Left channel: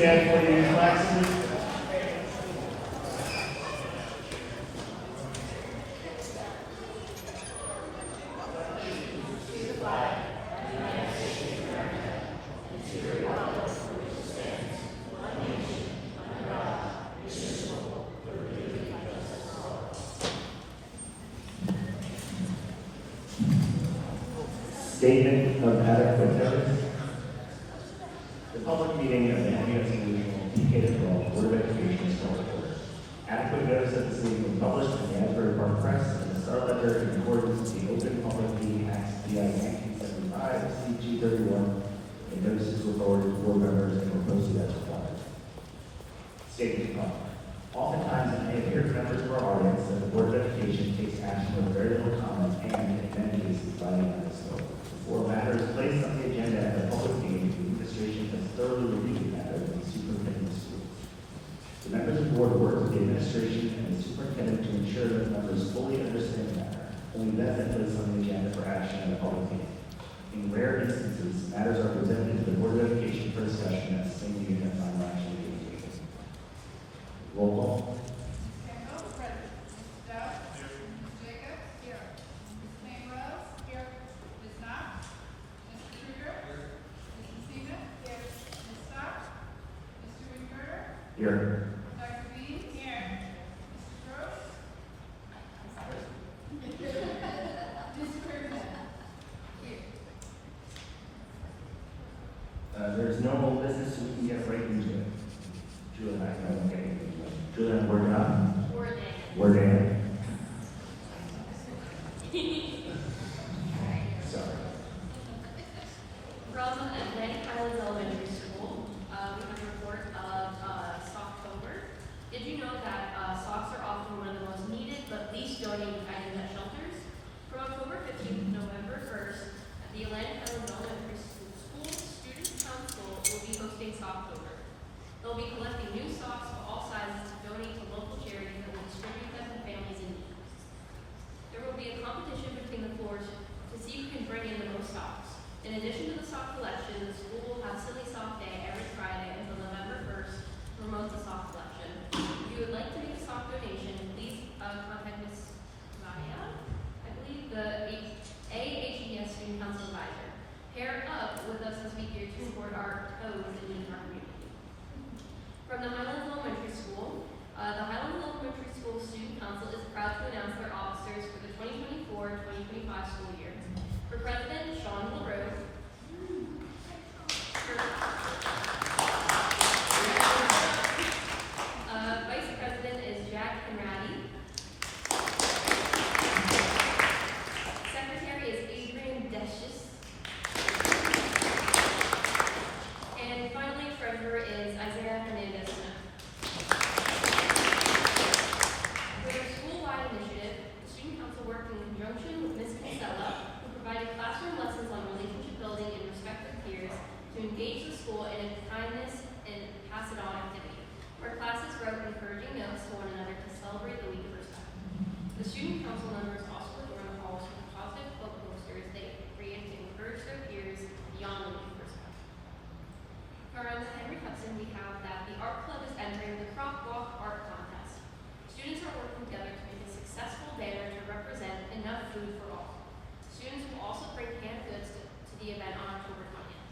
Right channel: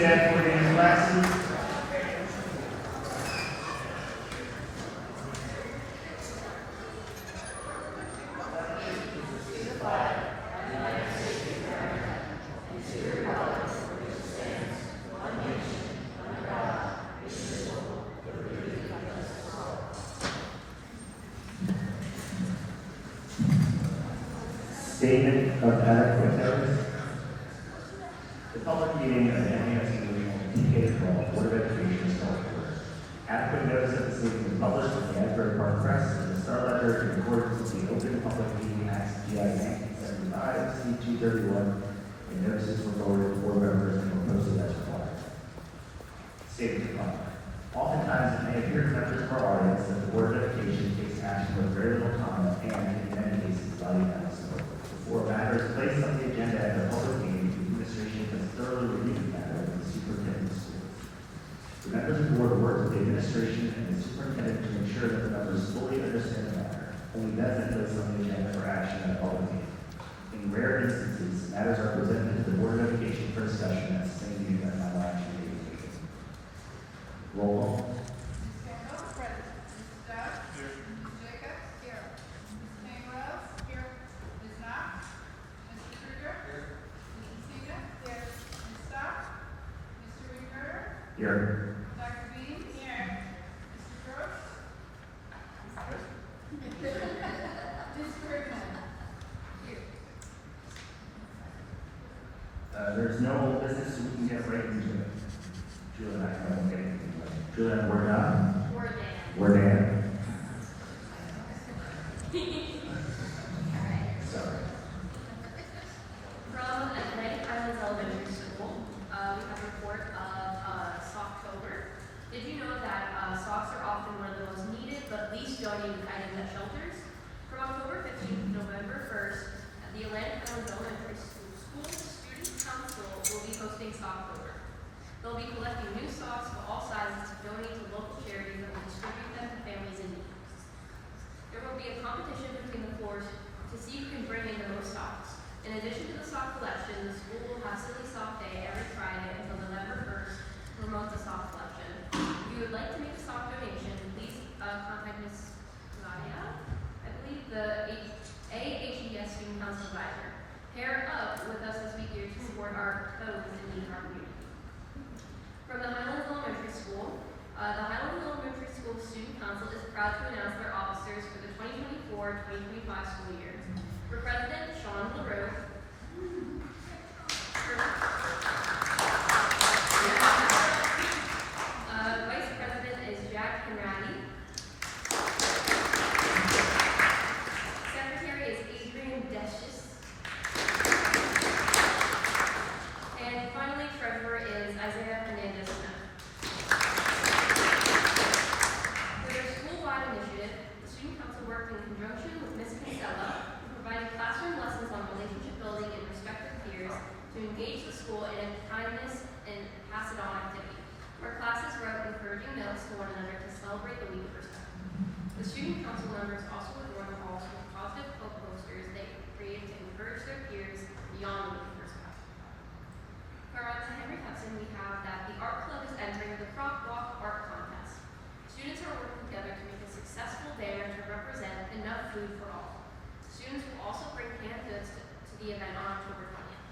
stand for your classes. Statement of adequate notice. The public meeting of the Hudson Regional K-12 Board of Education is called to order. Adequate notice of this meeting was published in the Asbury Park Press and the Star Ledger in accordance with the Open Public Meeting Act, DI 1975, C231, and notices were forwarded to board members and were posted as required. Statement of conduct. Oftentimes, it may appear to members of our audience that the Board of Education takes action with very little comment and, in many cases, lighting down the smoke. Before a matter is placed on the agenda at the public meeting, the administration has thoroughly reviewed the matter with the superintendent of schools. The members of the board work with the administration and the superintendent to ensure that the members fully understand the matter. Only then is placed on the agenda for action at a public meeting. In rare instances, matters are presented to the Board of Education for discussion at the same meeting that final action may be taken. Roll call. Here. Dr. Bean? Here. Mr. Gross? Ms. Bergman? Here. There's no old business, so we can get right into it. Julian, I won't get anything. Julian, we're done. We're Dan. Sorry. From Atlantic Islands Elementary School, we have a report of Socktober. Did you know that socks are often one of the most needed but least donated items at shelters? From October 15th to November 1st, at the Atlantic Islands Elementary School Student Council will be hosting Socktober. They'll be collecting new socks of all sizes to donate to local charities that will distribute them to families in need. There will be a competition between the floors to see who can bring in the most socks. In addition to the sock collection, the school will have Silly Sock Day every Friday until November 1st to promote the sock collection. If you would like to make a sock donation, please contact Ms. Maya, I believe the AHES Student Council Advisor. Pair up with us this week here to support our codes and needs of our community. From the Highlands Elementary School, the Highlands Elementary School Student Council is proud to announce their officers for the 2024-2025 school year. For President, Sean LaRose. Vice President is Jack Canady. Secretary is Adrian Deschis. And finally, Treasurer is Isaiah Hernandez-Smith. For their school-wide initiative, the Student Council worked in conjunction with Ms. Kinsella, who provided classroom lessons on relationship building and respect for peers to engage the school in a kindness and pass it on activity. Our classes wrote encouraging notes to one another to celebrate the week of respect. The Student Council members also adorned halls with positive hope posters they created to encourage their peers beyond the week of respect. Around the Henry Hudson, we have that the art club is entering the Crop Walk Art Contest. Students are working together to make a successful banner to represent enough food for all. Students will also bring canned goods to the event on October 20th.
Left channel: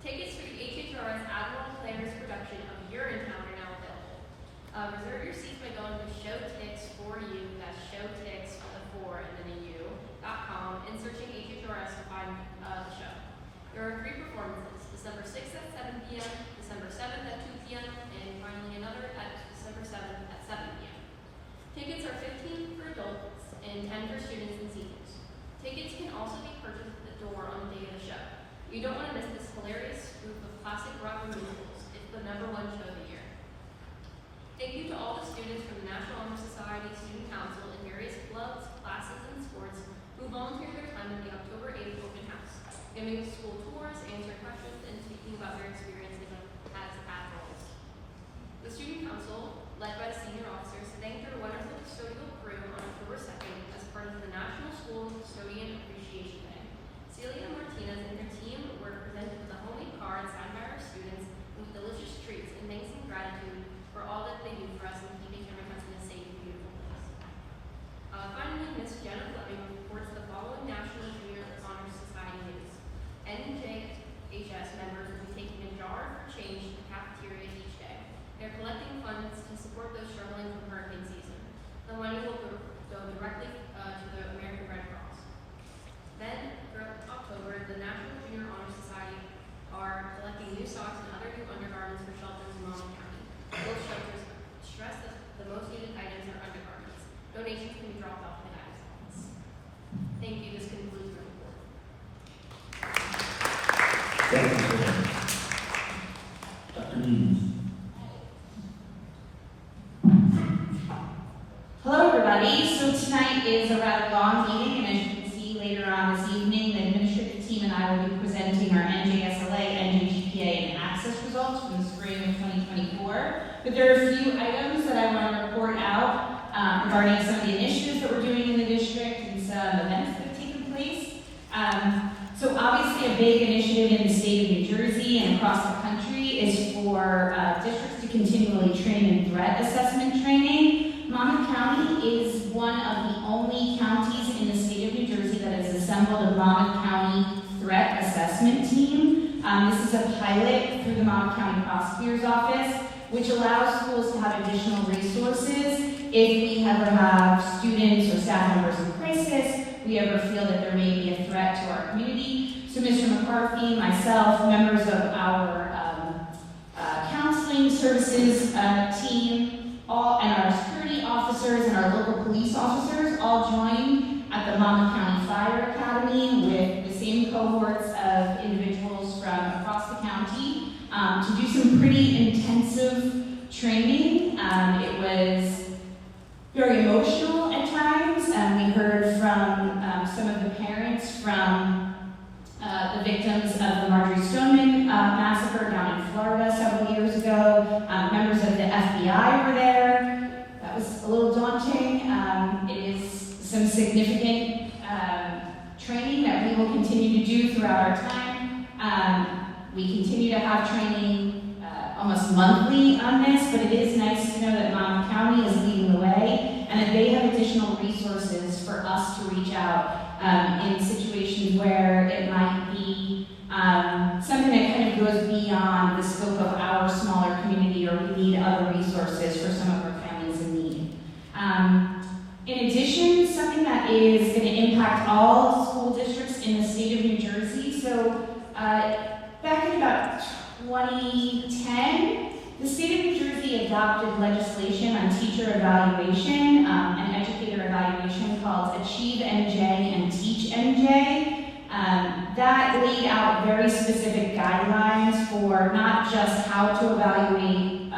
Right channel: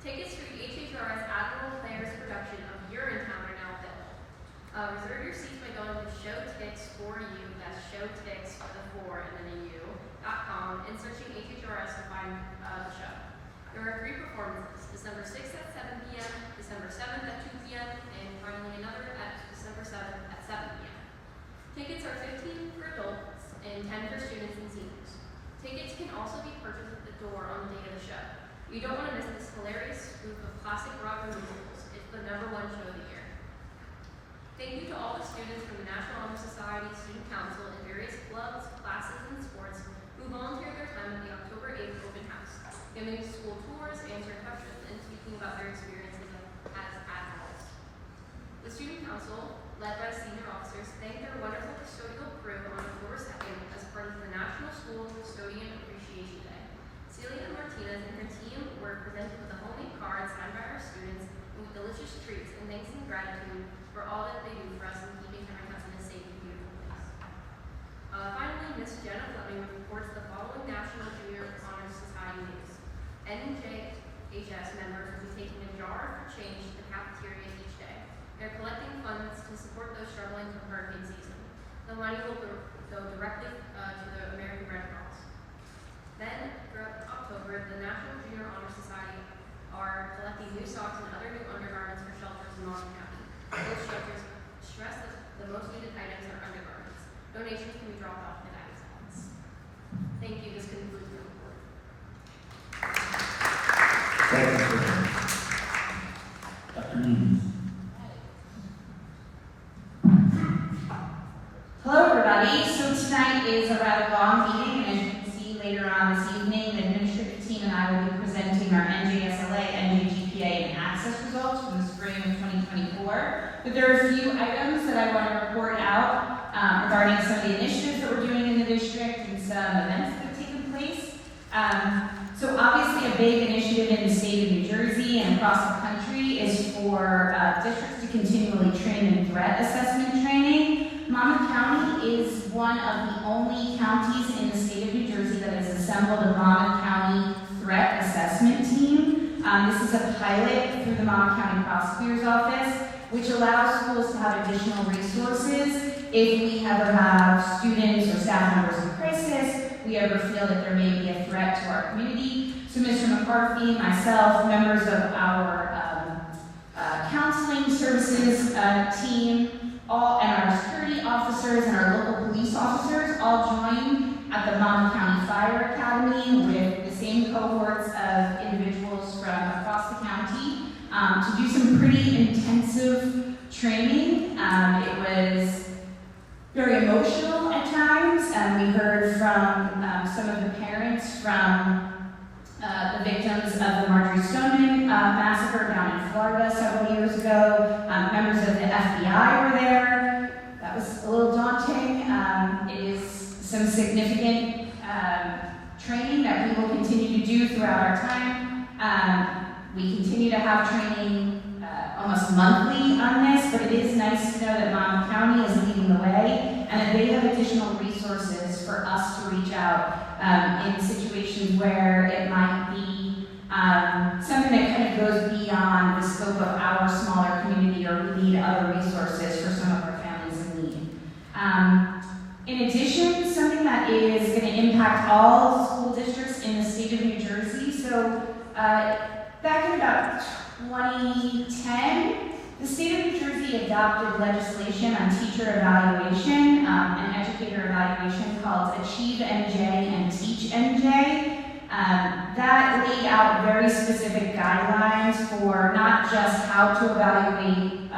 Tickets for the HHRS Admiral Players production of Urinetown are now available. Reserve your seats by going to showtix4u, that's showtix with a 4 and then a u.com, and searching HHRS to find the show. There are 3 performances, December 6th at 7 p.m., December 7th at 2 p.m., and finally another at December 7th at 7 p.m. Tickets are $15 for adults and $10 for students and seniors. Tickets can also be purchased at the door on the day of the show. You don't want to miss this hilarious spoof of classic rock musicals. It's the #1 show of the year. Thank you to all the students from the National Honor Society, Student Council, and various clubs, classes, and sports who volunteered their time at the October 8th open house, giving school tours, answering questions, and speaking about their experiences as adults. The Student Council, led by senior officers, thanked their wonderful custodial crew on October 2nd as part of the National School Custodian Appreciation Day. Celia Martinez and her team were presented with a homemade card signed by our students purchasing new socks and other new undergarments for shelters in Monmouth County. Both shelters stress that the most needed items are undergarments. Donations can be dropped off in the guidance office. Thank you. This concludes the report. Thank you, sir. Dr. Neves. Hello, everybody. So tonight is a rather long meeting, and as you can see later on this evening, the administrative team and I will be presenting our NJSLA, NJGPA, and access results from the spring of 2024. But there are a few items that I want to report out regarding some of the initiatives that we're doing in the district and some events that have taken place. So obviously a big initiative in the state of New Jersey and across the country is for districts to continually train in threat assessment training. Monmouth County is one of the only counties in the state of New Jersey that has assembled a Monmouth County Threat Assessment Team. This is a pilot through the Monmouth County Prosecutor's Office, which allows schools to have additional resources if we ever have students or staff members in crisis, we ever feel that there may be a threat to our community. So Mr. McCarthy, myself, members of our counseling services team, and our security officers and our local police officers all join at the Monmouth County Fire Academy with the same cohorts of individuals from across the county to do some pretty intensive training. It was very emotional at times. We heard from some of the parents from the victims of the Marjorie Stoneman massacre down in Florida several years ago. Members of the FBI were there. That was a little daunting. It is some significant training that we will continue to do throughout our time. We continue to have training almost monthly on this, but it is nice to know that Monmouth County is leading the way and that they have additional resources for us to reach out in situations where it might be something that kind of goes beyond the scope of our smaller community, or we need other resources for some of our families in need. In addition, something that is going to impact all school districts in the state of New Jersey. So back in about 2010, the state of New Jersey adopted legislation on teacher evaluation and educator evaluation called Achieve NJ and Teach NJ. That laid out very specific guidelines for not just how to evaluate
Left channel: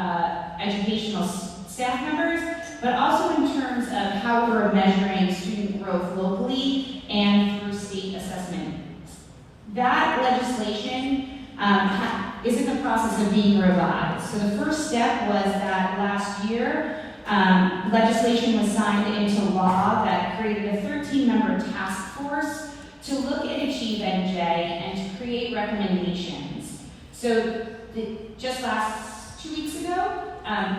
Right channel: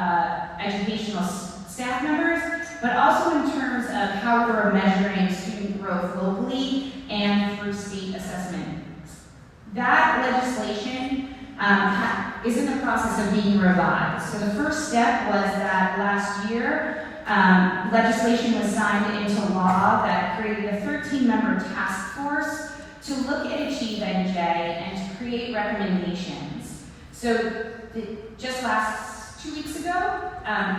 educational staff members, but also in terms of how we're measuring student growth locally and through state assessment. That legislation is in the process of being revised. So the first step was that last year, legislation was signed into law that created a 13-member task force to look at Achieve NJ and to create recommendations. So just 2 weeks ago,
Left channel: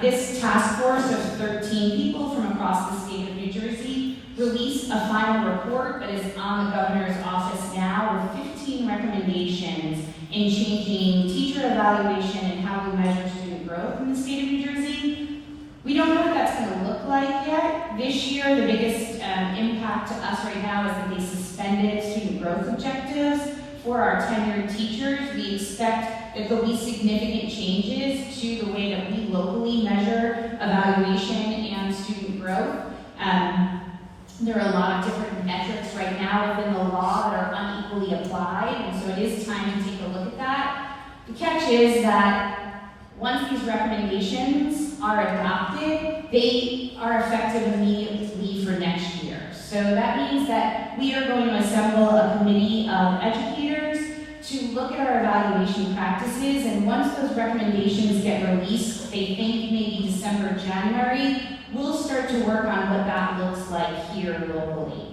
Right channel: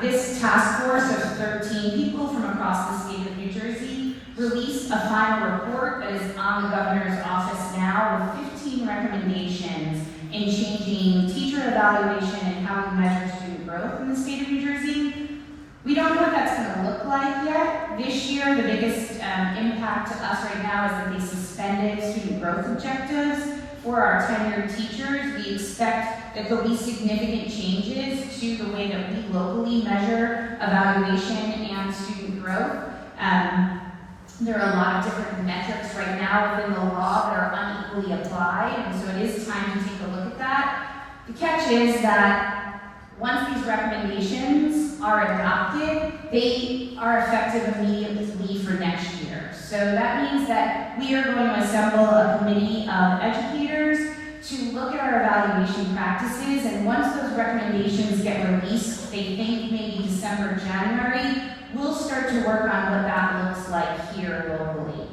this task force of 13 people from across the state of New Jersey released a final report that is on the governor's office now with 15 recommendations in changing teacher evaluation and how we measure student growth in the state of New Jersey. We don't know what that's going to look like yet. This year, the biggest impact to us right now is that they suspended student growth objectives for our tenured teachers. We expect that there'll be significant changes to the way that we locally measure evaluation and student growth. There are a lot of different metrics right now within the law that are unequally applied, and so it is time to take a look at that. The catch is that once these recommendations are adopted, they are effective immediately for next year. So that means that we are going to assemble a committee of educators to look at our evaluation practices, and once those recommendations get released, they think maybe December, January, we'll start to work on what that looks like here locally.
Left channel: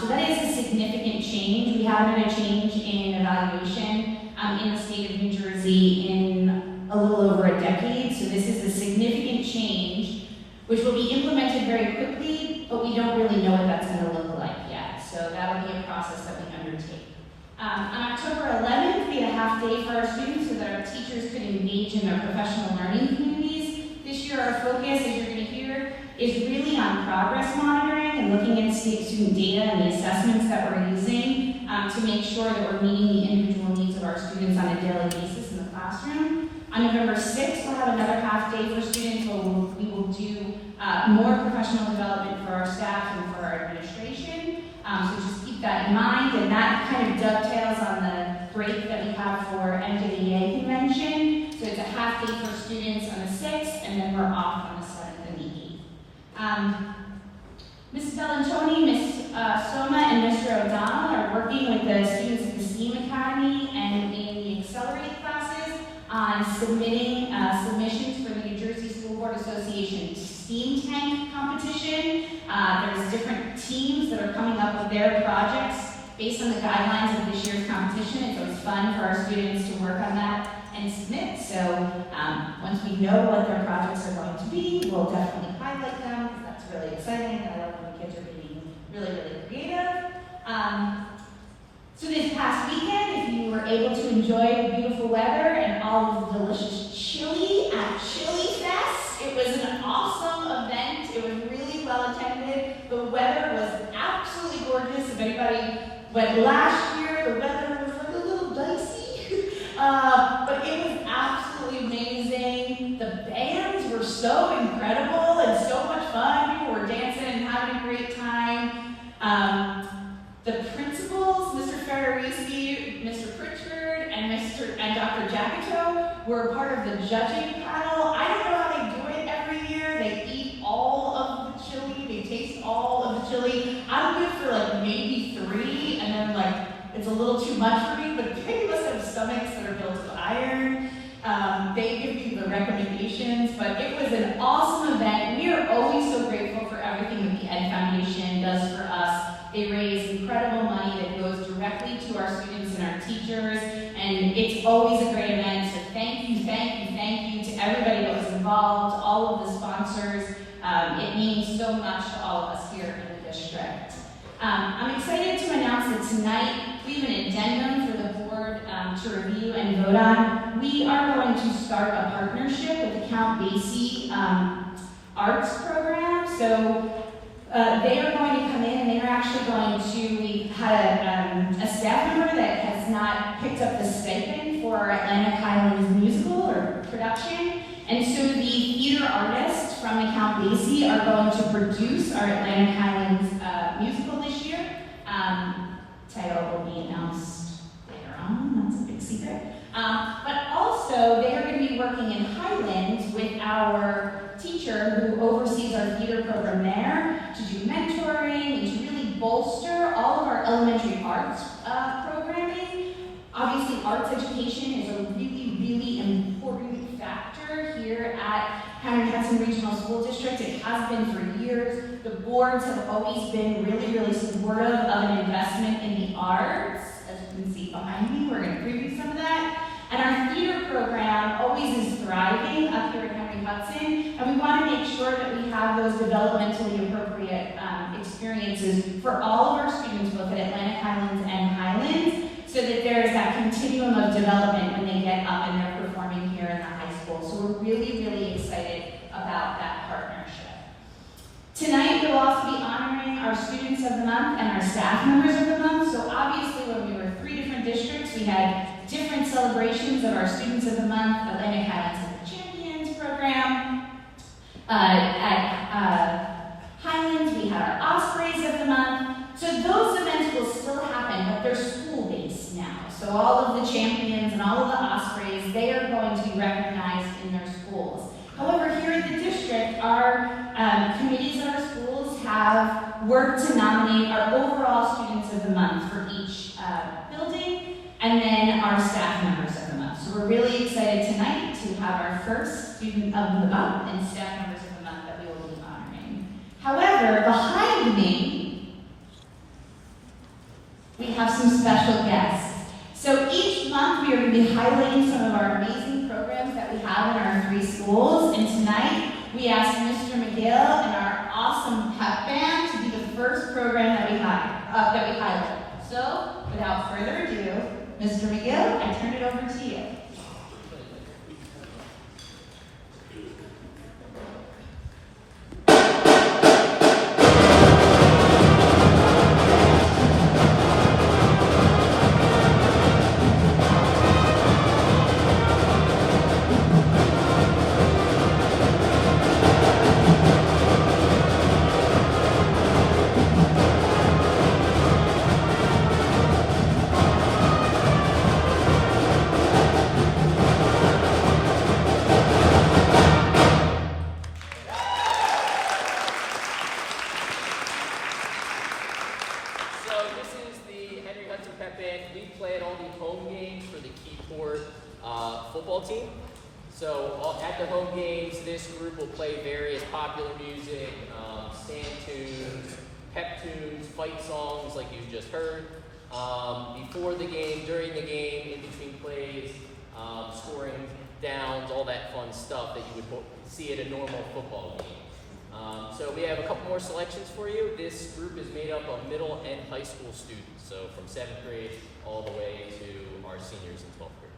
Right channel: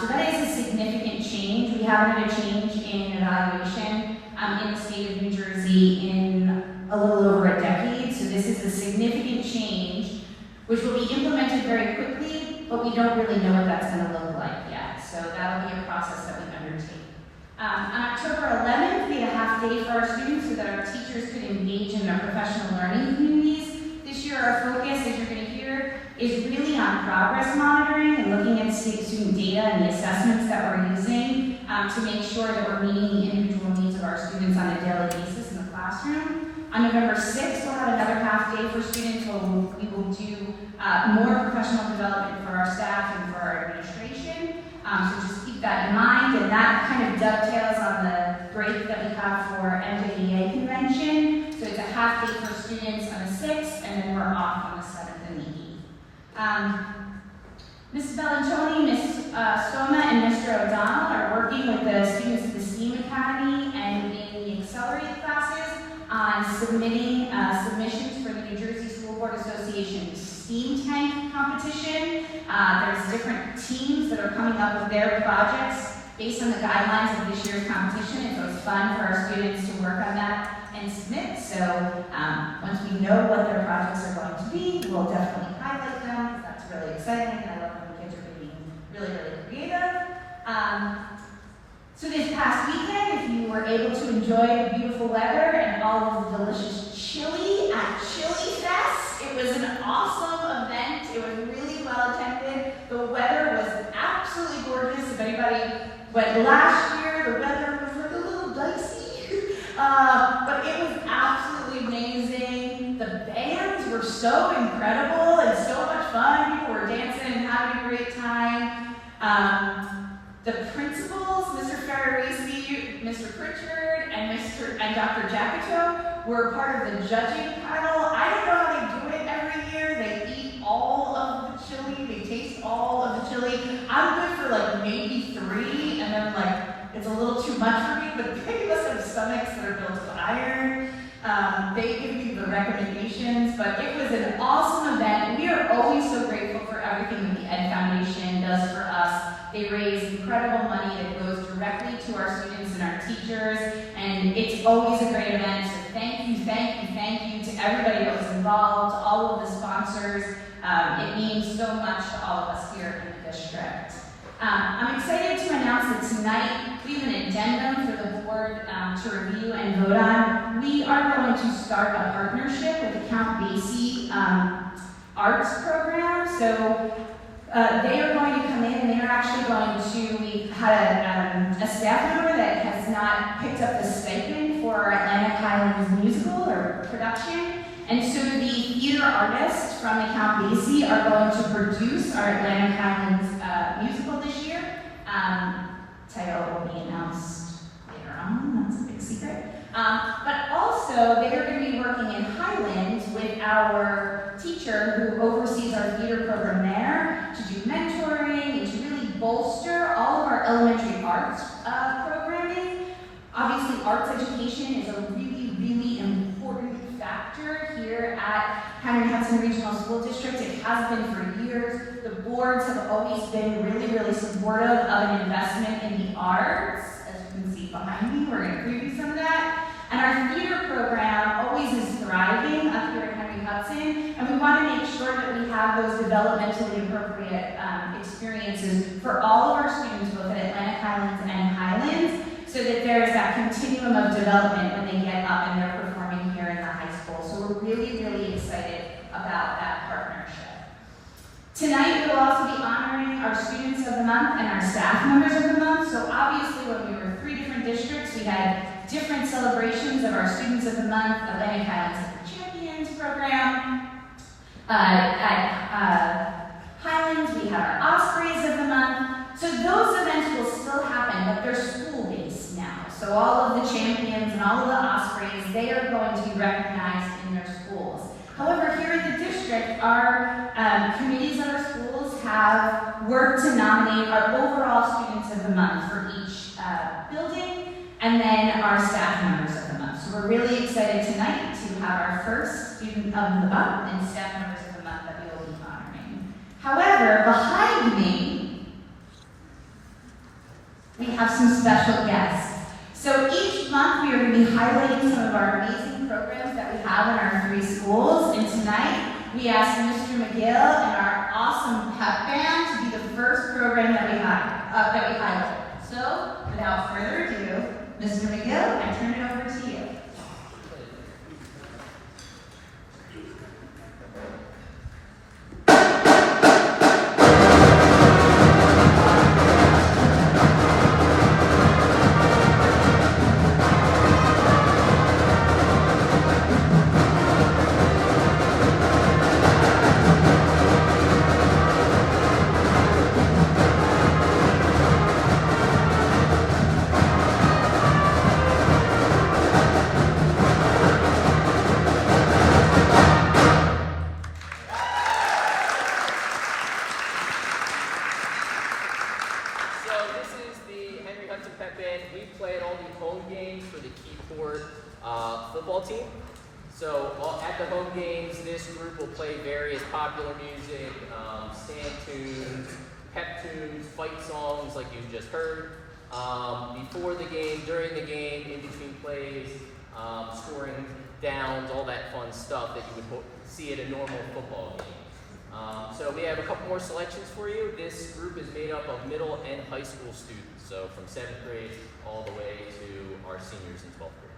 So that is a significant change. We haven't had a change in evaluation in the state of New Jersey in a little over a decade, so this is a significant change which will be implemented very quickly, but we don't really know what that's going to look like yet. So that will be a process that we undertake. On October 11th, we had a half day for our students so that our teachers could engage in their professional learning communities. This year, our focus, as you're going to hear, is really on progress monitoring and looking at student data and the assessments that we're using to make sure that we're meeting the individual needs of our students on a daily basis in the classroom. classroom. On November 6th, we'll have another half day for students where we will do more professional development for our staff and for our administration. So just keep that in mind, and that kind of dovetails on the break that we have for NJDA convention. So it's a half day for students on the 6th, and then we're off on the 7th and the 8th. Ms. Bellantoni, Ms. Soma, and Mr. O'Donnell are working with the students of the STEAM Academy and in the Accelerated classes on submitting submissions for the New Jersey School Board Association STEAM Tank competition. There's different teams that are coming up with their projects based on the guidelines of this year's competition, and so it's fun for our students to work on that and submit. So once we know what their projects are going to be, we'll definitely highlight them, because that's really exciting. I love when the kids are being really, really creative. So this past weekend, if you were able to enjoy the beautiful weather and all of the delicious chili at Chili Fest, it was an awesome event. It was really well attended. The weather was absolutely gorgeous. If anybody went last year, the weather was like a little dicey, but it was absolutely amazing. The bands were so incredible and so much fun. People were dancing and having a great time. The principals, Mr. Ferrarisi, Mr. Pritchard, and Dr. Jacato were part of the judging panel. I don't know how they do it every year. They eat all of the chili. They taste all of the chili. I'm good for like maybe 3, and then like it's a little too much for me, but they must have stomachs that are built of iron. They give you the recommendations, but it was an awesome event. We are always so grateful for everything that the Ed Foundation does for us. They raise incredible money that goes directly to our students and our teachers, and it's always a great event. So thank you to everybody that was involved, all of the sponsors. It means so much to all of us here in the district. I'm excited to announce that tonight we have an addendum for the board to review and vote on. We are going to start a partnership with Count Basie Arts Program. So they are going to come in and they're actually going to, we had a staff member that has not picked up the stipend for our Atlantic Highlands musical or production. And so the theater artists from the Count Basie are going to produce our Atlantic Highlands musical this year. Title will be announced later on, that's a big secret. But also, they are going to be working in Highlands with our teacher who oversees our theater program there to do mentoring and to really bolster all of our elementary arts programming. Obviously, arts education is a really, really important factor here at Henry Hudson Regional School District. It has been for years. The boards have always been really, really supportive of an investment in the arts. As you can see behind me, we're going to preview some of that. And our theater program always is thriving up here at Henry Hudson, and we want to make sure that we have those developmentally appropriate experiences for all of our students, both at Atlantic Highlands and Highlands, so that there is that continuum of development when they get up and they're performing here in the high school. So we're really, really excited about that partnership. Tonight, we'll also be honoring our Students of the Month and our staff members of the month. So obviously, when we were 3 different districts, we had different celebrations of our Students of the Month. Atlantic Highlands Champions program. At Highlands, we had our Ospreys of the Month. So those events will still happen, but they're school-based now. So all of the champions and all of the Ospreys, they are going to be recognized in their schools. However, here in the district, our committees of our schools have worked to nominate our overall Students of the Month for each building, and then our staff members of the month. So we're really excited tonight to have our first Student of the Month and staff members of the month that we will be honoring. However, behind me, we have some special guests. So each month we are going to be highlighting some of our amazing programs that we have in our 3 schools. And tonight we asked Mr. McGill and our awesome pep band to be the first program that we highlight. So without further ado, Mr. McGill, I turn it over to you. band, we play at all the home games for the Keyport football team. So at the home games, this group will play various popular music, stand tunes, pep tunes, fight songs like you just heard. Before the game, during the game, in between plays, scoring downs, all that fun stuff that you would see at a normal football game. So we have a couple more selections for you. This group is made up of middle and high school students, so from 7th grade all the way to our seniors in 12th grade.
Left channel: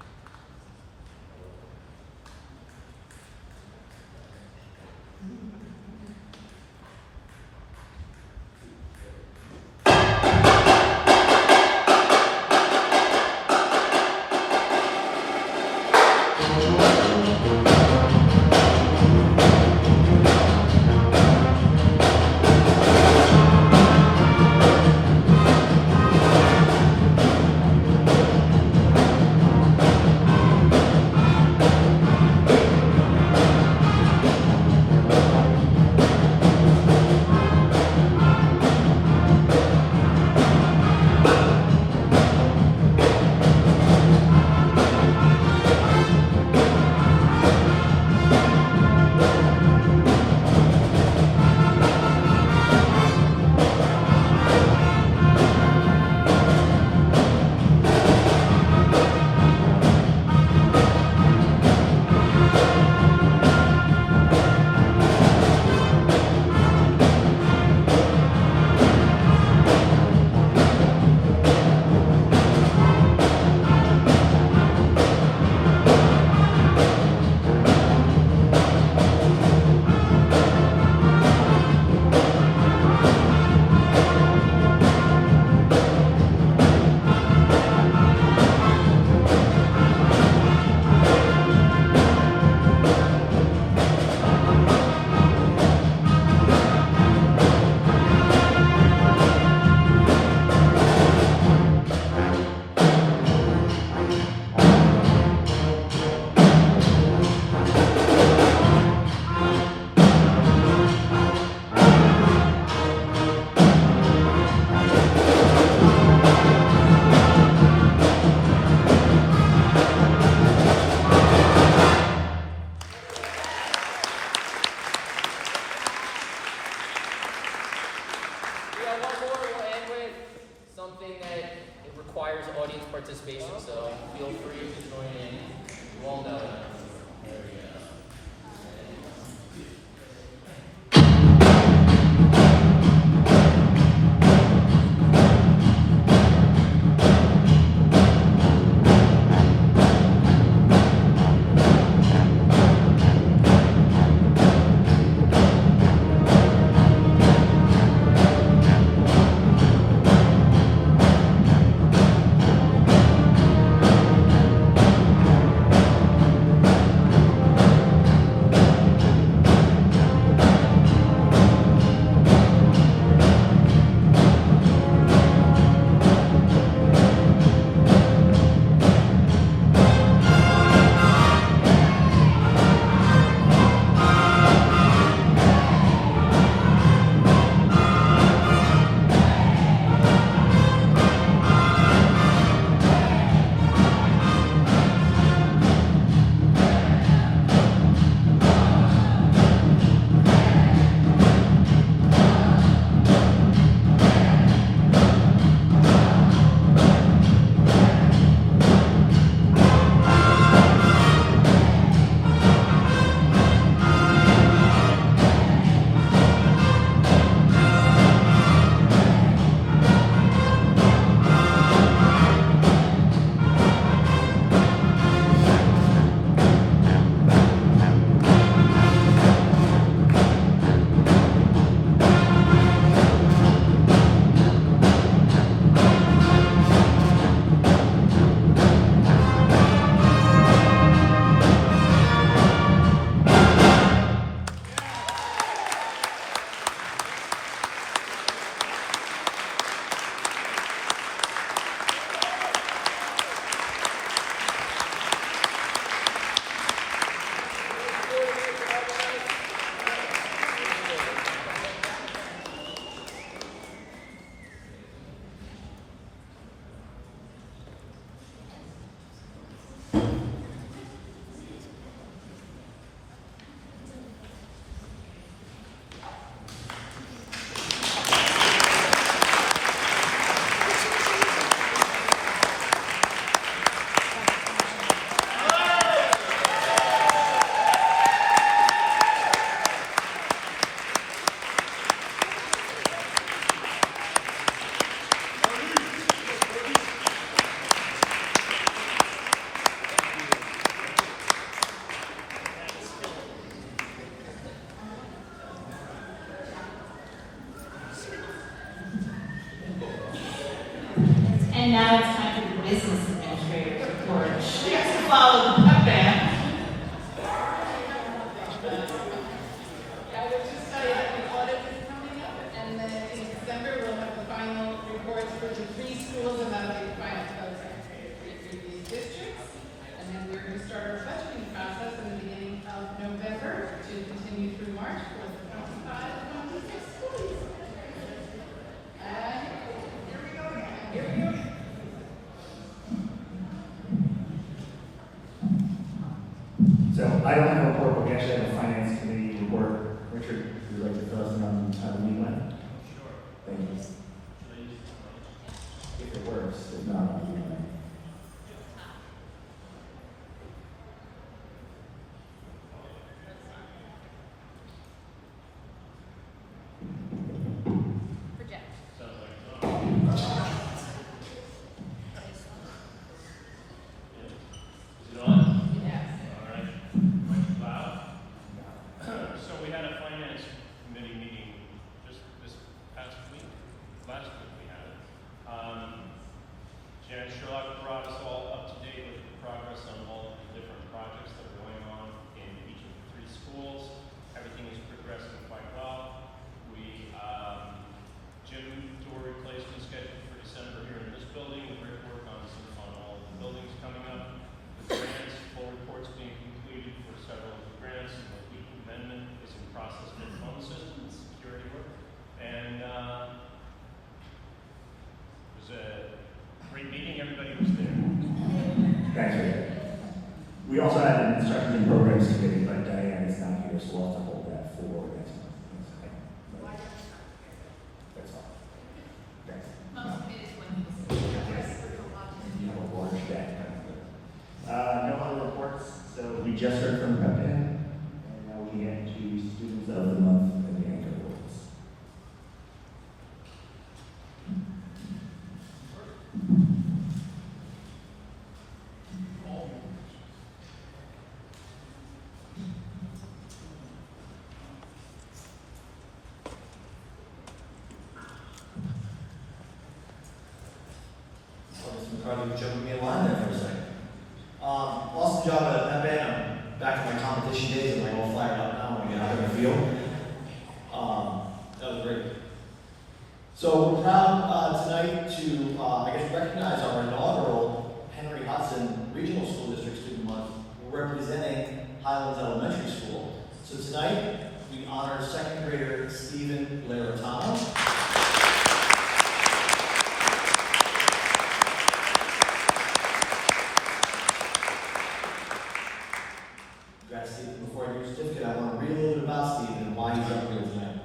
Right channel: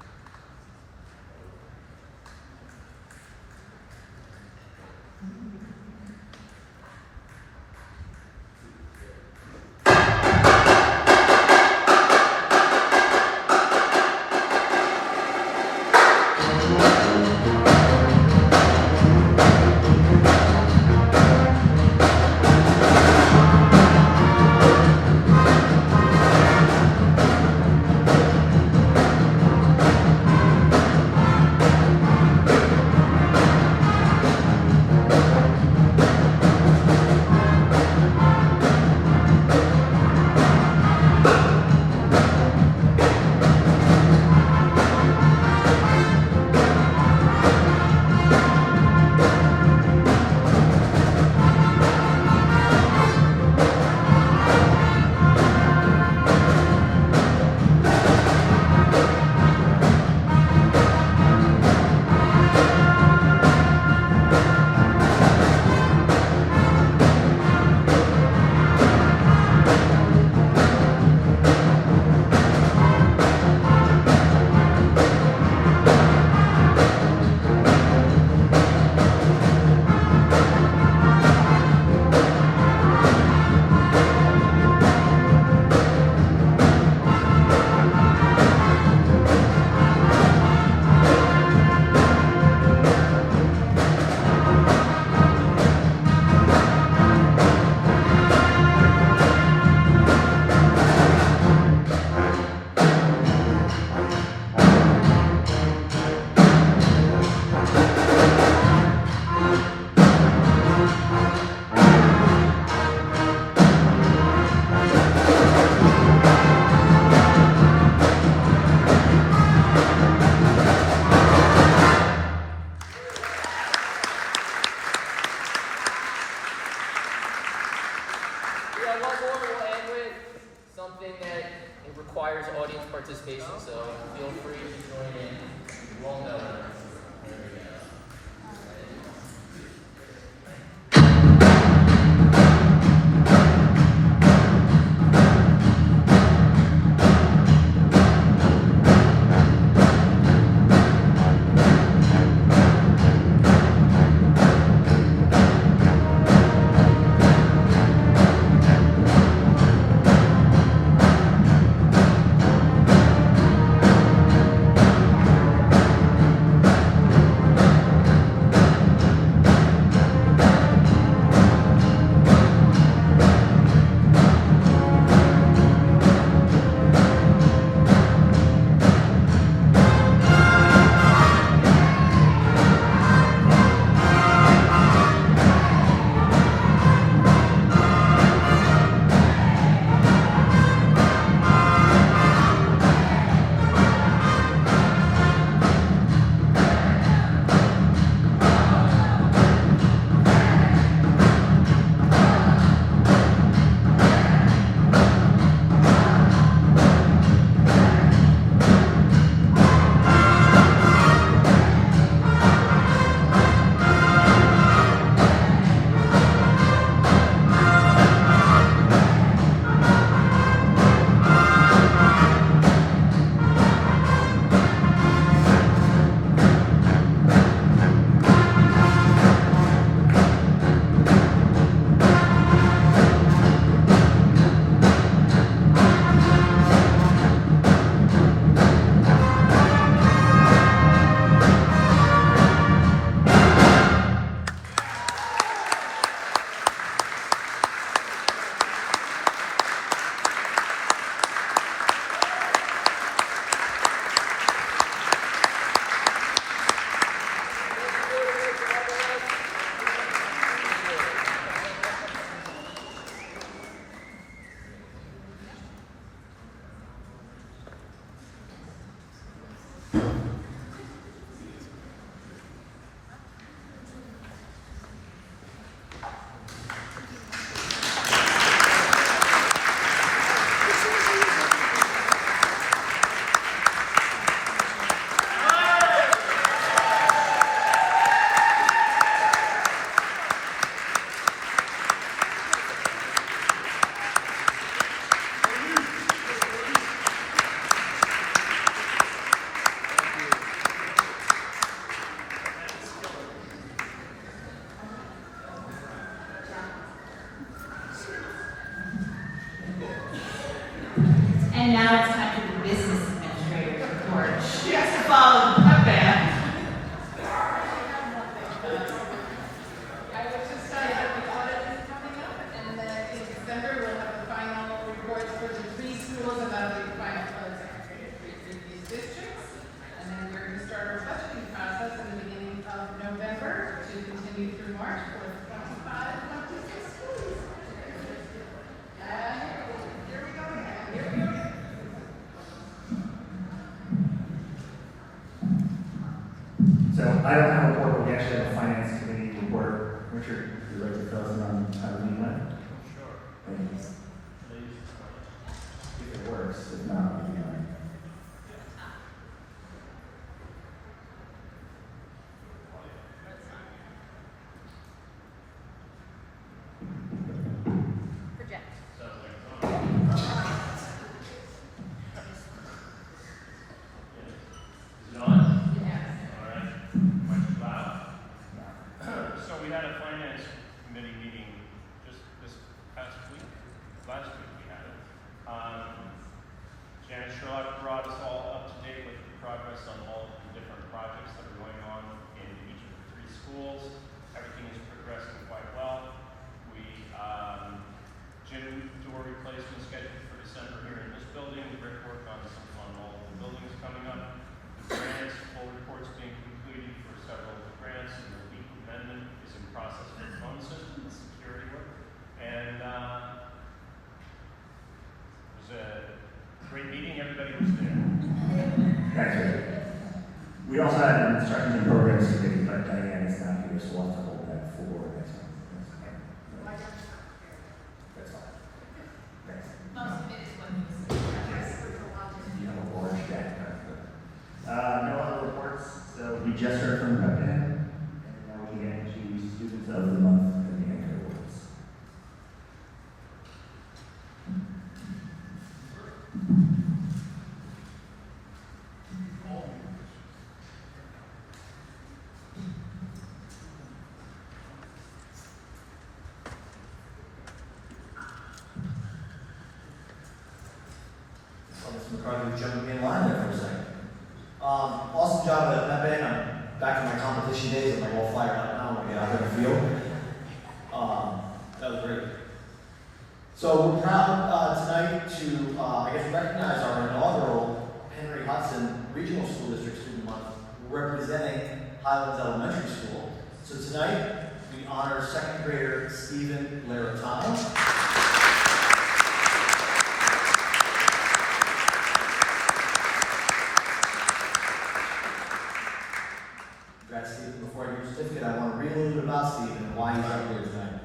Something that it requires audience participation, so feel free to join in. You all know it. There we go. And now it's time for the business administrator's report. She has to follow the pep band. I would just say that the audit is coming up, and then in December, we'll have the final reports for the 3 schools, and that'll be the final close for these districts. And then we're going to start our budgeting process in the beginning of November to continue through March for the 25-26 schools. Here we go again. Here we go again. So I don't have a report, but we actually have a finance committee report. Richard, would you like to fill us in on how the meeting went? Sure. Thank you. Should I use the mic? If it works, if not, we can. Project. Sounds like it's on. Is it on? Yes. All right. Mic's loud. So we had a finance committee meeting just this past week. Last week we had it. Janet Sherlock brought us all up to date with the progress on all of the different projects that are going on in each of the 3 schools. Everything is progressing quite well. Gym door replacement scheduled for December here in this building. Brickwork on all of the buildings coming up. The grants, full reports being completed for several of the grants, and the leak amendment is in process for the phone system and security work. And it was a great meeting. Everybody was there. Thanks, Richard. We also had an instructions and programs committee, but Diane is not here, so we'll have to hold that for next month. That's all. Thanks. Most of it is what You have a large deck. No other reports, so we just heard from the pep band, and now we get into students of the month and the annual awards. So Mr. McCarthy, jumping me in line there for a second. Awesome job at that band. I'm back to my competition days and I'm all fired up now when we get out there in the field. That was great. So we're proud tonight to, recognize our inaugural Henry Hudson Regional School District Student Month representing Highlands Elementary School. So tonight we honor 2nd grader Stephen Laratano. Before I give your certificate, I want to read a little bit about Stephen and why he's up here tonight.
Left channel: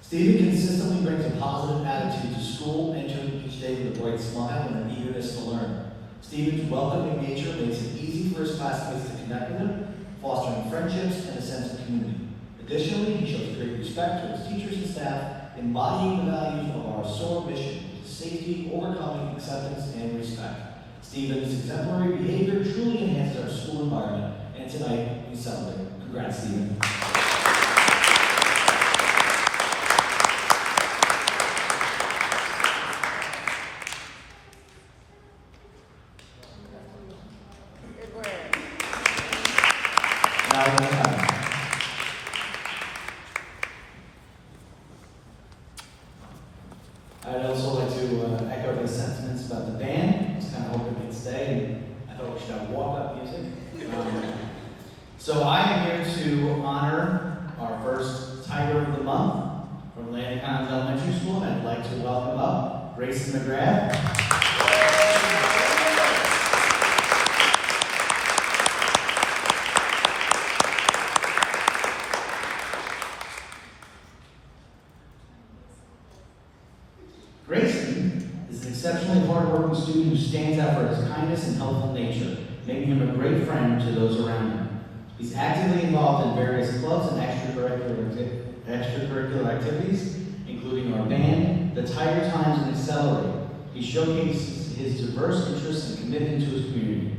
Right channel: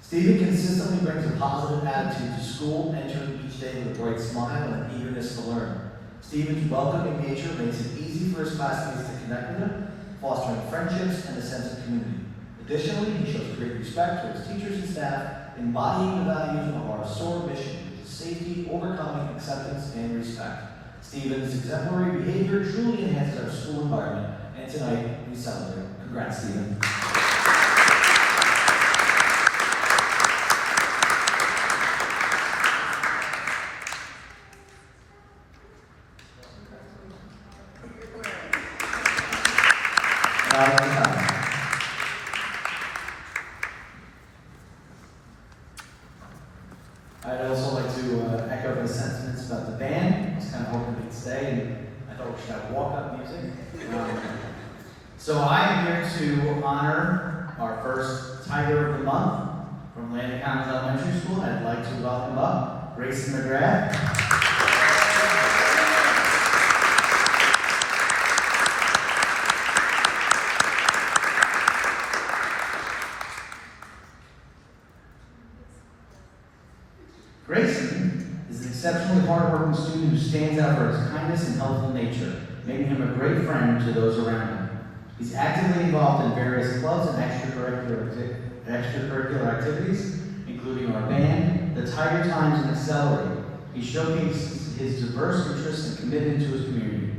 Stephen consistently brings a positive attitude to school, entering each day with a bright smile and an eagerness to learn. Stephen's welcoming nature makes it easy for his classmates to connect with him, fostering friendships and a sense of community. Additionally, he shows great respect to his teachers and staff, embodying the values of our SOAR mission: safety, overcoming, acceptance, and respect. Stephen's exemplary behavior truly enhances our school environment, and tonight we celebrate. Congrats, Stephen. I'd also like to echo the sentiments about the band. I was kind of hoping they'd stay, and I thought we should have walk-up music. So I am here to honor our first Tiger of the Month from Landon County Elementary School, and I'd like to welcome up Grayson McGrath. Grayson is an exceptionally hardworking student who stands out for his kindness and helpful nature, making him a great friend to those around him. He's actively involved in various clubs and extracurricular activities, including our band, the Tiger Times, and Accelerate. He showcases his diverse interests and commitment to his community.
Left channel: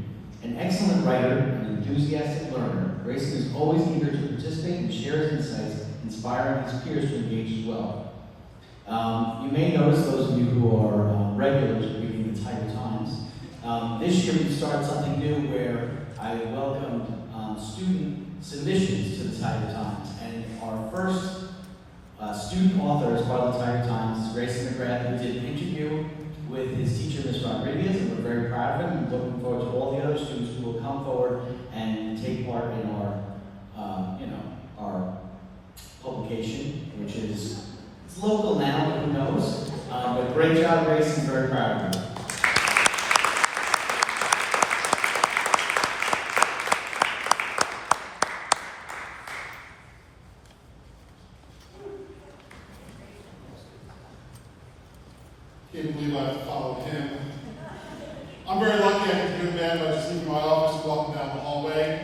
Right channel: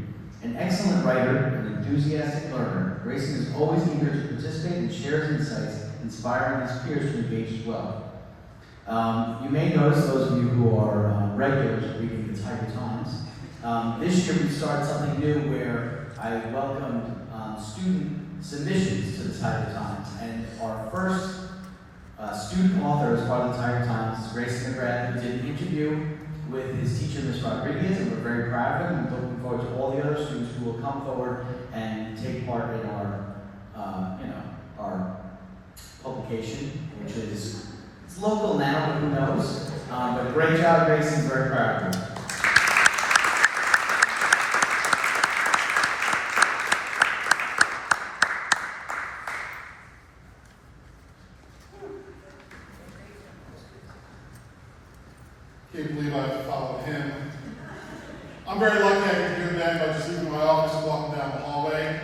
An excellent writer and enthusiastic learner, Grayson is always eager to participate and share his insights, inspiring his peers to engage as well. You may notice, those of you who are regulars reading the Tiger Times, this year we started something new where I welcomed student submissions to the Tiger Times. And our first student author as part of the Tiger Times is Grayson McGrath, who did an interview with his teacher, Ms. Rodriguez, and we're very proud of him. We're looking forward to all the other students who will come forward and take part in our publication, which is it's local now, but who knows? But great job, Grayson. Very proud of you. Can't believe I followed him. I'm very lucky I get to go to bed by just leaving my office and walking down the hallway,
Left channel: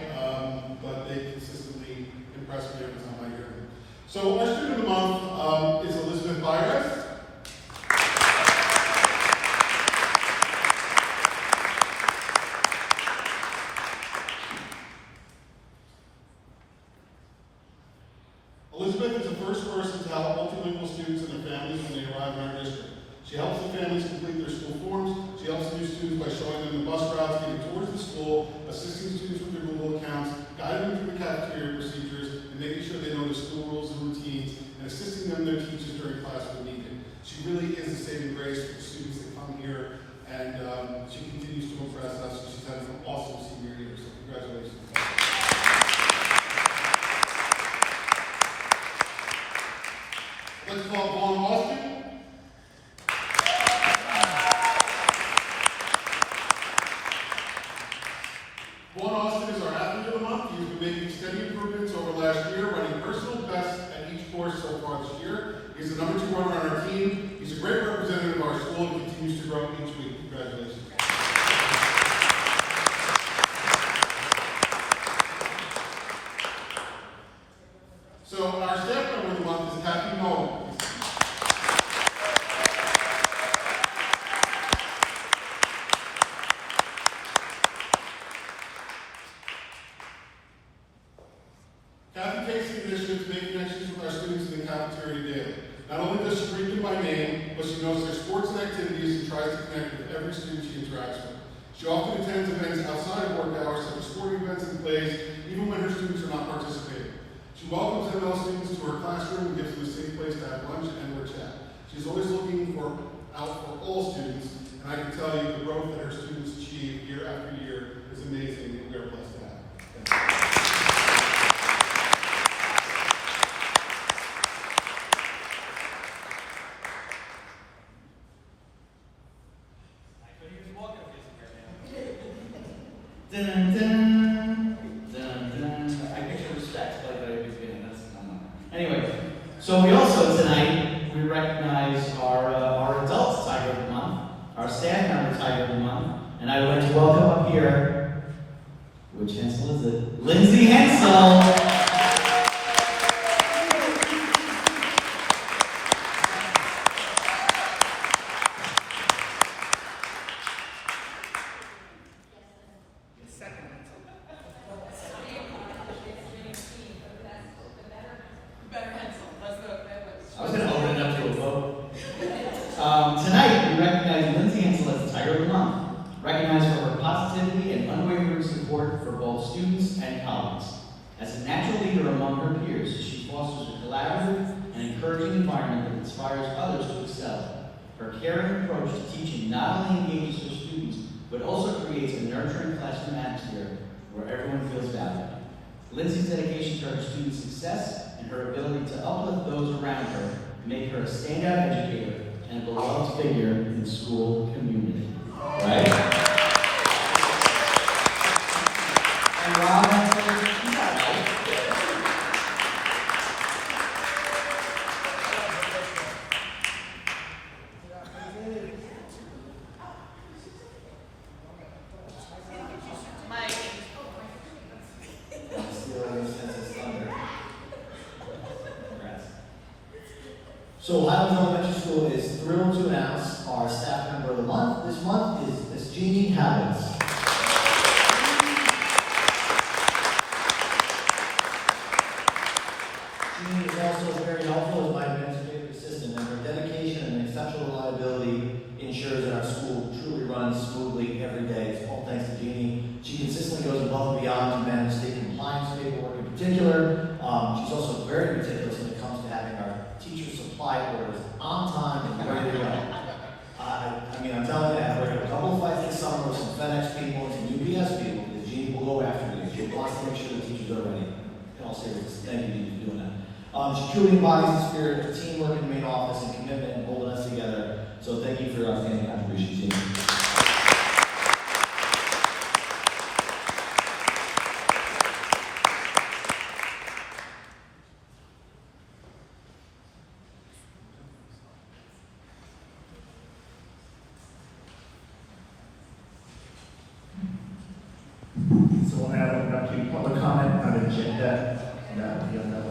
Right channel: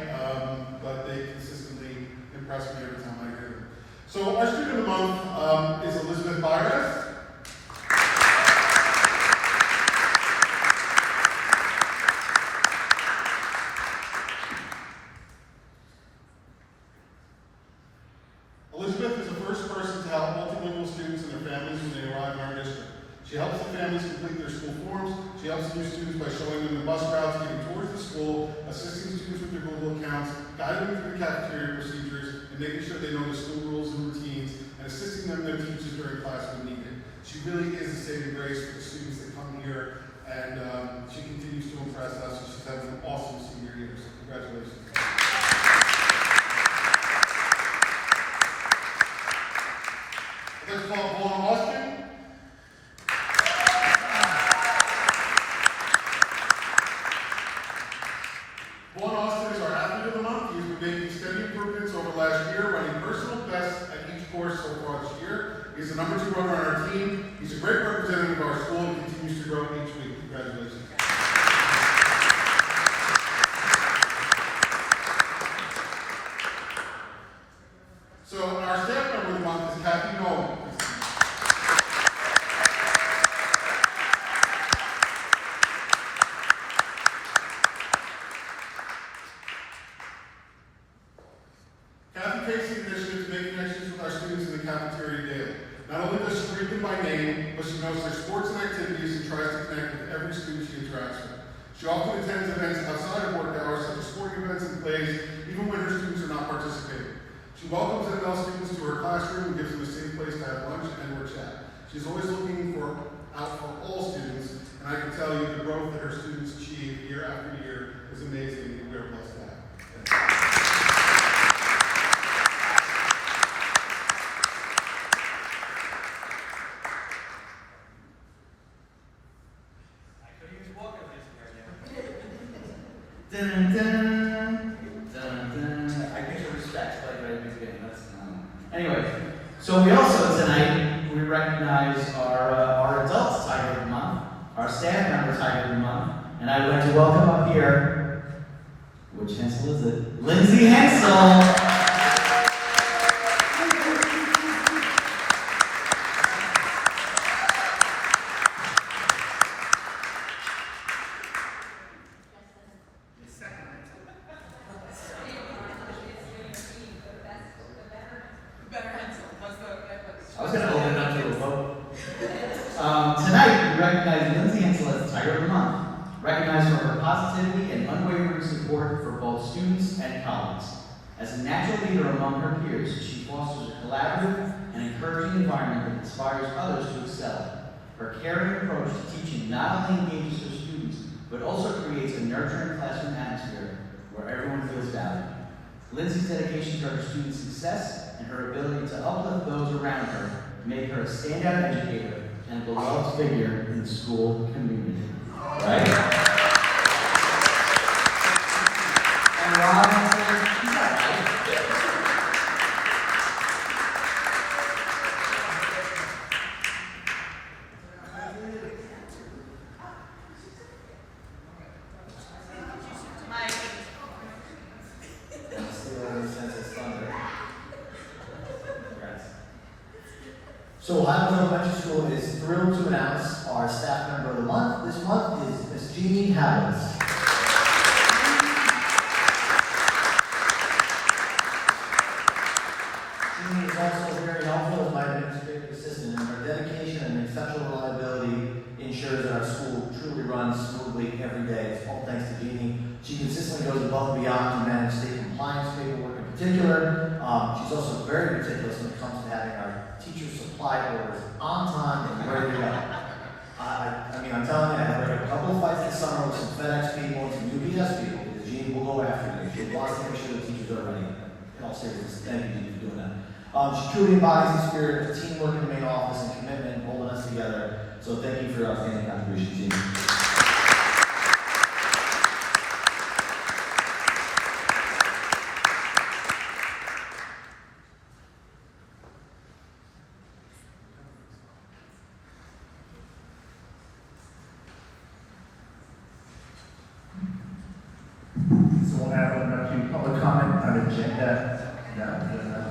but they consistently impress me every time I hear them. So our student of the month is Elizabeth Byres. Elizabeth is the first person to help multilingual students and their families when they arrive in our district. She helps the families complete their school forms. She helps new students by showing them the bus routes getting towards the school, assisting students with their Google accounts, guiding them through the cafeteria procedures, and making sure they know the school rules and routines, and assisting them and their teachers during class when needed. She really is the saving grace for the students that come here, and she continues to impress us, and she's had an awesome senior year, so congratulations. I'd like to call Vaughn Austin. Vaughn Austin is our athlete of the month. He's been making steady improvements over last year, running personal best at each course so far this year. He's the number 2 runner on our team. He's a great representative of our school and continues to grow each week. Congratulations. So our staff member of the month is Kathy Nolan. Kathy takes the initiative to make connections with our students in the cafeteria daily. Not only does she greet them by name, but she knows their sports and activities and tries to connect with every student she interacts with. She often attends events outside of work hours, such as sporting events and plays, even when her students are not participating. She welcomes ML students to her classroom and gives them a safe place to have lunch and or chat. She's always looking out for all students, and I can tell you the growth that her students achieve year after year is amazing, and we're blessed to have her. Dun, dun, dun, dun. I picture respect, like very big fan. That's anyway. So we also tonight we recognize our adults Tiger of the Month, our staff member Tiger of the Month, and I would like to welcome up here. Which Hensel is it? Lindsay Hensel. I was going to open it up to a vote. Tonight, we recognize Lindsay Hensel as the Tiger of the Month, recognized for her positivity and unwavering support for both students and colleagues. As a natural leader among her peers, she fosters a collaborative and encouraging environment that inspires others to excel. Her caring approach to teaching not only engages her students, but also creates a nurturing classroom atmosphere where everyone feels valued. Lindsay's dedication to her students' success and her ability to uplift those around her make her a standout educator and a beloved figure in the school community. Right? And while she's not right. So Highlands Elementary School is thrilled to announce our staff member of the month. This month is Ms. Jeannie Howells. Jeannie is also very helpful as my administrative assistant, and her dedication teacher supply orders on time and ready to go. I mean, I'm telling you, I had a couple of fights this summer with some FedEx people and some UPS people, because Gene will go after you. She wants to make sure the teachers are ready. In all seriousness, thank you for doing that. She truly embodies the spirit of teamwork in the main office and commitment and holding us together. So thank you for your outstanding contribution, Gene. So we'll now open up to public comment on agenda. No, we don't know.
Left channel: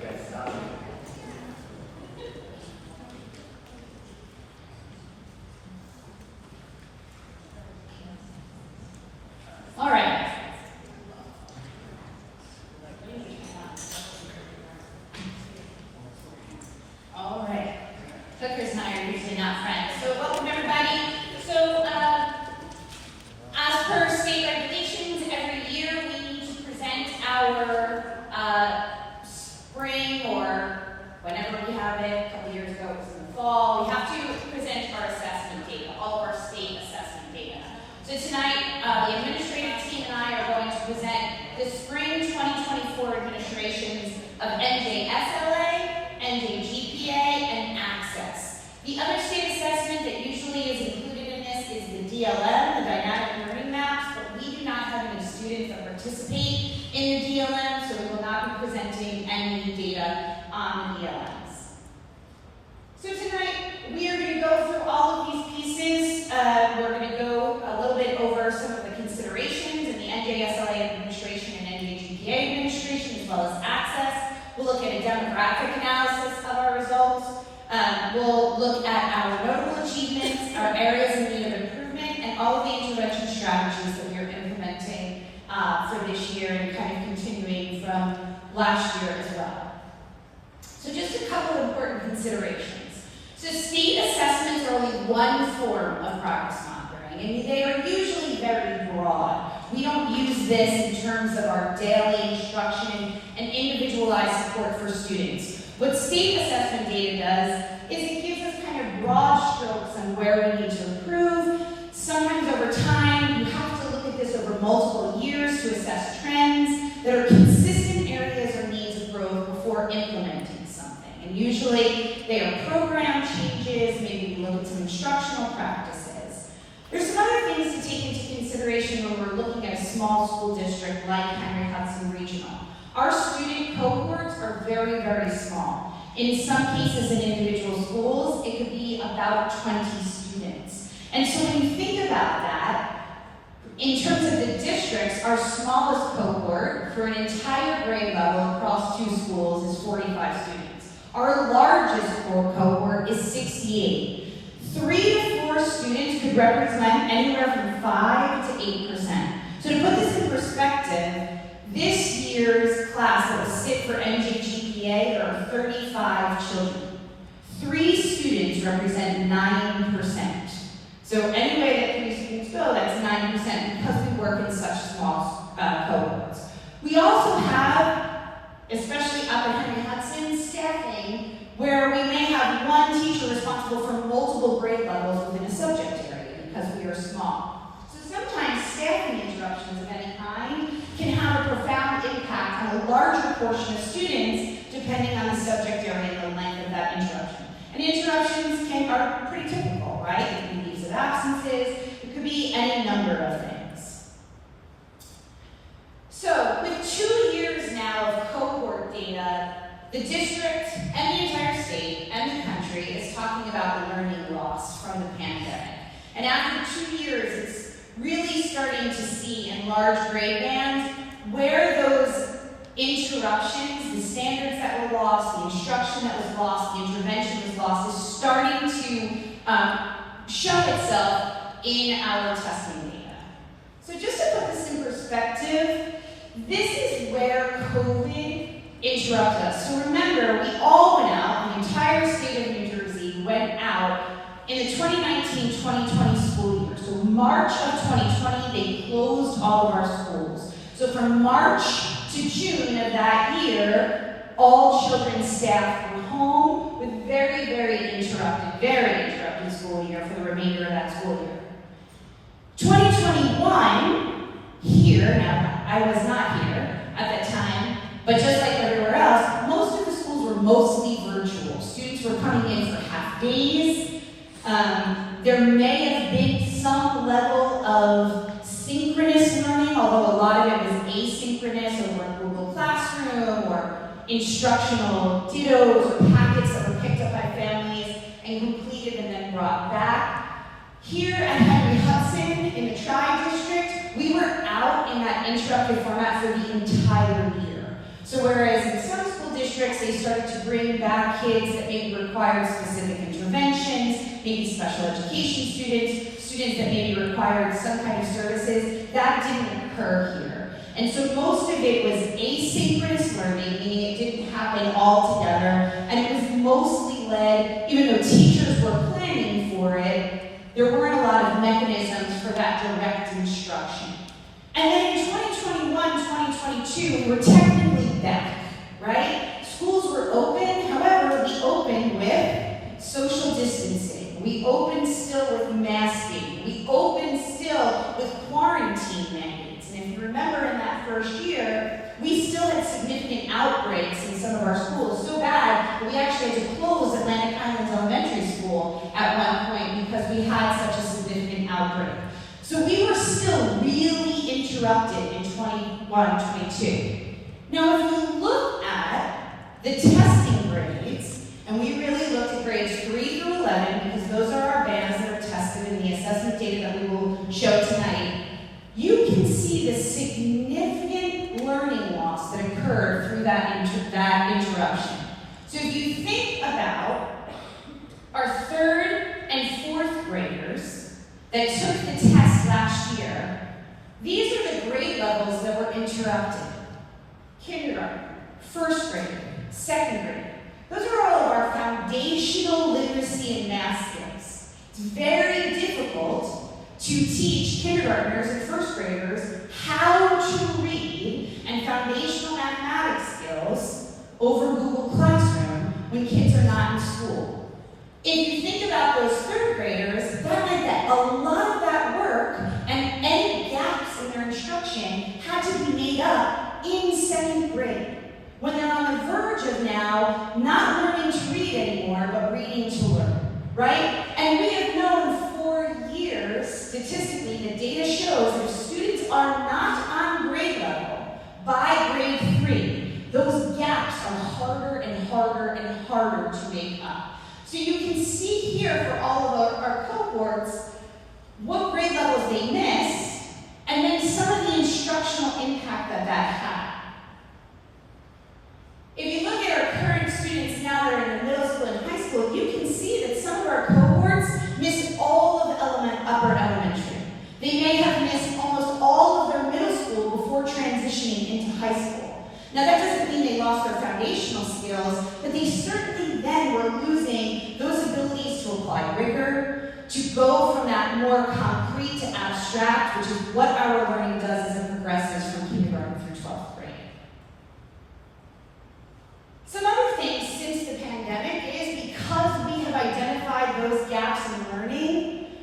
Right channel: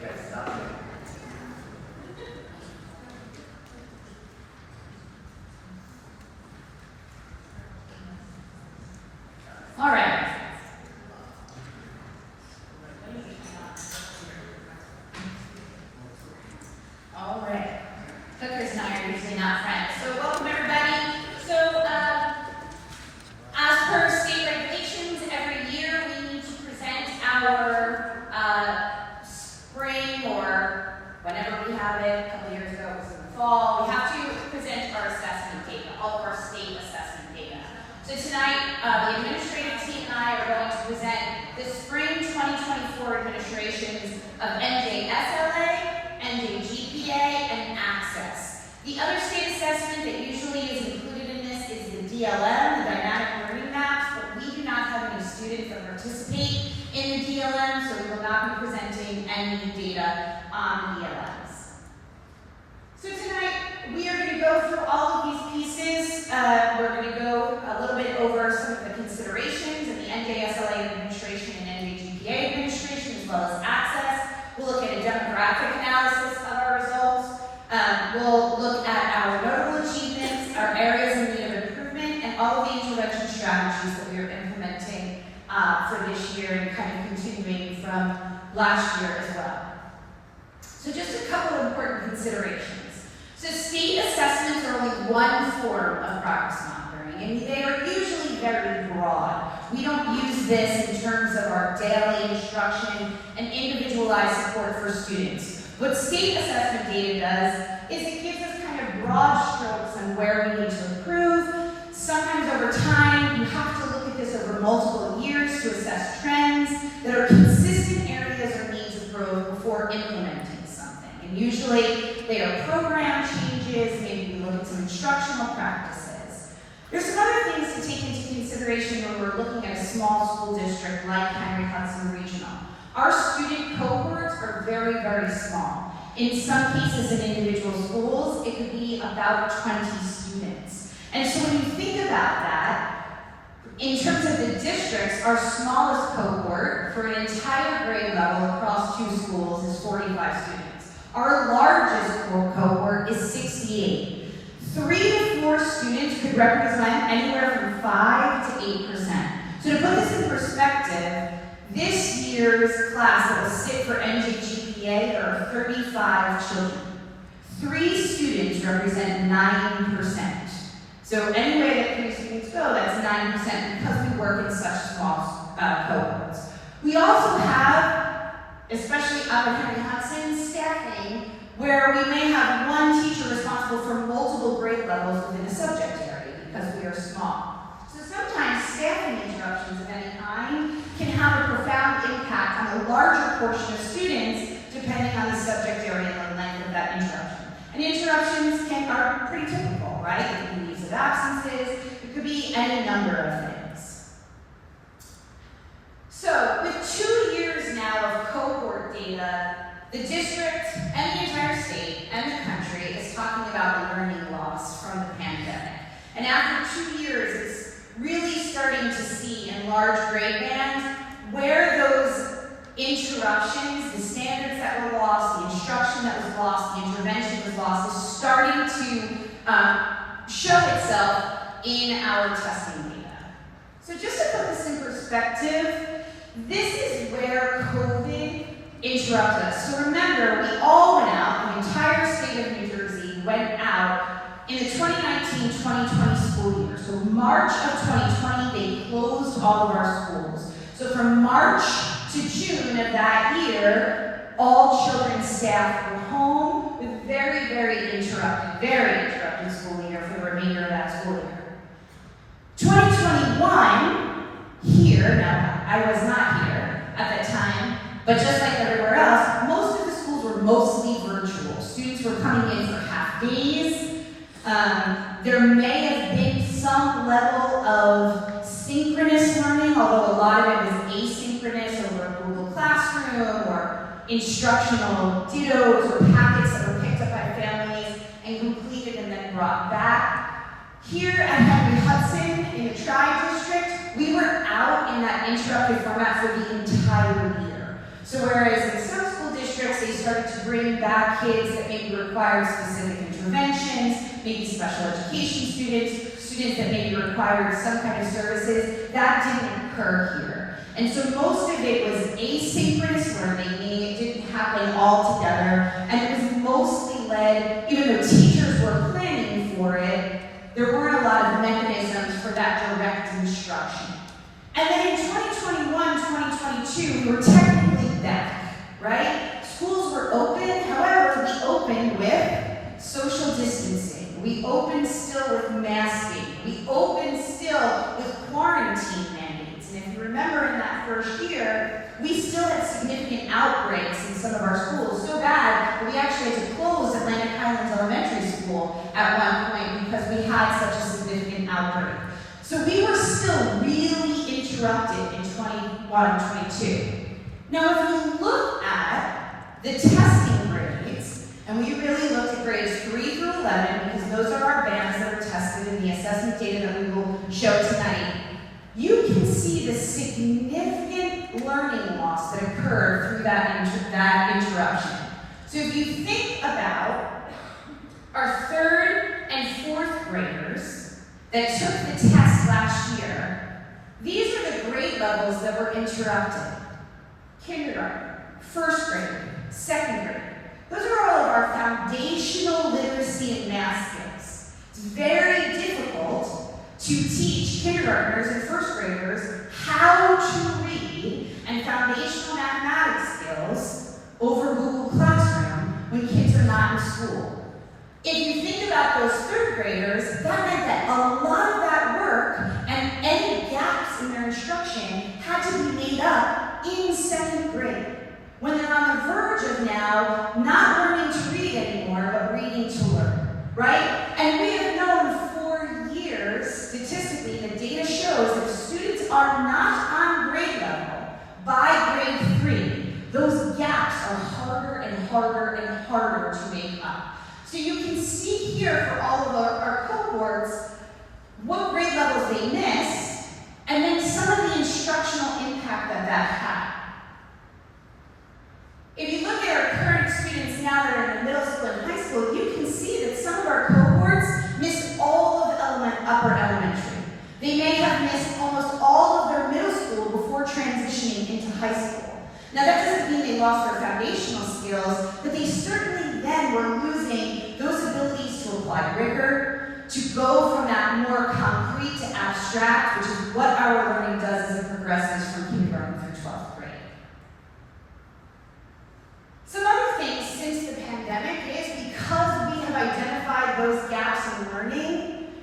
Yes, stop. All right. All right. Hookers and I are usually not friends. So welcome everybody. So as per state regulations, every year we need to present our spring or whenever we have it. A couple years ago it was in the fall. We have to present our assessment data, all of our state assessment data. So tonight, the administrative team and I are going to present the spring 2024 administrations of NJSLA, NJGPA, and Access. The other state assessment that usually is included in this is the DLM, the Dynamic Learning Maps, but we do not have any students that participate in the DLM, so we will not be presenting any data on the DLMs. So tonight, we are going to go through all of these pieces. We're going to go a little bit over some of the considerations in the NJSLA administration and NJGPA administration, as well as Access. We'll look at a demographic analysis of our results. We'll look at our notable achievements, our areas in need of improvement, and all of the intervention strategies that we are implementing for this year and kind of continuing from last year as well. So just a couple of important considerations. So state assessments are only one form of progress monitoring, and they are usually very broad. We don't use this in terms of our daily instruction and individualized support for students. What state assessment data does is it gives us kind of broad strokes on where we need to improve. Sometimes over time, you have to look at this over multiple years to assess trends that are consistent areas or needs of growth before implementing something. And usually they are program changes, maybe we look at some instructional practices. There's some other things to take into consideration when we're looking at a small school district like Henry Hudson Regional. Our student cohorts are very, very small. In some cases in individual schools, it could be about 20 students. And so when you think about that, in terms of the districts, our smallest cohort for an entire grade level across 2 schools is 45 students. Our largest cohort is 68. 3 to 4 students could represent anywhere from 5 to 8%. So to put this in perspective, this year's class that will sit for NJGPA, there are 35 children. 3 students represent 9%. So any way that 3 students go, that's 9% because we work in such small cohorts. We also have, especially up at Henry Hudson, staffing where we may have one teacher responsible for multiple grade levels within a subject area because we are small. So sometimes staffing interruptions of any kind can have a profound impact on a larger portion of students depending on the subject area and the length of that interruption. And interruptions are pretty typical, right? It can be leaves of absences, it could be any number of things. So with 2 years now of cohort data, the district and the entire state and the country is talking about learning loss from the pandemic. And after 2 years, it's really starting to see in large grade bands where those interruptions, the standards that were lost, the instruction that was lost, the intervention was lost, is starting to show itself in our testing data. So just to put this in perspective, this is where COVID interrupted us. So remember, we all went out, the entire state of New Jersey went out in the 2019-2020 school year. So March of 2020, they closed all of our schools. So from March to June of that year, all children's staff were home with very interrupted school year for the remainder of that school year. 2021, here, now I was not here at that time, but just like everywhere else, most of the schools were mostly virtual. Students were coming in for half days. There may have been some level of synchronous learning, although a lot of it was asynchronous over Google Classroom or instructional dittos or packets that were picked up by families and completed and then brought back. Here at Henry Hudson in the Tri-District, we were out in that interrupted format for the entire year. So whereas in some school districts, they started to bring back kids that maybe required specific interventions, maybe special education students that maybe required some kind of services, that didn't occur here. And so most of it was asynchronous learning, meaning it didn't happen all together, and it was mostly led, even though teachers were planning for it, there weren't a lot of mechanisms for that direct instruction. And then in 2021, 2022, we were technically back, right? Schools were open, however, we opened with social distancing. We opened still with masking. We opened still with quarantine mandates. And if you remember in that first year, we still had significant outbreaks in some of our schools, so bad that we actually had to close Atlantic Highlands Elementary School at one point because we had such a significant outbreak. So we were still really interrupted in 21-22. Now, if you look at the testing grades, and we really looked at grades 3 through 11, because those are our bands that are tested in the assessment data that we will show tonight, you can see the significant learning loss that occurred through that interruption. So if you think about our 3rd and 4th graders that took the test last year, these are the grade levels that were interrupted. Kindergarten, 1st grade, 2nd grade. Those are all of our foundational literacy and math skills. It's very difficult to teach kindergartners and 1st graders how to read and foundational mathematics skills over Google Classroom when kids are not in school. If you think about those 3rd graders, that meant that a lot of that work and any gaps in their instruction had to be made up in 2nd grade, when they're on the verge of now not learning to read anymore, but reading to learn, right? And we have known for years, statistically, the data shows that if students are not on grade level by grade 3, those gaps are harder and harder to make up. So you can see here for all of our cohorts what grade levels they missed, and then some of the instructional impact that had. If you look at our current students now that are in middle school and high school, you can see that some of our cohorts missed all of upper elementary. They may have missed almost all of their middle school before transitioning into high school. Now that doesn't mean they lost their foundational skills, but they certainly then were losing those abilities to apply rigor, to go from that more concrete to abstract, which is what our learning does as it progresses from kindergarten through 12th grade. Some other things since the pandemic is because we have identified those gaps in learning,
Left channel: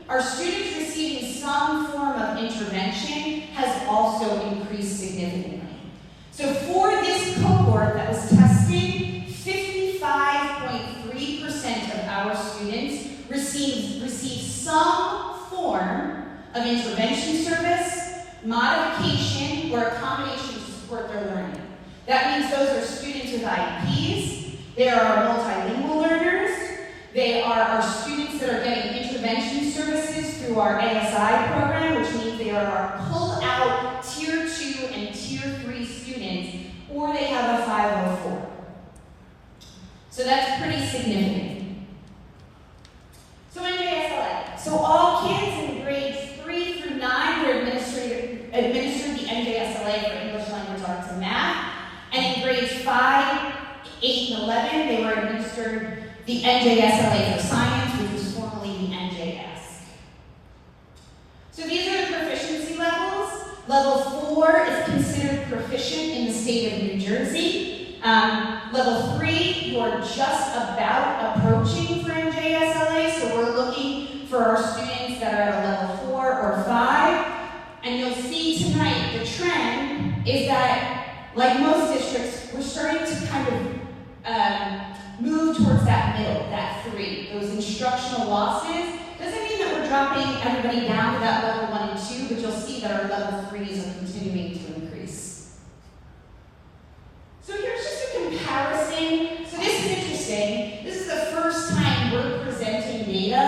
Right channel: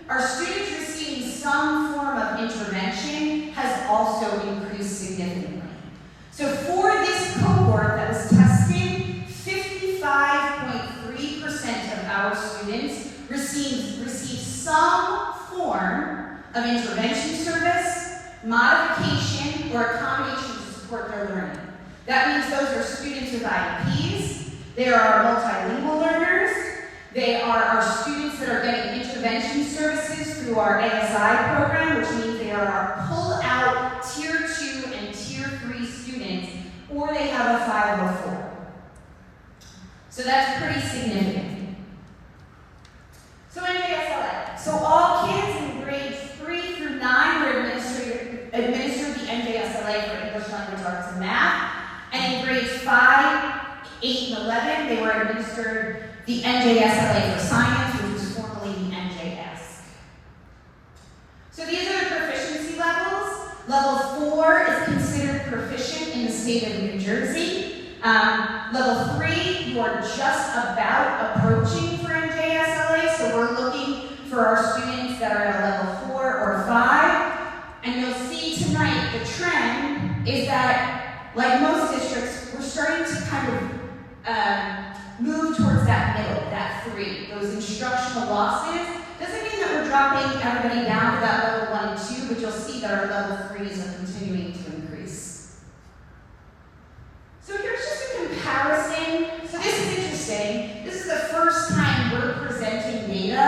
our students receiving some form of intervention has also increased significantly. So for this cohort that was tested, 55.3% of our students received some form of intervention service, modification, or accommodation to support their learning. That means those are students with IEPs, they are our multilingual learners, they are our students that are getting intervention services through our ASI program, which means they are our pull-out Tier 2 and Tier 3 students, or they have a 504. So that's pretty significant. So NJSLA. So all kids in grades 3 through 9 were administered the NJSLA for English language arts and math. And in grades 5, 8, and 11, they were administered the NJSLA for science, which was formerly the 4 is considered proficient in the state of New Jersey. Level 3, you are just about approaching for NJSLA, so we're looking for our students that are at a level 4 or 5. And you'll see tonight the trend is that, like most districts, we're starting to kind of move towards that middle, that 3, those instructional losses. Doesn't mean that we're dropping everybody down to that level 1 and 2, but you'll see that our level 3s are continuing to increase. So here's just a comparison. So this is interesting. This is the first time we're presenting data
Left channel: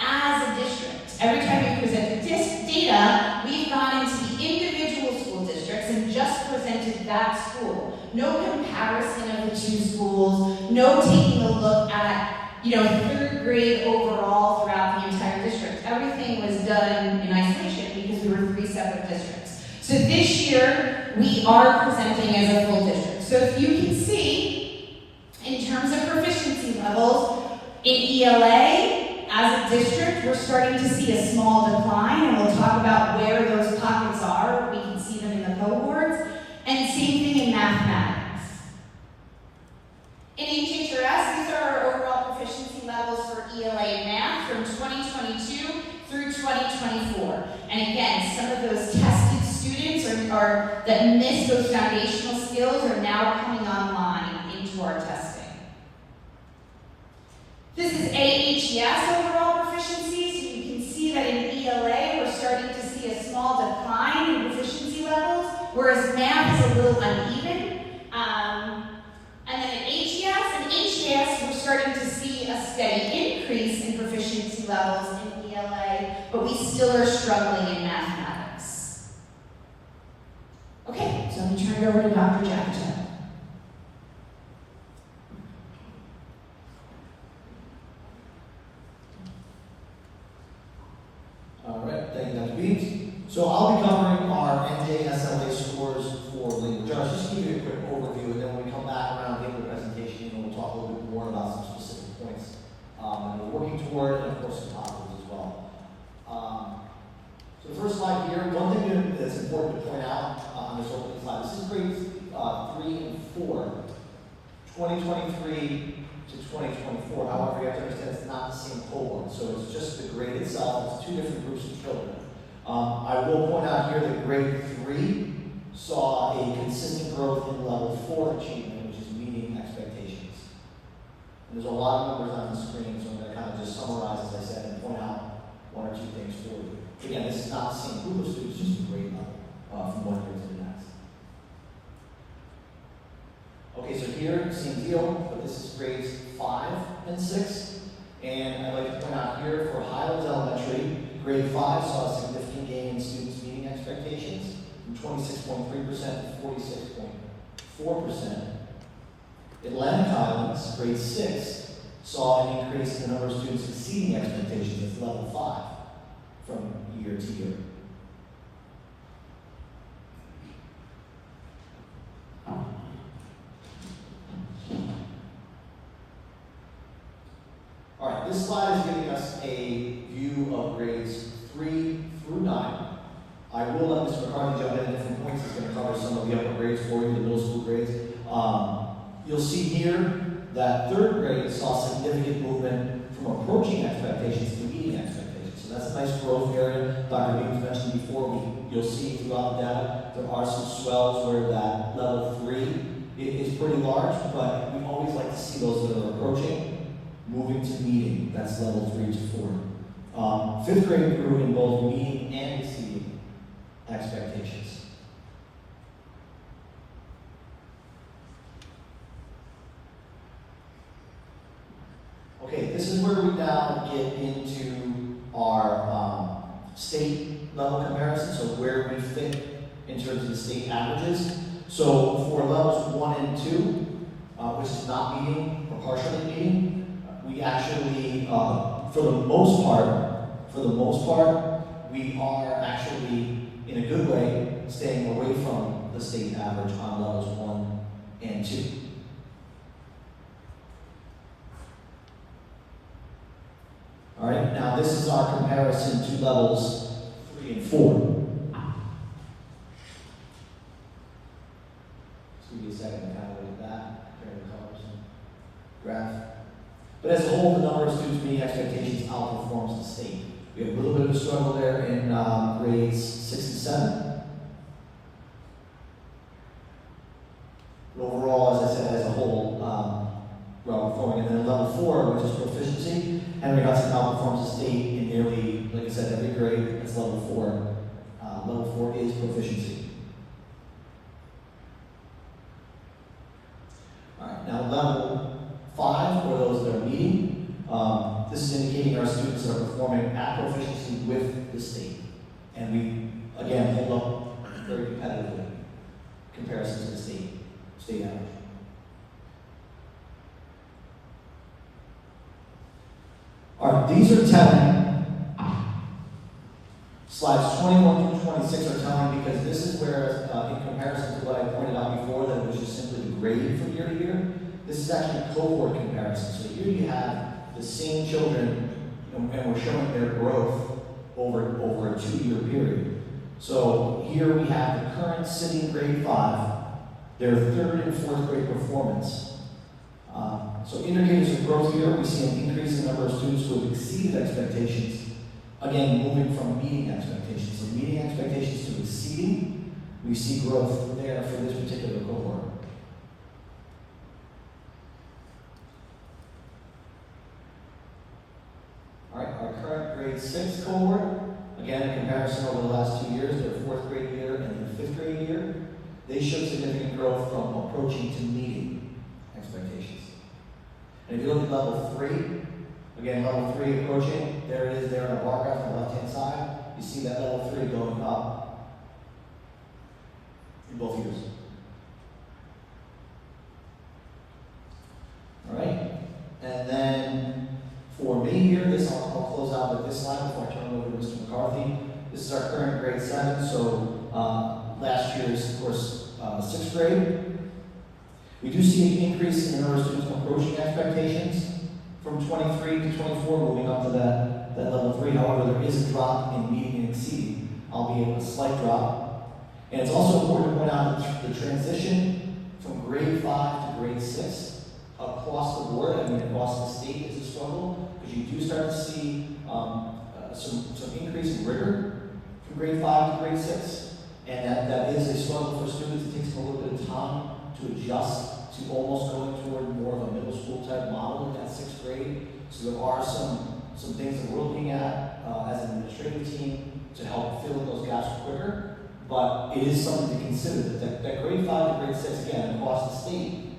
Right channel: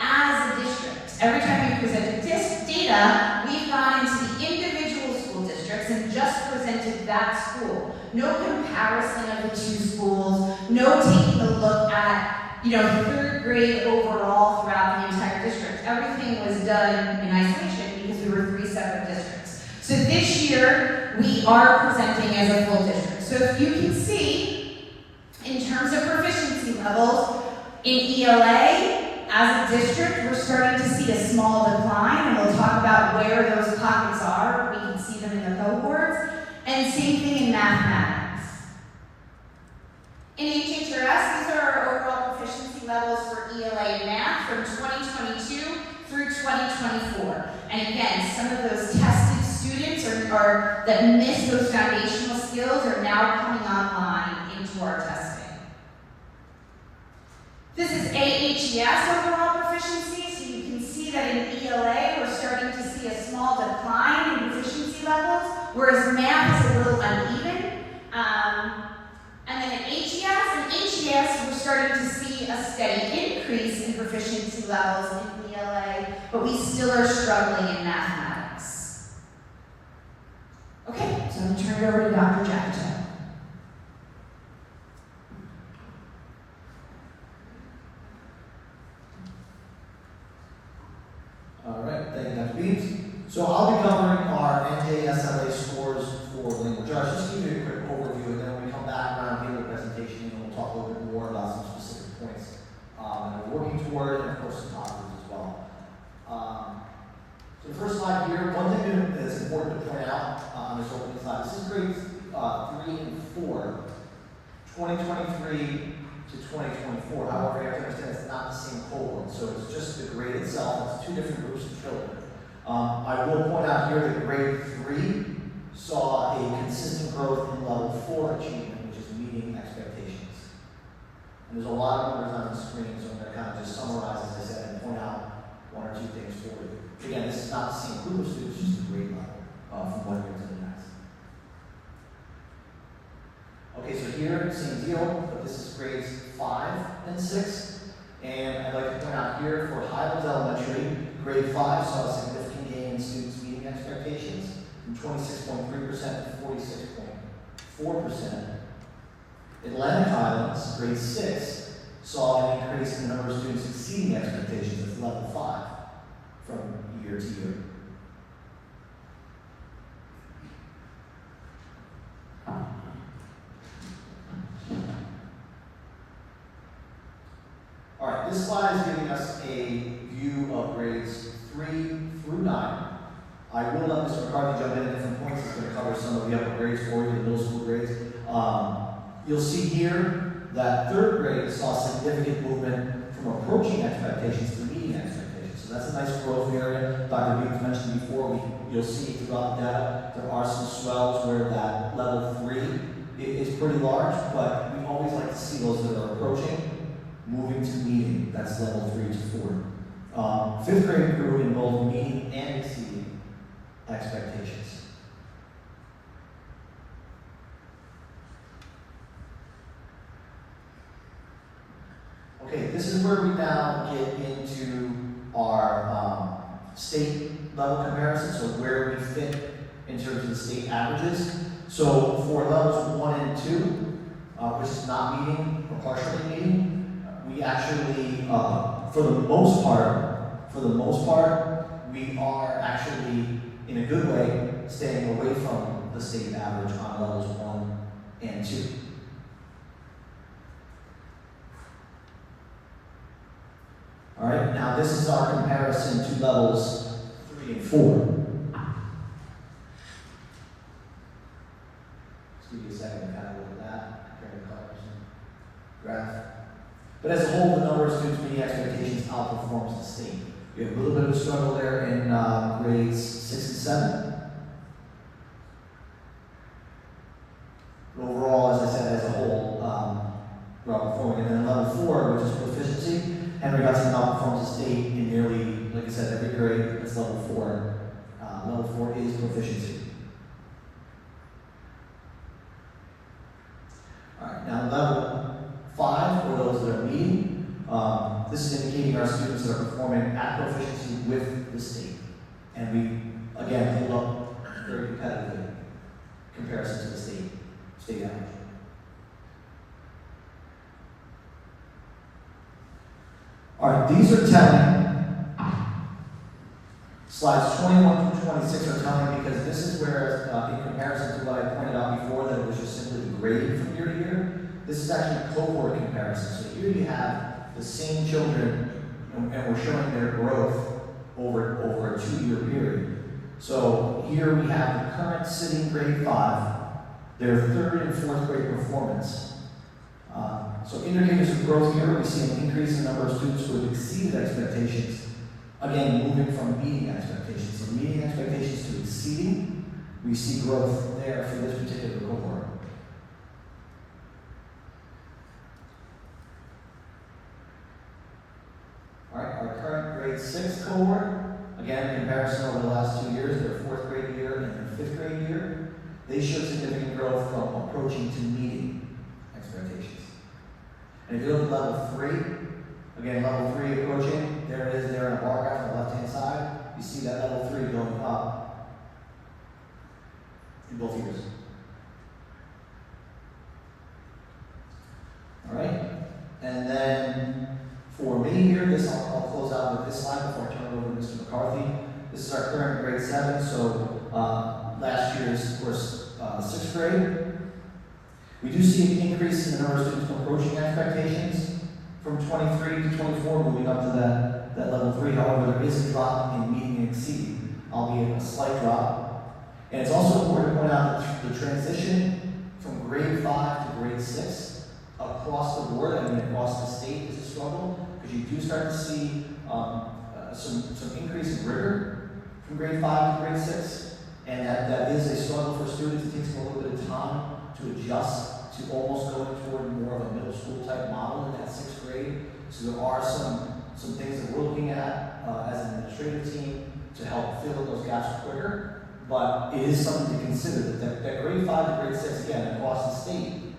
as a district. Every time we presented data, we've gone into the individual school districts and just presented that school. No comparison of the 2 schools, no taking a look at, 3rd grade overall throughout the entire district. Everything was done in isolation because we were 3 separate districts. So this year, we are presenting as a full district. So if you can see, in terms of proficiency levels, in ELA, as a district, we're starting to see a small decline, and we'll talk about where those pockets are. We can see them in the cohorts. And same thing in mathematics. In HHRS, these are our overall proficiency levels for ELA and math from 2022 through 2024. And again, some of those tested students that missed those foundational skills are now coming online into our testing. This is AHES overall proficiency, so you can see that in ELA, we're starting to see a small decline in proficiency levels, whereas math is a little uneven. And then in HES, we're starting to see a steady increase in proficiency levels in ELA, but we still are struggling in mathematics. Okay, so I'm going to turn it over to Dr. Jackson. All right, thank you, Dr. Beams. So I'll be covering our NJSLA scores for language arts. Just to give you a quick overview, and then when we come back around the end of the presentation, we'll talk a little bit more about some specific points that we're working toward, and of course some positives as well. So the first slide here, one thing that's important to point out on this opening slide, this is grades 3 and 4, 2023 to 2024. However, you have to understand it's not the same cohort, so it's just the grade itself. It's 2 different groups of children. I will point out here that grade 3 saw a consistent growth in level 4 achievement, which is meeting expectations. And there's a lot of numbers on the screen, so I'm going to kind of just summarize, as I said, and point out 1 or 2 things for you. Again, this is not the same group of students, just a grade level from one year to the next. Okay, so here, same deal, but this is grades 5 and 6. And I'd like to point out here for Highlands Elementary, grade 5 saw a significant gain in students meeting expectations from 26.3% to 46.4%. Atlantic Highlands, grade 6, saw an increase in the number of students exceeding expectations at level 5 from year to year. All right, this slide is giving us a view of grades 3 through 9. I will let Mr. McCarthy jump in at different points. He's going to cover some of the upper grades for you, the middle school grades. You'll see here that 3rd grade saw significant movement from approaching expectations to meeting expectations. So that's a nice growth area. Dr. Beams mentioned before, you'll see throughout the data, there are some swells where that level 3 is pretty large, but we always like to see those that are approaching moving to meeting. That's level 3 to 4. 5th grade grew in both meeting and exceeding expectations. Okay, this is where we now get into our state level comparison, so where we fit in terms of the state averages. So for levels 1 and 2, which is not meeting or partially meeting, we actually, for the most part, we are actually, in a good way, staying away from the state average on levels 1 and 2. All right, now this is our comparison to levels 3 and 4. give you a second to kind of look at that, compare the colors and graph. But as a whole, the number of students meeting expectations outperforms the state. We have a little bit of a struggle there in grades 6 and 7. But overall, as I said, as a whole, we're outperforming. And then level 4, which is proficiency, Henry Hudson outperforms the state in nearly, like I said, every grade. That's level 4. Level 4 is proficiency. All right, now level 5, for those that are meeting, this is indicating our students are performing at proficiency with the state. And we, again, hold up very competitively in comparison to the state average. All right, these are telling. Slides 21 through 26 are telling because this is where, in comparison to what I pointed out before, that it was just simply graded from year to year, this is actually a cohort comparison. So here you have the same children, and we're showing their growth over a 2-year period. So here we have the current sitting grade 5, their 3rd and 4th grade performance. So indicators of growth here, we see an increase in the number of students who have exceeded expectations. Again, moving from meeting expectations. So meeting expectations to exceeding, we see growth there for this particular cohort. All right, our current grade 6 cohort, again, in comparison over the last 2 years, their 4th grade year and their 5th grade year, they showed significant growth from approaching to meeting expectations. And if you look at level 3, again, level 3 approaching, there it is there in a bar graph on the left-hand side. You see that level 3 going up in both years. All right, and then for me here, I'll close out with this slide before I turn it over to Mr. McCarthy. This is our current grade 7, so last year's, of course, 6th grade. We do see an increase in the number of students approaching expectations from 23 to 24, moving up to that level 3. However, there is a drop in meeting and exceeding, albeit a slight drop. And it's also important to point out that the transition from grade 5 to grade 6 across the board, I mean across the state, is a struggle, because you do start to see some increase in rigor from grade 5 to grade 6. And that is a struggle for students. It takes them a little bit of time to adjust to almost going toward more of a middle school type model in that 6th grade. So there are some things that we're looking at as an administrative team to help fill those gaps quicker. But it is something to consider that grade 5 to grade 6, again, across the state,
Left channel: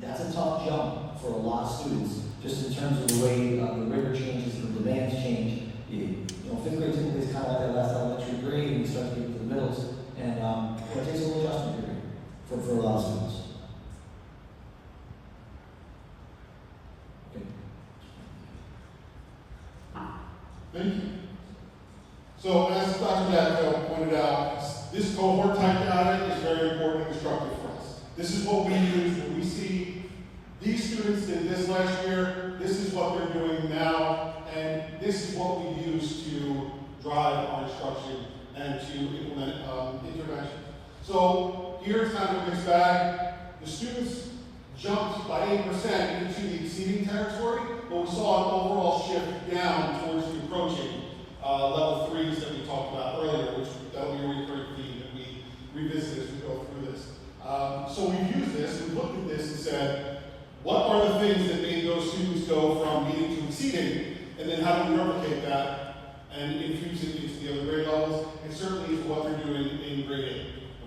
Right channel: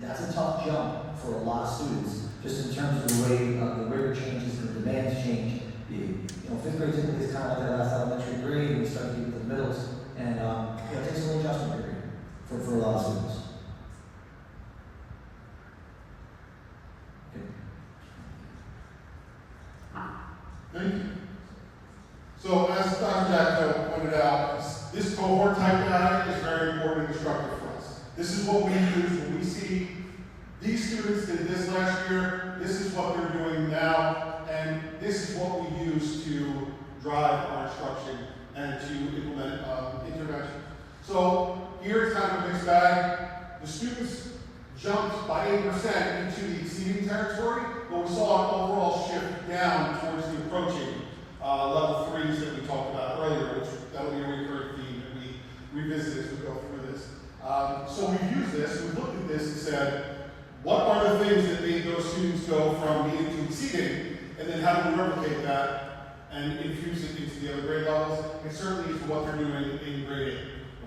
that's a tough jump for a lot of students, just in terms of the way the rigor changes and the demands change. 5th grade typically is kind of like that last elementary grade, and we start to get to the middles, and it takes a little adjustment period for a lot of students. Okay. Thank you. So as Dr. Jacko pointed out, this cohort type data is very important and instructive for us. This is what we use when we see these students did this last year, this is what they're doing now, and this is what we use to drive our instruction and to implement intervention. So here's kind of a mixed bag. The students jumped by 8% into the exceeding territory, but we saw an overall shift down towards the approaching level 3s that we talked about earlier, which that'll be a recurring theme that we revisit as we go through this. So we've used this, we've looked at this and said, what are the things that made those students go from meeting to exceeding, and then how do we replicate that and infuse it into the other grade levels? It certainly is what they're doing in grade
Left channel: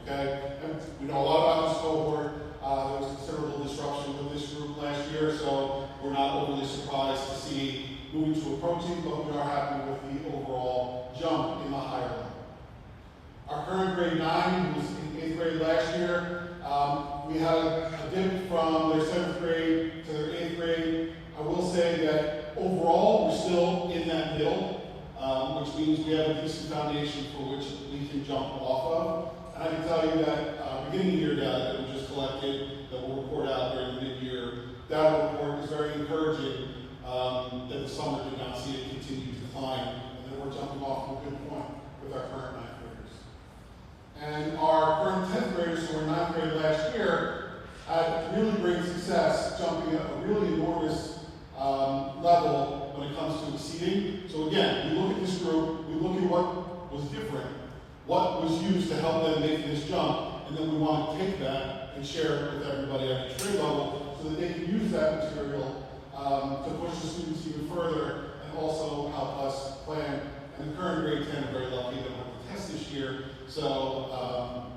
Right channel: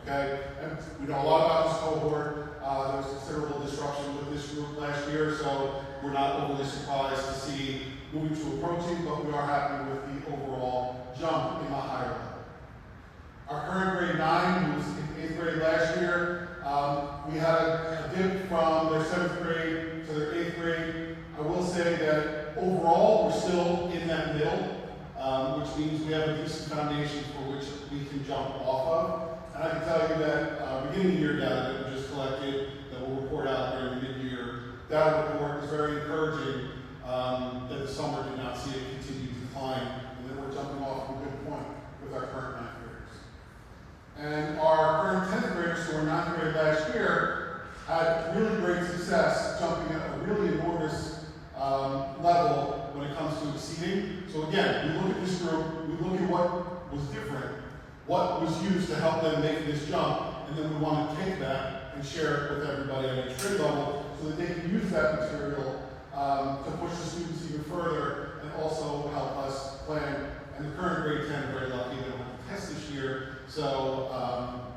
8, okay? And we know a lot about this cohort. There was considerable disruption with this group last year, so we're not overly surprised to see moving to approaching, but we are happy with the overall jump in the higher level. Our current grade 9, who was in 8th grade last year, we had a dip from their 7th grade to their 8th grade. I will say that overall, we're still in that middle, which means we have a decent foundation for which we can jump off of. And I can tell you that beginning of year data that we just collected, that we'll report out during the mid-year data report, is very encouraging that the summer did not see a continued decline, and that we're jumping off a good point with our current 9th graders. And our current 10th graders who were 9th grade last year, excited making this jump, and then we want to take that and share it with everybody at each grade level so that they can use that material to push the students even further and also help us plan. And the current grade 10 are very lucky they don't have to test this year, so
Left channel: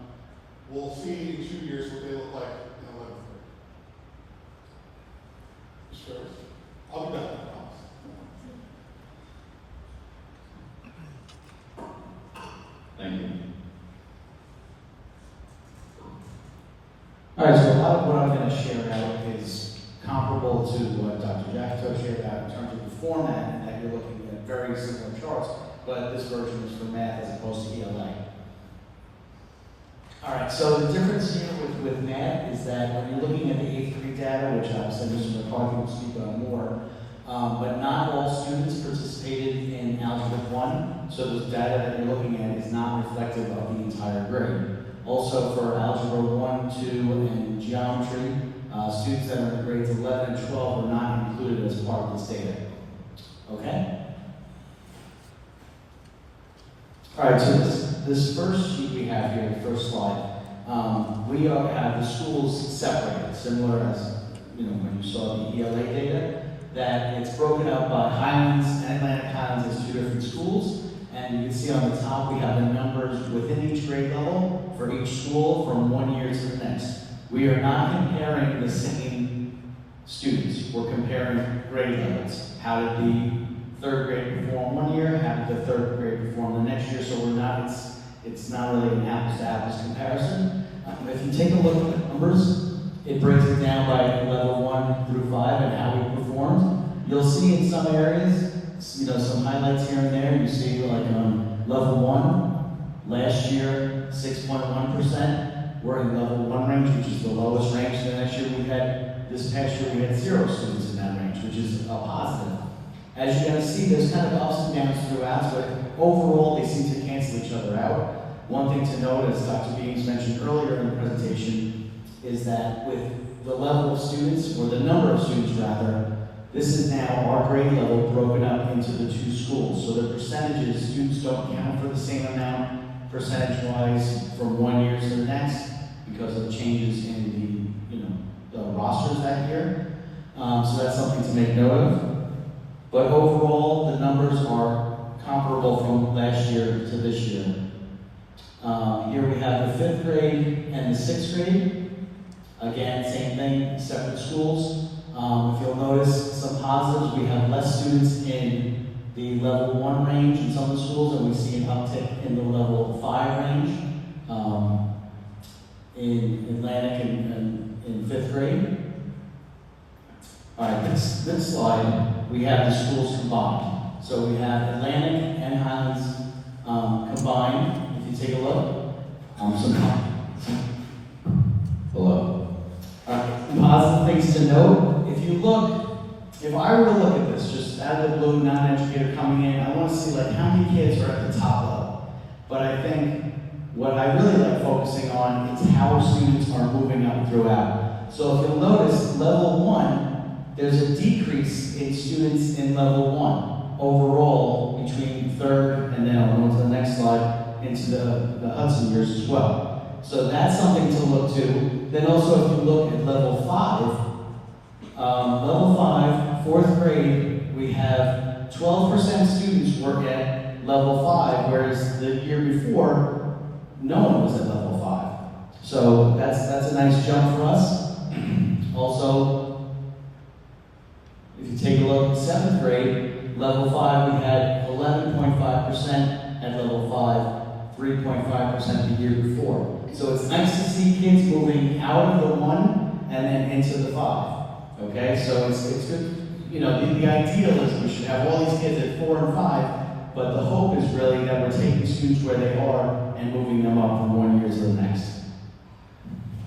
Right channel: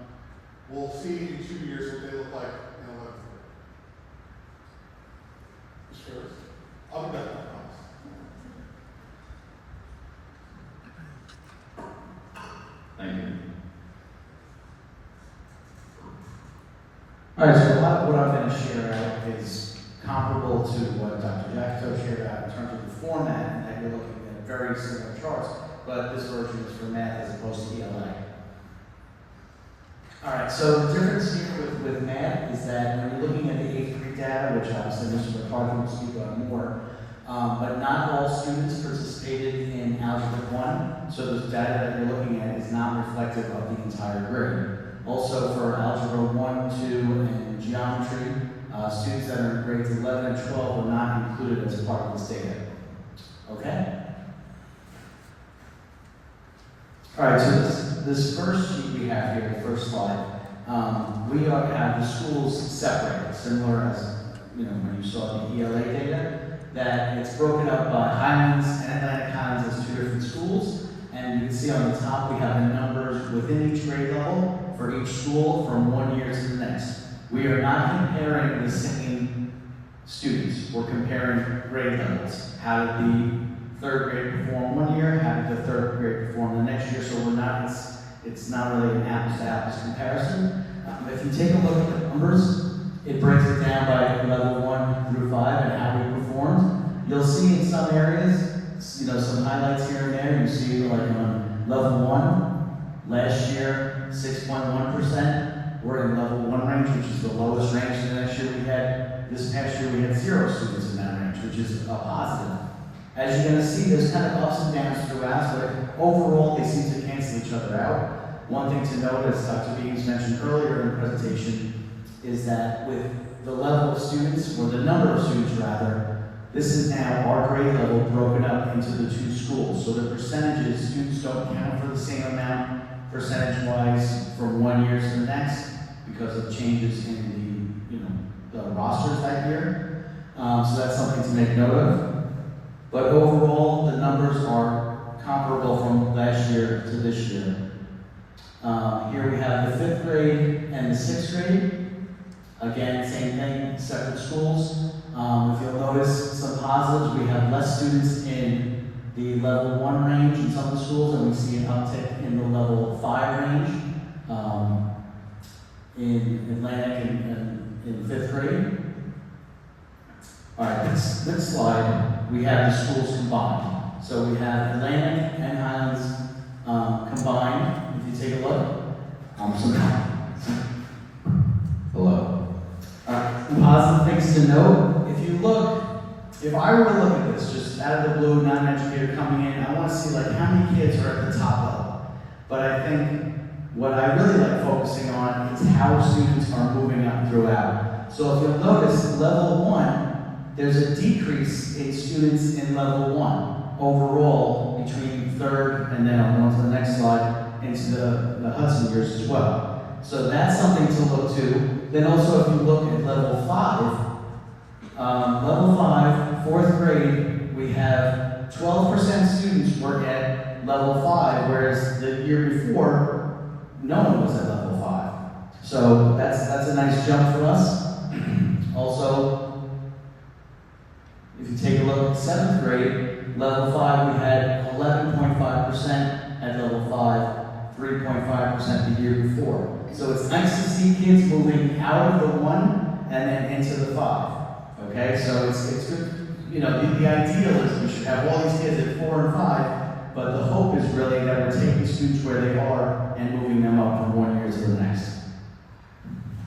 we'll see in 2 years what they look like in 11th grade. Mr. Ferris, I'll be back, I promise. Thank you. All right, so a lot of what I'm going to share out is comparable to what Dr. Jackto shared out in terms of the format, and that you're looking at very similar charts, but this version is for math as opposed to ELA. All right, so the difference here with math is that when you're looking at the 8th grade data, which obviously Mr. McCarthy will speak about more, but not all students participated in Algebra 1, so the data that you're looking at is not reflective of the entire grade. Also for Algebra 1, 2, and Geometry, students that are in grades 11 and 12 were not included as part of this data. Okay? All right, so this first sheet we have here, the first slide, we have the schools separated, similar as when you saw the ELA data, that it's broken up by Highlands and Atlantic Highlands as 2 different schools, and you can see on the top we have the numbers within each grade level for each school from 1 year to the next. We are not comparing the same students, we're comparing grade levels. How did the 3rd grade perform 1 year? How did the 3rd grade perform the next year? So it's not really an apples to apples comparison. If you take a look at the numbers, it breaks it down by level 1 through 5 and how we performed. You'll see in some areas, some highlights here and there. You see like on level 1, last year, 6.1%. We're in level 1 range, which is the lowest range. This past year we had 0 students in that range, which is a positive. As you're going to see, there's kind of ups and downs throughout, but overall they seem to cancel each other out. One thing to note, as Dr. Beams mentioned earlier in the presentation, is that with the level of students, or the number of students rather, this is now our grade level broken up into the 2 schools. So the percentages, students don't count for the same amount percentage-wise from 1 year to the next because of changes in the rosters that year. So that's something to make note of. But overall, the numbers are comparable from last year to this year. Here we have the 5th grade and the 6th grade. Again, same thing, separate schools. If you'll notice some positives, we have less students in the level 1 range in some of the schools, and we see an uptick in the level 5 range in Atlantic and in 5th grade. All right, this slide, we have the schools combined. So we have Atlantic and Highlands combined. If you take a look, hello. Some positive things to note. If I were to look at this, just out of the blue, not an educator coming in, I want to see how many kids are at the top level. But I think what I really like focusing on is how students are moving up throughout. So if you'll notice, level 1, there's a decrease in students in level 1 overall between 3rd and then I'll go on to the next slide into the Hudson years as well. So that's something to look to. Then also if you look at level 5, 4th grade, we have 12% students work at level 5, whereas the year before, no one was at level 5. So that's a nice jump for us. Also, if you take a look at 7th grade, level 5, we had 11.5% at level 5, 3.5% the year before. So it's nice to see kids moving out of the 1 and then into the 5. Okay, so it's good. The ideal is we should have all these kids at 4 and 5, but the hope is really that we're taking students where they are and moving them up from 1 year to the next.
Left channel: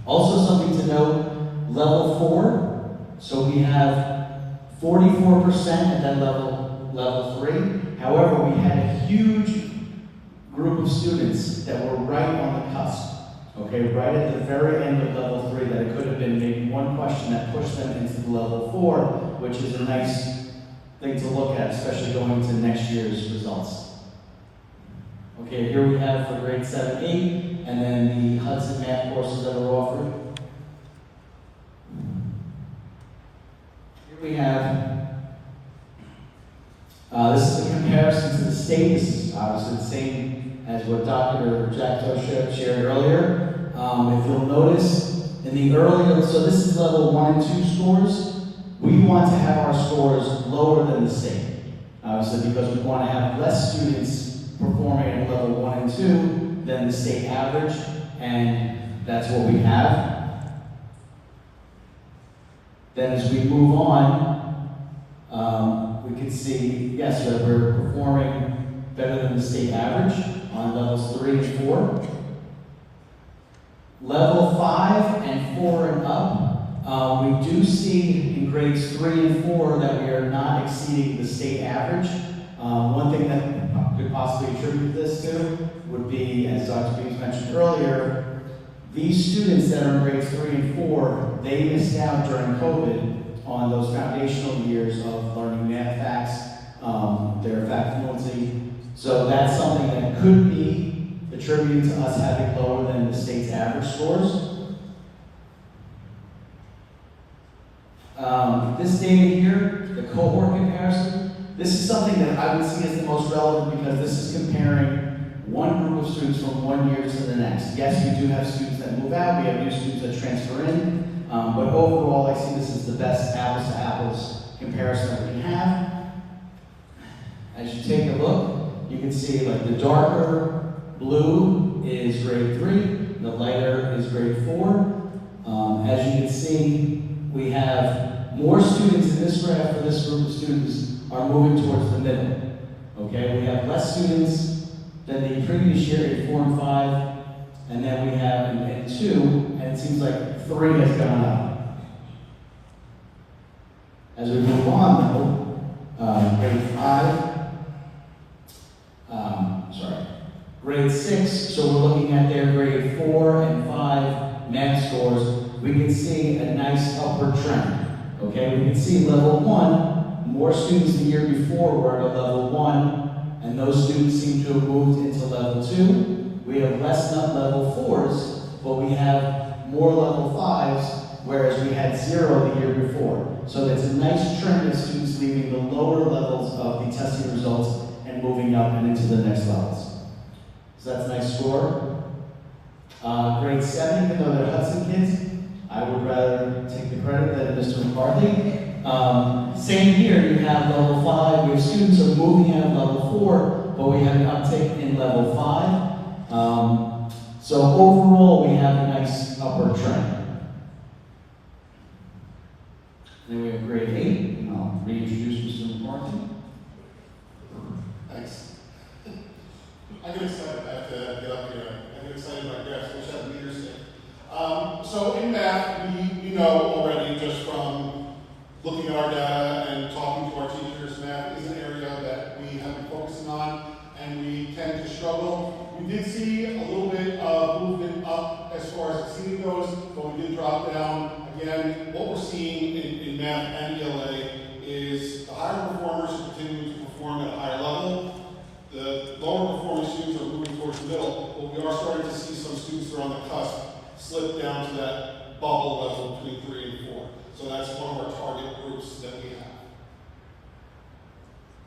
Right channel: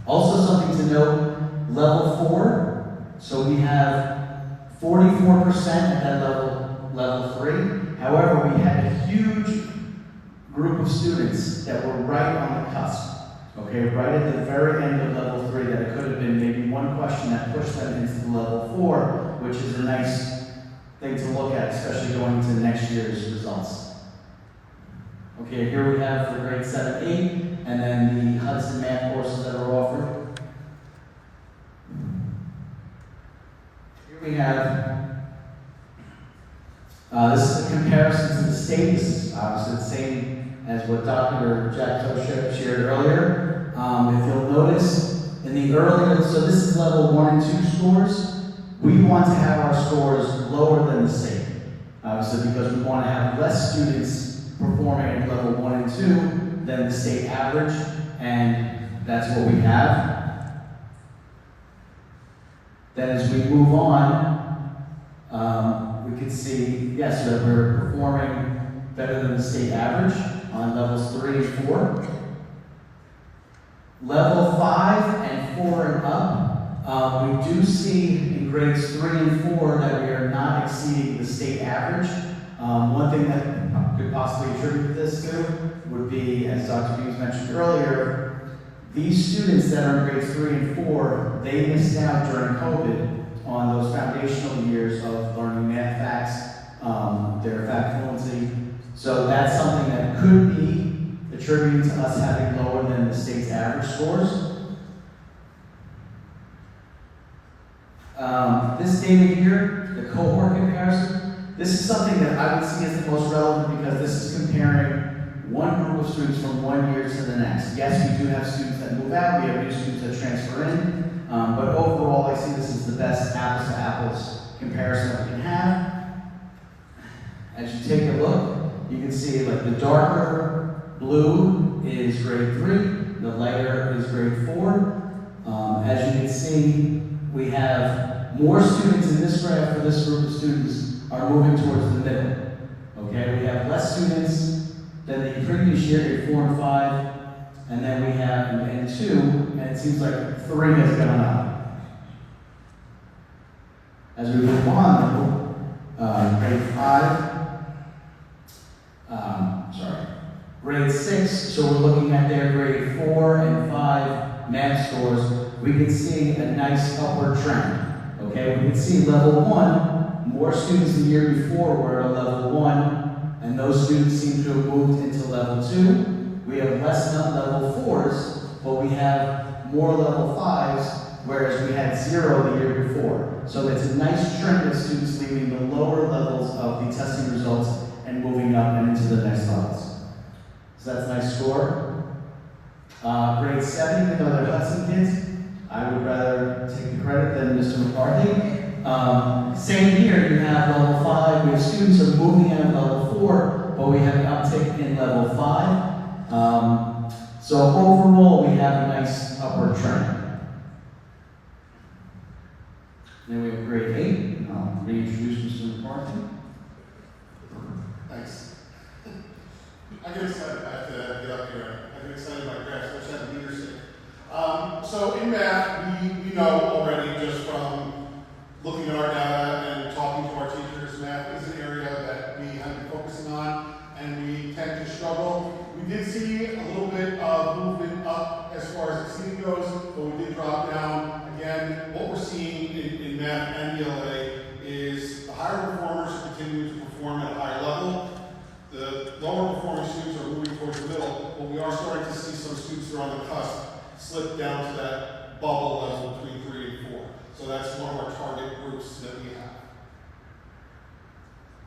Also something to note, level 4, so we have 44% at that level 3. However, we had a huge group of students that were right on the cusp. Okay, right at the very end of level 3, that it could have been maybe one question that pushed them into the level 4, which is a nice thing to look at, especially going into next year's results. Okay, here we have for grade 7, 8, and then the Hudson math courses that are offered. Here we have, this is a comparison to the state. This is obviously the same as what Dr. Jackto shared earlier. If you'll notice, in the earlier, so this is level 1 and 2 scores. We want to have our scores lower than the state. Obviously, because we want to have less students performing at level 1 and 2 than the state average, and that's what we have. Then as we move on, we can see, yes, that we're performing better than the state average on levels 3 and 4. Level 5 and 4 and up, we do see in grades 3 and 4 that we are not exceeding the state average. One thing that could possibly attribute this to would be, as Dr. Hughes mentioned earlier, these students that are in grades 3 and 4, they missed out during COVID on those foundational years of learning math facts, their fact fluency. So that's something that could be attributed to us having lower than the state's average scores. This data here, the cohort comparison, this is something that I would see as the most relevant because this is comparing one group of students from one year to the next. Yes, we do have students that move out, we have new students that transfer in, but overall I see this as the best apples to apples comparison that we can have. As you take a look, you can see like the darker blue is grade 3, the lighter is grade 4. As you can see, we have more students in this graph for this group of students are moving towards the middle. Okay, we have less students than the previous year at 4 and 5, and then we have in 2, and it seems like 3 has gone up. As we move on, though, grade 5, grade 6, so we're looking at their grade 4 and 5 math scores, we can see a nice upward trend. Okay, we can see level 1, more students the year before were at a level 1, and those students seem to have moved into level 2. We have less level 4s, but we have more level 5s, whereas we had 0 the year before. So that's a nice trend of students leaving the lower levels of the testing results and moving up and into the next levels. So that's a nice score. Grade 7, even though they're Hudson kids, I would rather take the credit than Mr. McCarthy. Same here, you have level 5, we have students are moving out of level 4, but we have an uptick in level 5. So overall, we have a nice upward trend. Then we have grade 8. I'll reintroduce Mr. McCarthy. Thanks. I get excited. I have to get up here. I get excited by graphs, which have leadership. So in math, we know already just from looking at our data and talking to our teachers, math is an area that we have been focusing on and we tend to struggle. We did see a little bit of movement up as far as exceeding goes, but we did drop down. Again, what we're seeing in math and ELA is the higher performers are continuing to perform at a higher level. The lower performing students are moving towards the middle, but we are starting to see some students who are on the cusp slip down to that bubble level between 3 and 4. So that's one of our target groups that we have.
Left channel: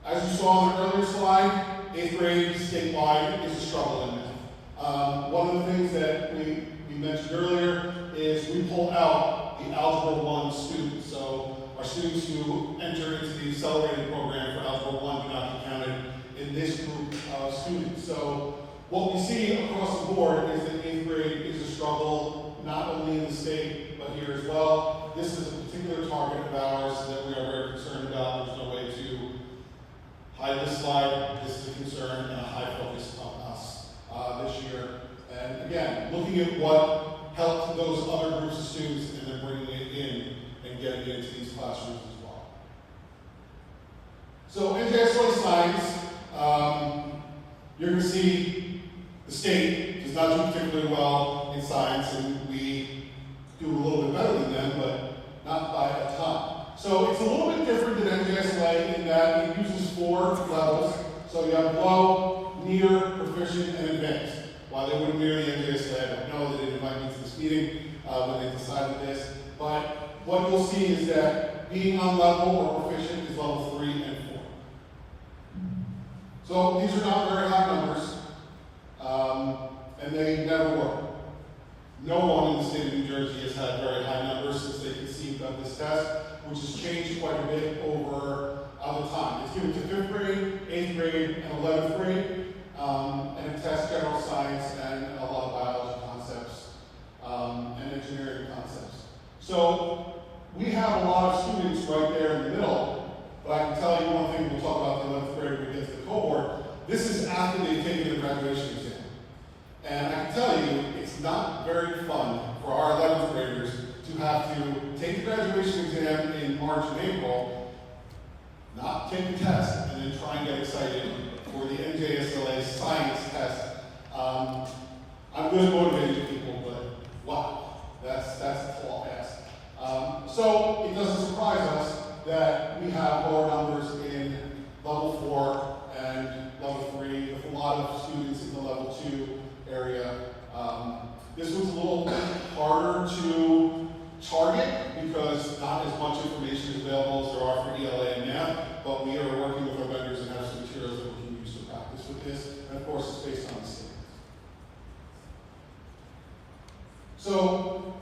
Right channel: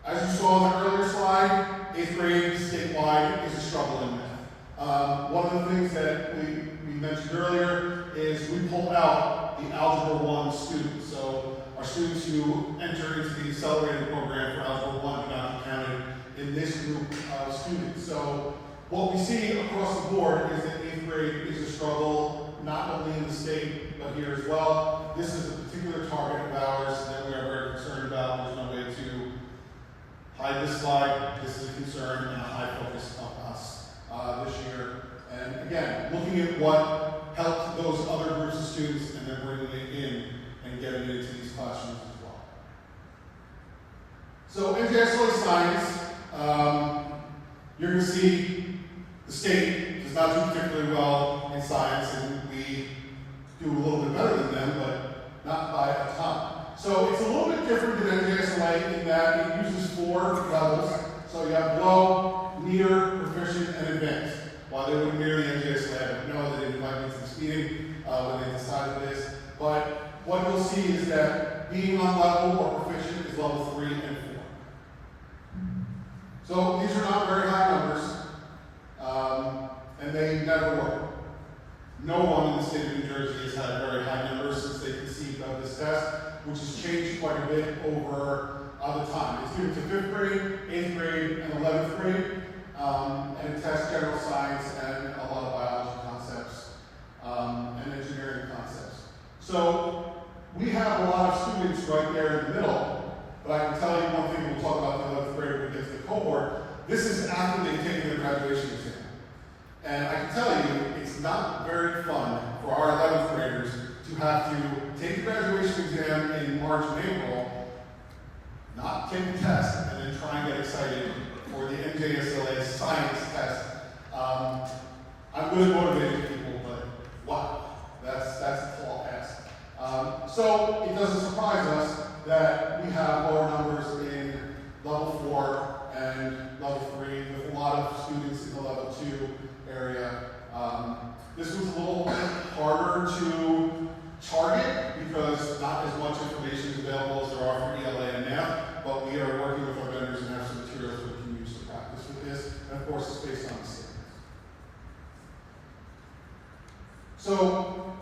As you saw on the earlier slide, 8th grade statewide is a struggle in math. One of the things that we mentioned earlier is we pull out the Algebra 1 students. So our students who enter into the accelerated program for Algebra 1 cannot be counted in this group of students. So what we see across the board is that 8th grade is a struggle, not only in the state, but here as well. This is a particular target of ours that we are very concerned about. There's no way to hide this slide. This is a concern and a high focus on us this year. And again, looking at what helped those other groups of students and then bringing it in and getting it into these classrooms as well. So NJSLA science, you're going to see the state does not do particularly well in science, and we do a little bit better than them, but not by a ton. So it's a little bit different than NJSLA in that it uses 4 levels. So you have low, near, proficient, and advanced. why they wouldn't mirror the NJSA, I don't know. They didn't invite me to this meeting when they decided this. But what you'll see is that being on level or proficient is level 3 and 4. So these are not very high numbers, and they never were. No one in the state of New Jersey has had very high numbers since they conceived of this test, which has changed quite a bit over the time. It's given to 5th grade, 8th grade, and 11th grade, and it tests general science and a lot of biology concepts and engineering concepts. So we have a lot of students right there in the middle, but I can tell you one thing, we'll talk about the 11th grade when we get to the cohort. This is after they've taken their graduation exam. And I can tell you, it's not very fun for our 11th graders to have to take the graduation exam in March and April, not take the test, and then try and get excited for the NJSLA science test. I'm good at motivating people, but wow, that's a tall ask. So it doesn't surprise us that we have lower numbers in level 4 and level 3, with a lot of students in the level 2 area. This was a little harder to target because not as much information is available as there are for ELA and math, but we are working with our vendors and have some materials that we can use to practice with this, and of course it's based on the standards. So,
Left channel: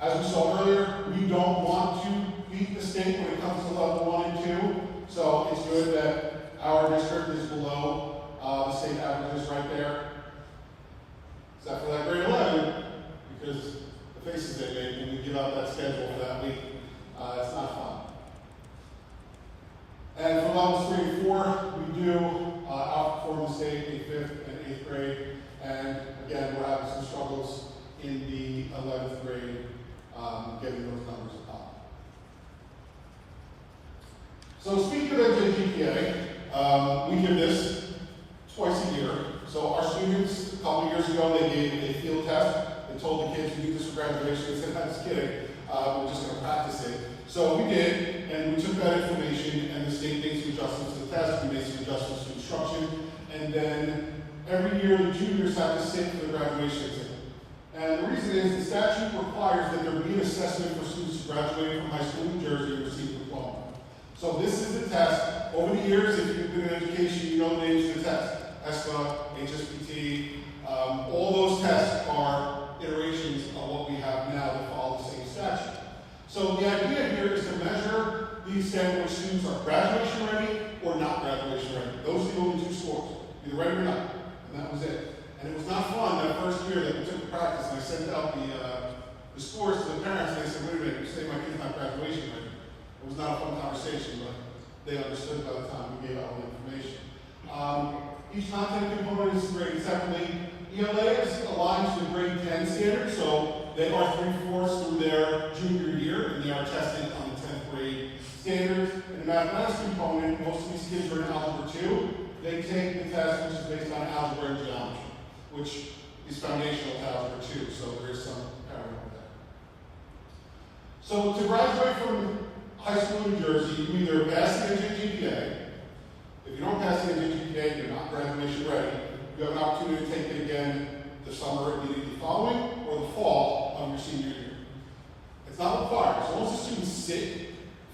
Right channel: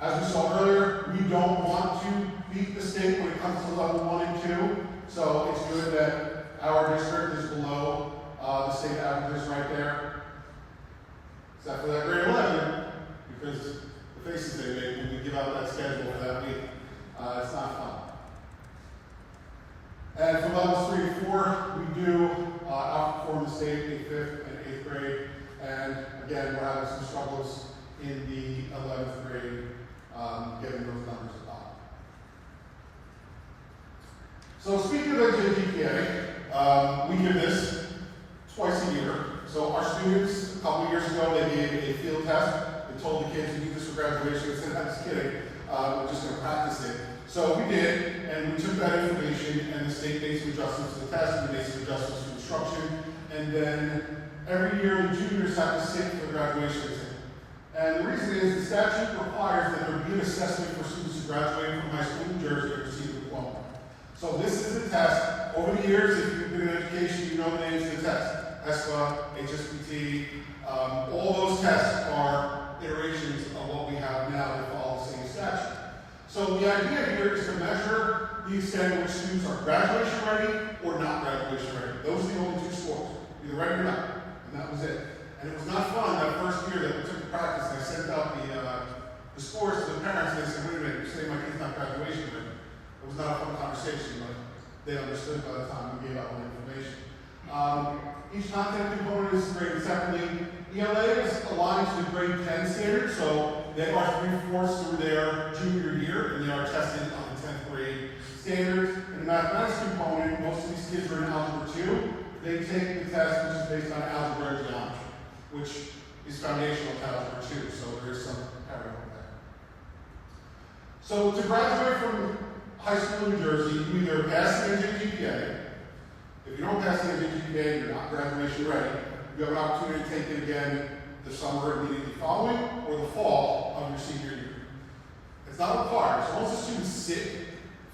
as we saw earlier, we don't want to beat the state when it comes to level 1 and 2, so it's good that our district is below the state averages right there. Except for that grade 11, because the faces they made when we give out that schedule for that week. It's not fun. And for levels 3 and 4, we do outperform the state in 5th and 8th grade. And again, we're having some struggles in the 11th grade getting those numbers up. So speaking of NJGPA, we give this twice a year. So our students, a couple of years ago, they gave a field test. They told the kids to do this for graduation. They said, I'm just kidding. We're just going to practice it. So we did, and we took that information, and the state made some adjustments to the test. We made some adjustments to instruction. And then every year, the juniors have to sit for the graduation exam. And the reason is the statute requires that there be an assessment for students who graduate from high school in New Jersey and receive a diploma. So this is the test. Over the years, if you've been in education, you know the names of the test. ESPA, HSPT, all those tests are iterations of what we have now that follow the same statute. So the idea here is to measure the extent to which students are graduation ready or not graduation ready. Those are the only 2 scores, either ready or not, and that was it. And it was not fun that first year that we took the practice, and I sent out the scores to the parents, and they said, wait a minute, you're saying my kid's not graduation ready. It was not a fun conversation, but they understood by the time we gave out all the information. Each content component is graded separately. ELA is aligned to the grade 10 standard, so they are 3/4 through their junior year, and they are tested on the 10th grade standards. In the mathematics component, most of these kids are in Algebra 2. They take the test, which is based on algebra and geometry, which is foundational to Algebra 2, so there's some carryover there. So to graduate from high school in New Jersey, you either pass the NJGPA. If you don't pass the NJGPA, you're not graduation ready. You have an opportunity to take it again the summer immediately following or the fall of your senior year. It's not required. So once the students sit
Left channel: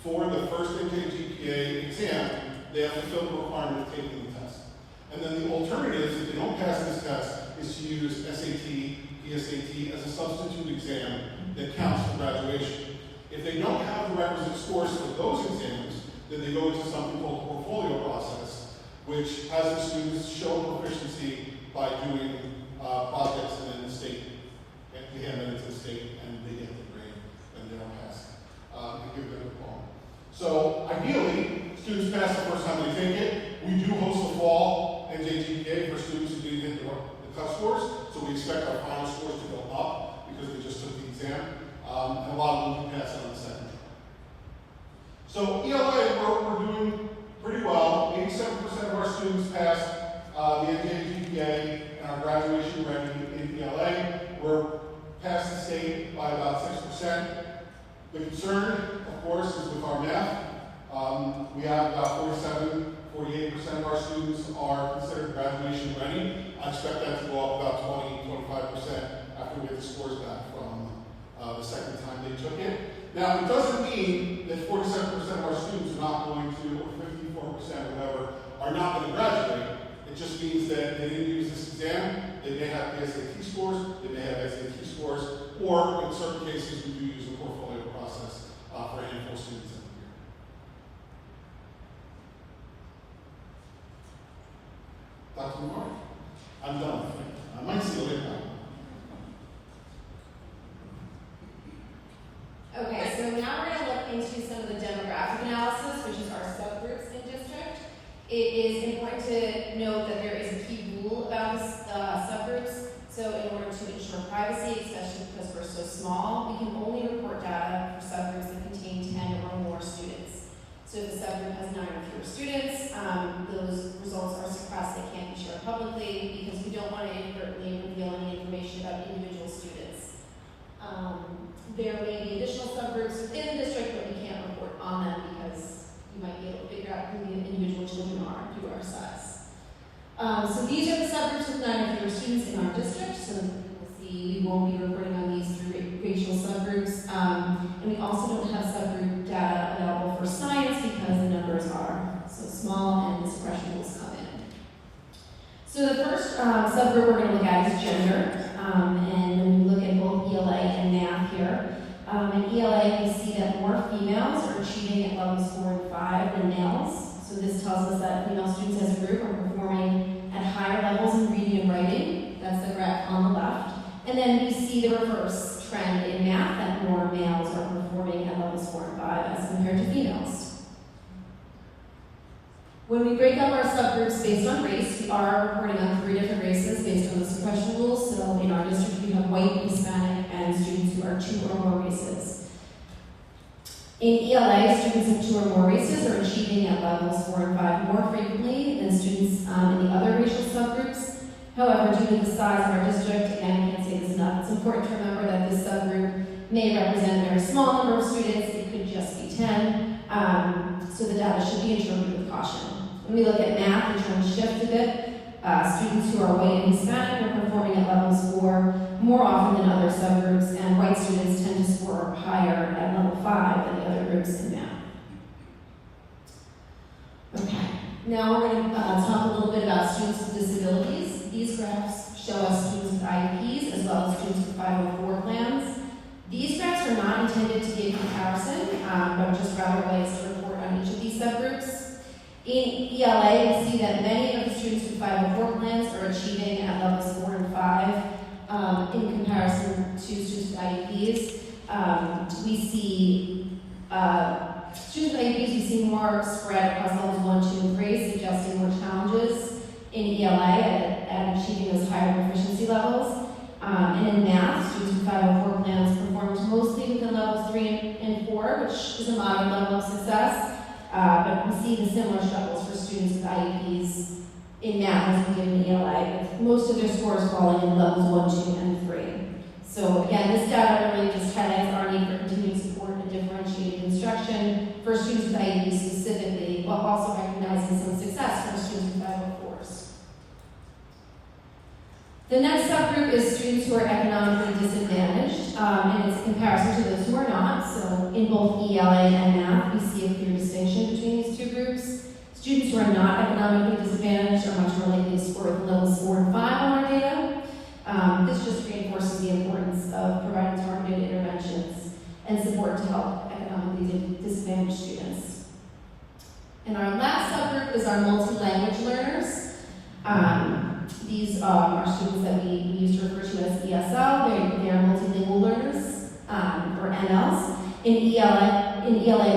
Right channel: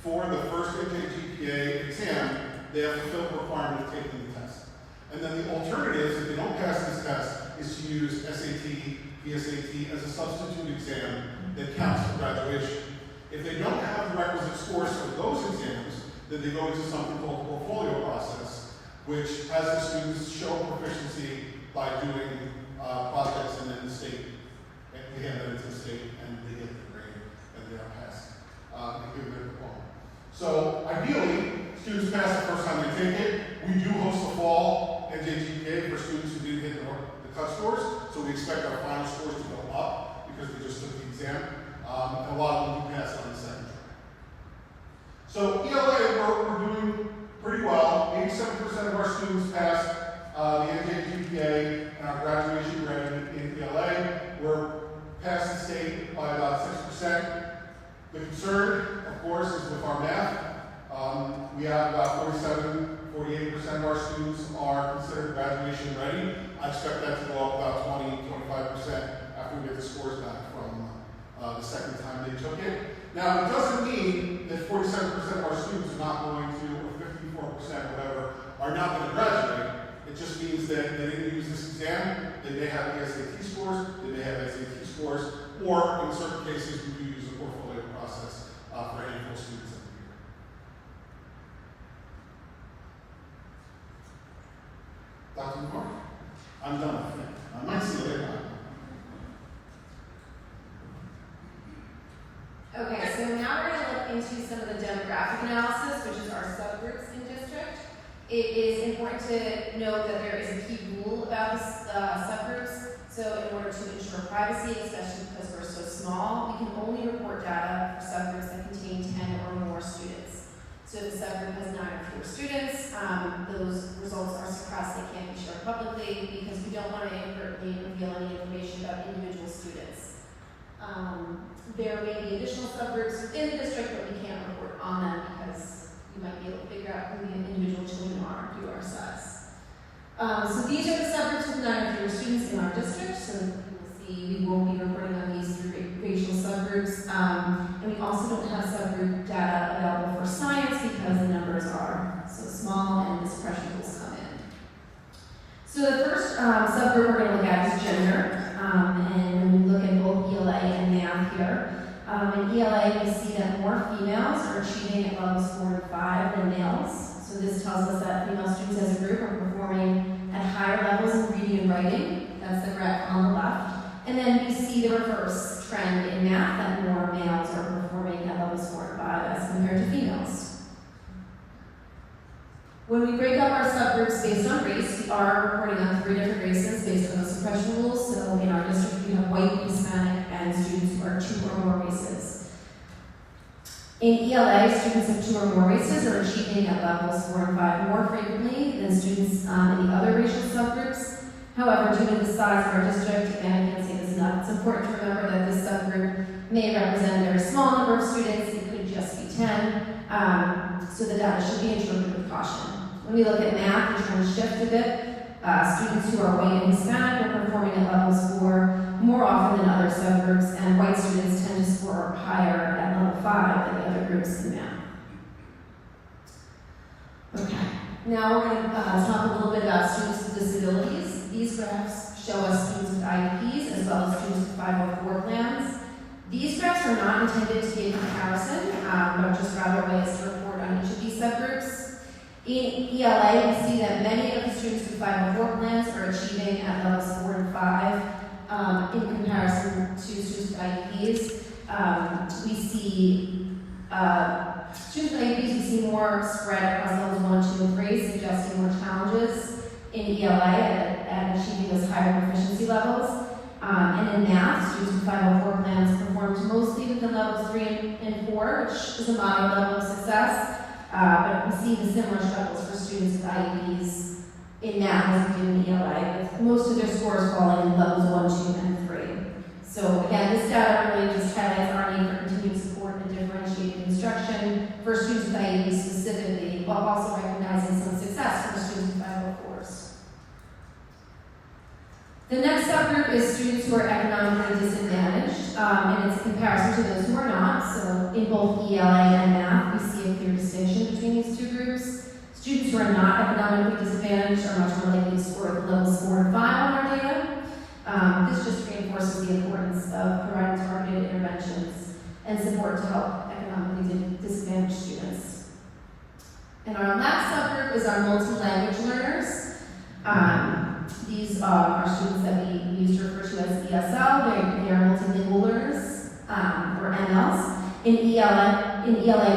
for the first NJGPA exam, they have to fulfill the requirement of taking the test. And then the alternative, if they don't pass this test, is to use SAT, PSAT as a substitute exam that counts for graduation. If they don't have the requisite scores for those exams, then they go into something called the portfolio process, which has the students show proficiency by doing projects, and then the state, they hand that to the state, and they get the grade, and they are passed. They give them a diploma. So ideally, students pass the first time they take it. We do host a fall NJGPA for students who didn't hit the cut scores, so we expect our final scores to go up because we just took the exam. And a lot of them do pass it on the second try. So ELA, we're doing pretty well. 87% of our students pass the NJGPA and our graduation ready in ELA. We're past the state by about 6%. The concern, of course, is with our math. We have about 48% of our students are considered graduation ready. I expect that to go up about 20-25% after we get the scores back from the second time they took it. Now, it doesn't mean that 47% of our students are not going to, or 54% or whatever, are not going to graduate. It just means that they didn't use this exam. They may have the SAT scores, they may have SAT scores, or in certain cases, we do use the portfolio process for a handful of students every year. Dr. Moore, I'm done with it. I might see you later. Okay, so now we're going to look into some of the demographic analysis, which is our subgroups in district. It is important to note that there is a key rule about the subgroups. So in order to ensure privacy, especially because we're so small, we can only report data for subgroups that contain 10 or more students. So if the subgroup has 9 or fewer students, those results are suppressed. They can't be shared publicly because we don't want to inadvertently reveal any information about individual students. There may be additional subgroups within the district, but we can't report on them because you might be able to figure out who the individual children are due to our size. So these are the subgroups with 9 or fewer students in our district. So you will see we won't be reporting on these through racial subgroups. And we also don't have subgroup data available for science because the numbers are so small and the suppression rules come in. So the first subgroup we're going to look at is gender. And when we look at both ELA and math here, in ELA we see that more females are achieving at levels 4 and 5 than males. So this tells us that female students as a group are performing at higher levels in reading and writing. That's the graph on the left. And then we see the reverse trend in math, that more males are performing at levels 4 and 5 as compared to females. When we break up our subgroups based on race, we are reporting on 3 different races based on the suppression rules. So in our district, we have white, Hispanic, and students who are 2 or more races. In ELA, students of 2 or more races are achieving at levels 4 and 5 more frequently than students in the other racial subgroups. However, due to the size of our district, again, I can't say this enough, it's important to remember that this subgroup may represent a very small number of students. It could just be 10. So the data should be interpreted with caution. When we look at math, the trend shift a bit. Students who are white and Hispanic are performing at levels 4 more often than other subgroups, and white students tend to score higher at level 5 than the other groups in math. Okay, now we're going to talk a little bit about students with disabilities. These graphs show us students with IEPs as well as students with 504 plans. These graphs are not intended to be a comparison, but just rather ways to report on each of these subgroups. In ELA, we see that many of the students with 504 plans are achieving at levels 4 and 5 in comparison to students with IEPs. We see students with IEPs, we see more spread across levels 1, 2, and 3, suggesting more challenges in ELA at achieving those higher proficiency levels. And in math, students with 504 plans performed mostly within levels 3 and 4, which is a moderate level of success. But we see the similar struggles for students with IEPs in math as we do in ELA, with most of their scores falling in levels 1, 2, and 3. So again, this data really just highlights our need for continued support and differentiated instruction for students with IEPs specifically, while also recognizing some success for students with 504s. The next subgroup is students who are economically disadvantaged, and it's a comparison to those who are not. So in both ELA and math, we see a clear distinction between these 2 groups. Students who are not economically disadvantaged are much more likely to score at levels 4 and 5 on our data. This just reinforces the importance of providing targeted interventions and support to help economically disadvantaged students. And our last subgroup is our multi-language learners. These are students that we used to refer to as ESL. They are multilingual learners, or MLs. In ELA,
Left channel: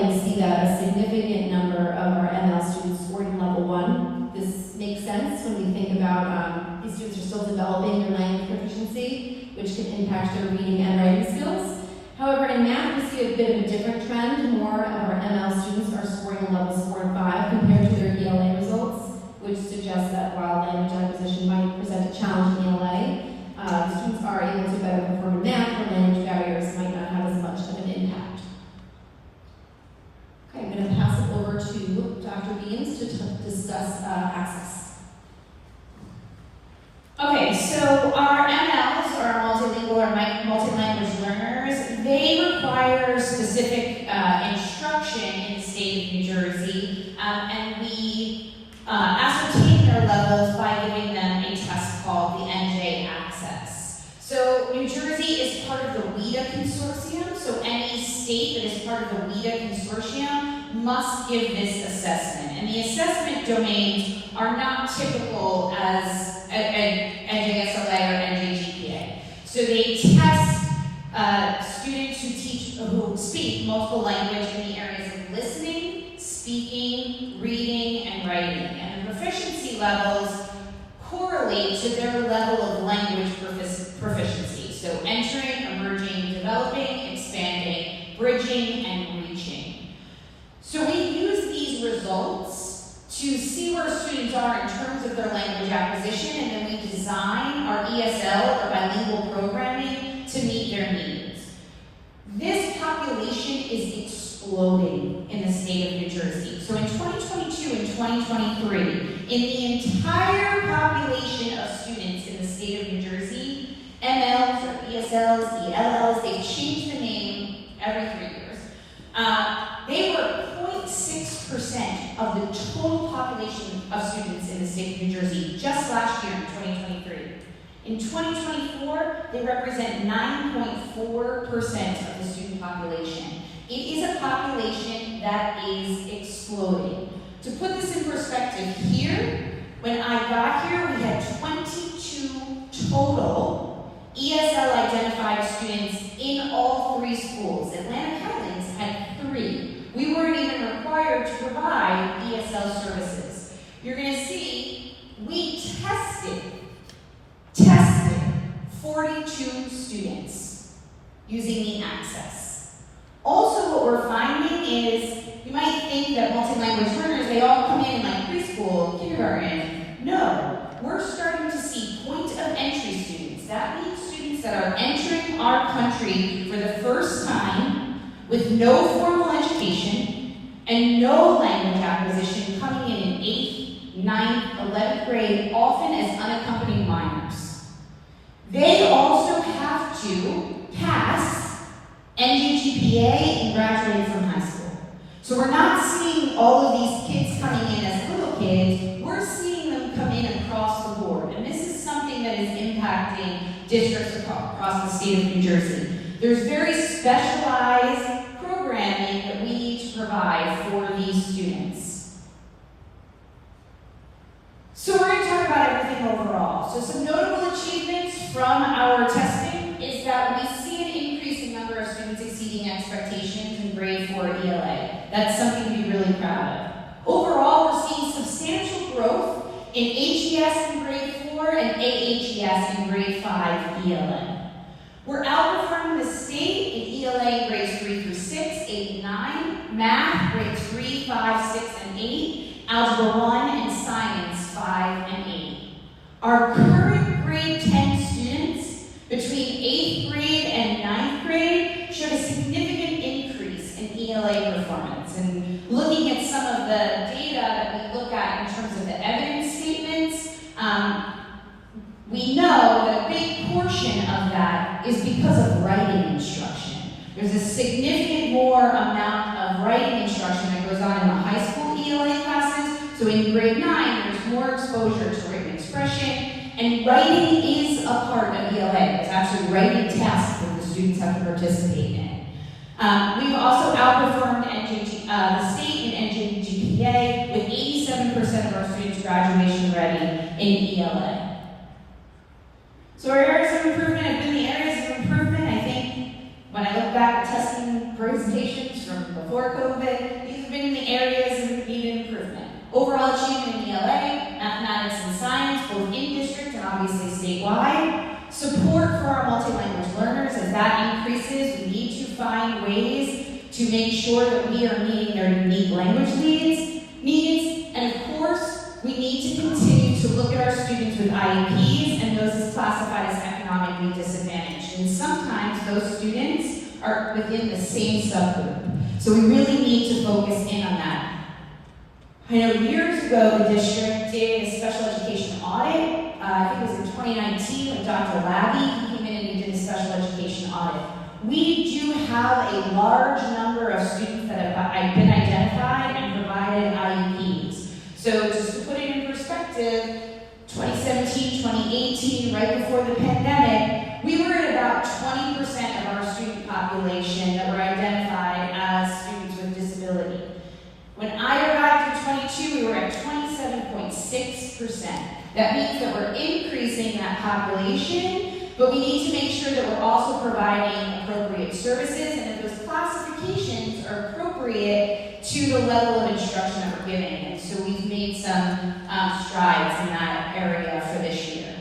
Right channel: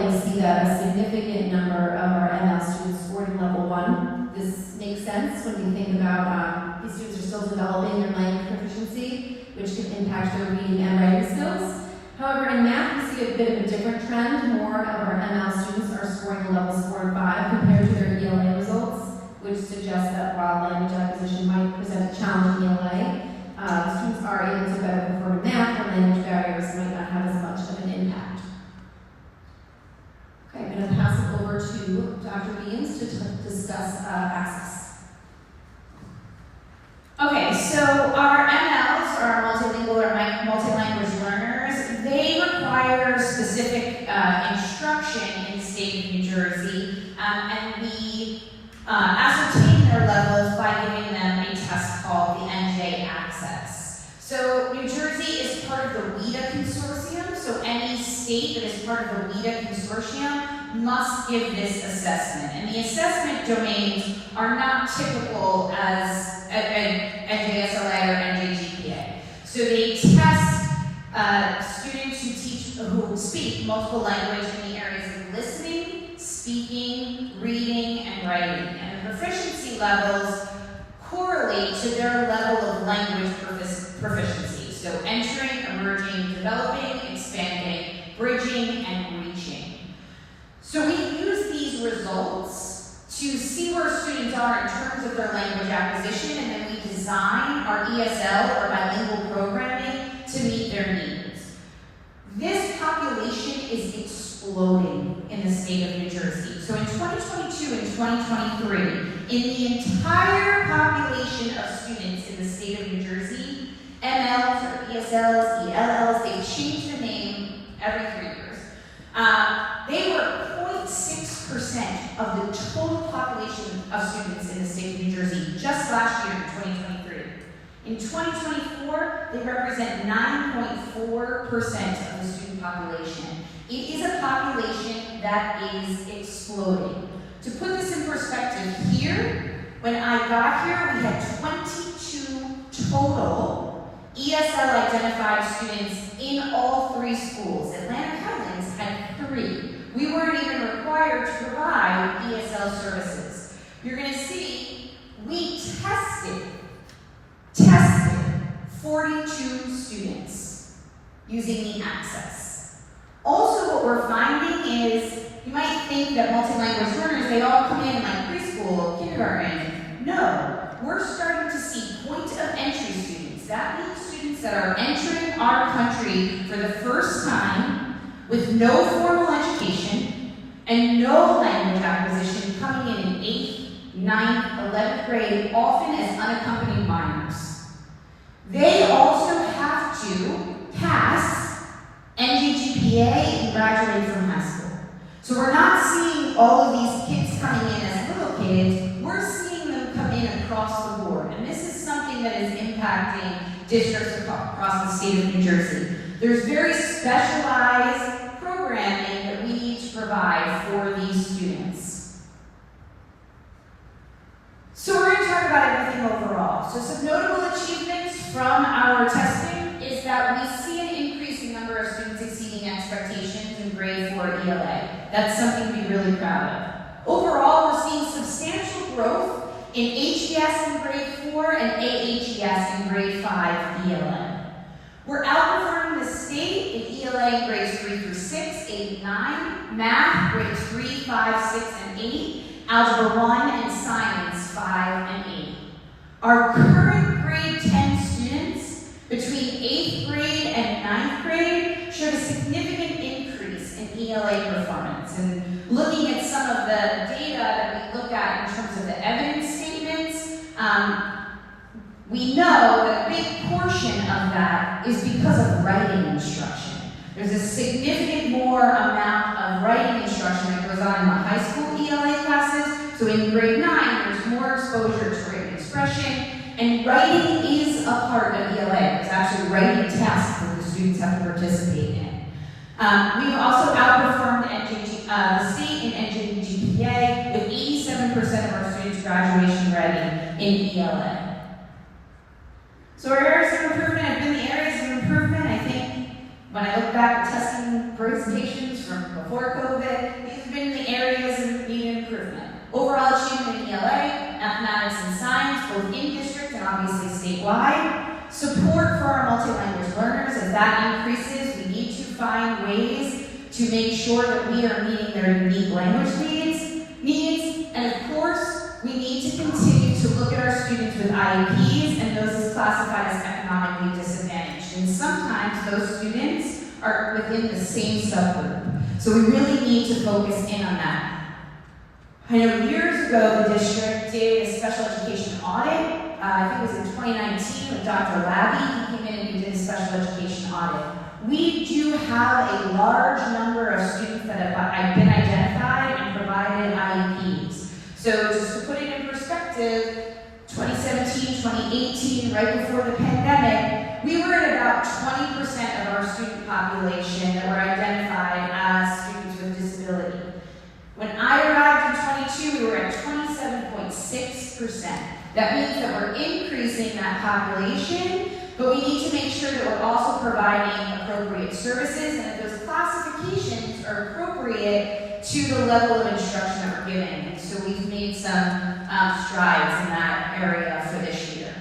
we see that a significant number of our ML students scored in level 1. This makes sense when we think about these students are still developing their language proficiency, which can impact their reading and writing skills. However, in math, we see a bit of a different trend. More of our ML students are scoring in levels 4 and 5 compared to their ELA results, which suggests that while language acquisition might present a challenge in ELA, students are able to better perform in math, where language barriers might not have as much of an impact. Okay, I'm going to pass it over to Dr. Beams to discuss access. instruction in the state of New Jersey, and we ascertain their levels by giving them a test called the NJ Access. So New Jersey is part of the WIDA consortium, so any state that is part of the WIDA consortium must give this assessment. And the assessment domains are not typical as NJSLA or NJGPA. So they test students who speak multiple languages in the areas of listening, speaking, reading, and writing. And the proficiency levels correlate to their level of language proficiency. So entering, emerging, developing, expanding, bridging, and reaching. So we use these results to see where students are in terms of their language acquisition, and then we design our ESL or bilingual programming to meet their needs. This population is exploding in the state of New Jersey. So in 2022 and 2023, in the entire population of students in the state of New Jersey, MLs or ESLs, ELLs, they changed the name every 3 years. They were 0.6% of the total population of students in the state of New Jersey just last year in 2023. In 2024, they represent 9.4% of the student population. It is a population that is exploding. To put this in perspective here, when I got here, we had 22 total ESL identified students in all 3 schools. Atlantic Highlands had 3. We weren't even required to provide ESL services. You're going to see we tested 42 students using the access. Also, what we're finding is, you might think that multi-language learners, they all come in like preschool, kindergarten. No, we're starting to see point of entry students. That means students that are entering our country for the first time with no formal education and no language acquisition, coming in 8th, 9th, 11th grade, often as unaccompanied minors. They also have to pass NJGPA and graduate from high school. So we're not seeing all of these kids coming in as little kids, we're seeing them come in across the board. And this is something that is impacting districts across the state of New Jersey. There's very specialized programming that we need to provide for these students. So we're going to talk about everything overall. So some notable achievements from our testing is that we see an increasing number of students exceeding expectations in grade 4 ELA. That's something to be really proud of. Overall, we're seeing substantial growth in HES in grade 4 and AHES in grade 5 ELA. We're outperforming the state in ELA grades 3 through 6, 8, and 9, math grades 3, 5, 6, and 8, algebra 1, and science 5 and 8. Our current grade 10 students between 8th grade and 9th grade showed a significant increase in ELA performance. And looking at some of the data that we look at in terms of the evidence statements, we know that a big portion of that is because of writing instruction. There's a significant more amount of writing instruction that goes on in the high school ELA classes. So in grade 9, there's more exposure to written expression, and writing is a part of ELA. It's actually writing tasks that the students have to participate in. We've also outperformed the state in NJGPA with 87% of our students graduation ready in ELA. So our areas of improvement have been the areas of improvement. I think when I look back at testing presentations from before COVID, these have been the areas that need improvement. Overall achievement in ELA, mathematics and science, both in district and obviously statewide. Support for our multi-language learners. As that increases, we need to find ways to make sure that we are meeting their unique language needs. And of course, we need to continue to look at our students with IEPs and those as classified as economically disadvantaged. And sometimes those students are within the same subgroup. So we really need to focus in on that. I know years ago the district did a special education audit. I think it was in 2019 with Dr. Labby. He came in and he did a special education audit. We do have a large number of students that have been identified and provided IEPs. So just to put it in perspective, 2017, 2018, right before the pandemic, we were at about 20% of our student population that were identified as students with disability. When I arrived in 22, we were at 27.6%. That means that we're increasing that population, but we need to make sure that we're also providing appropriate services and that those classifications are appropriate to the level of instruction that we're giving. And so we've made some strides in that area for this year.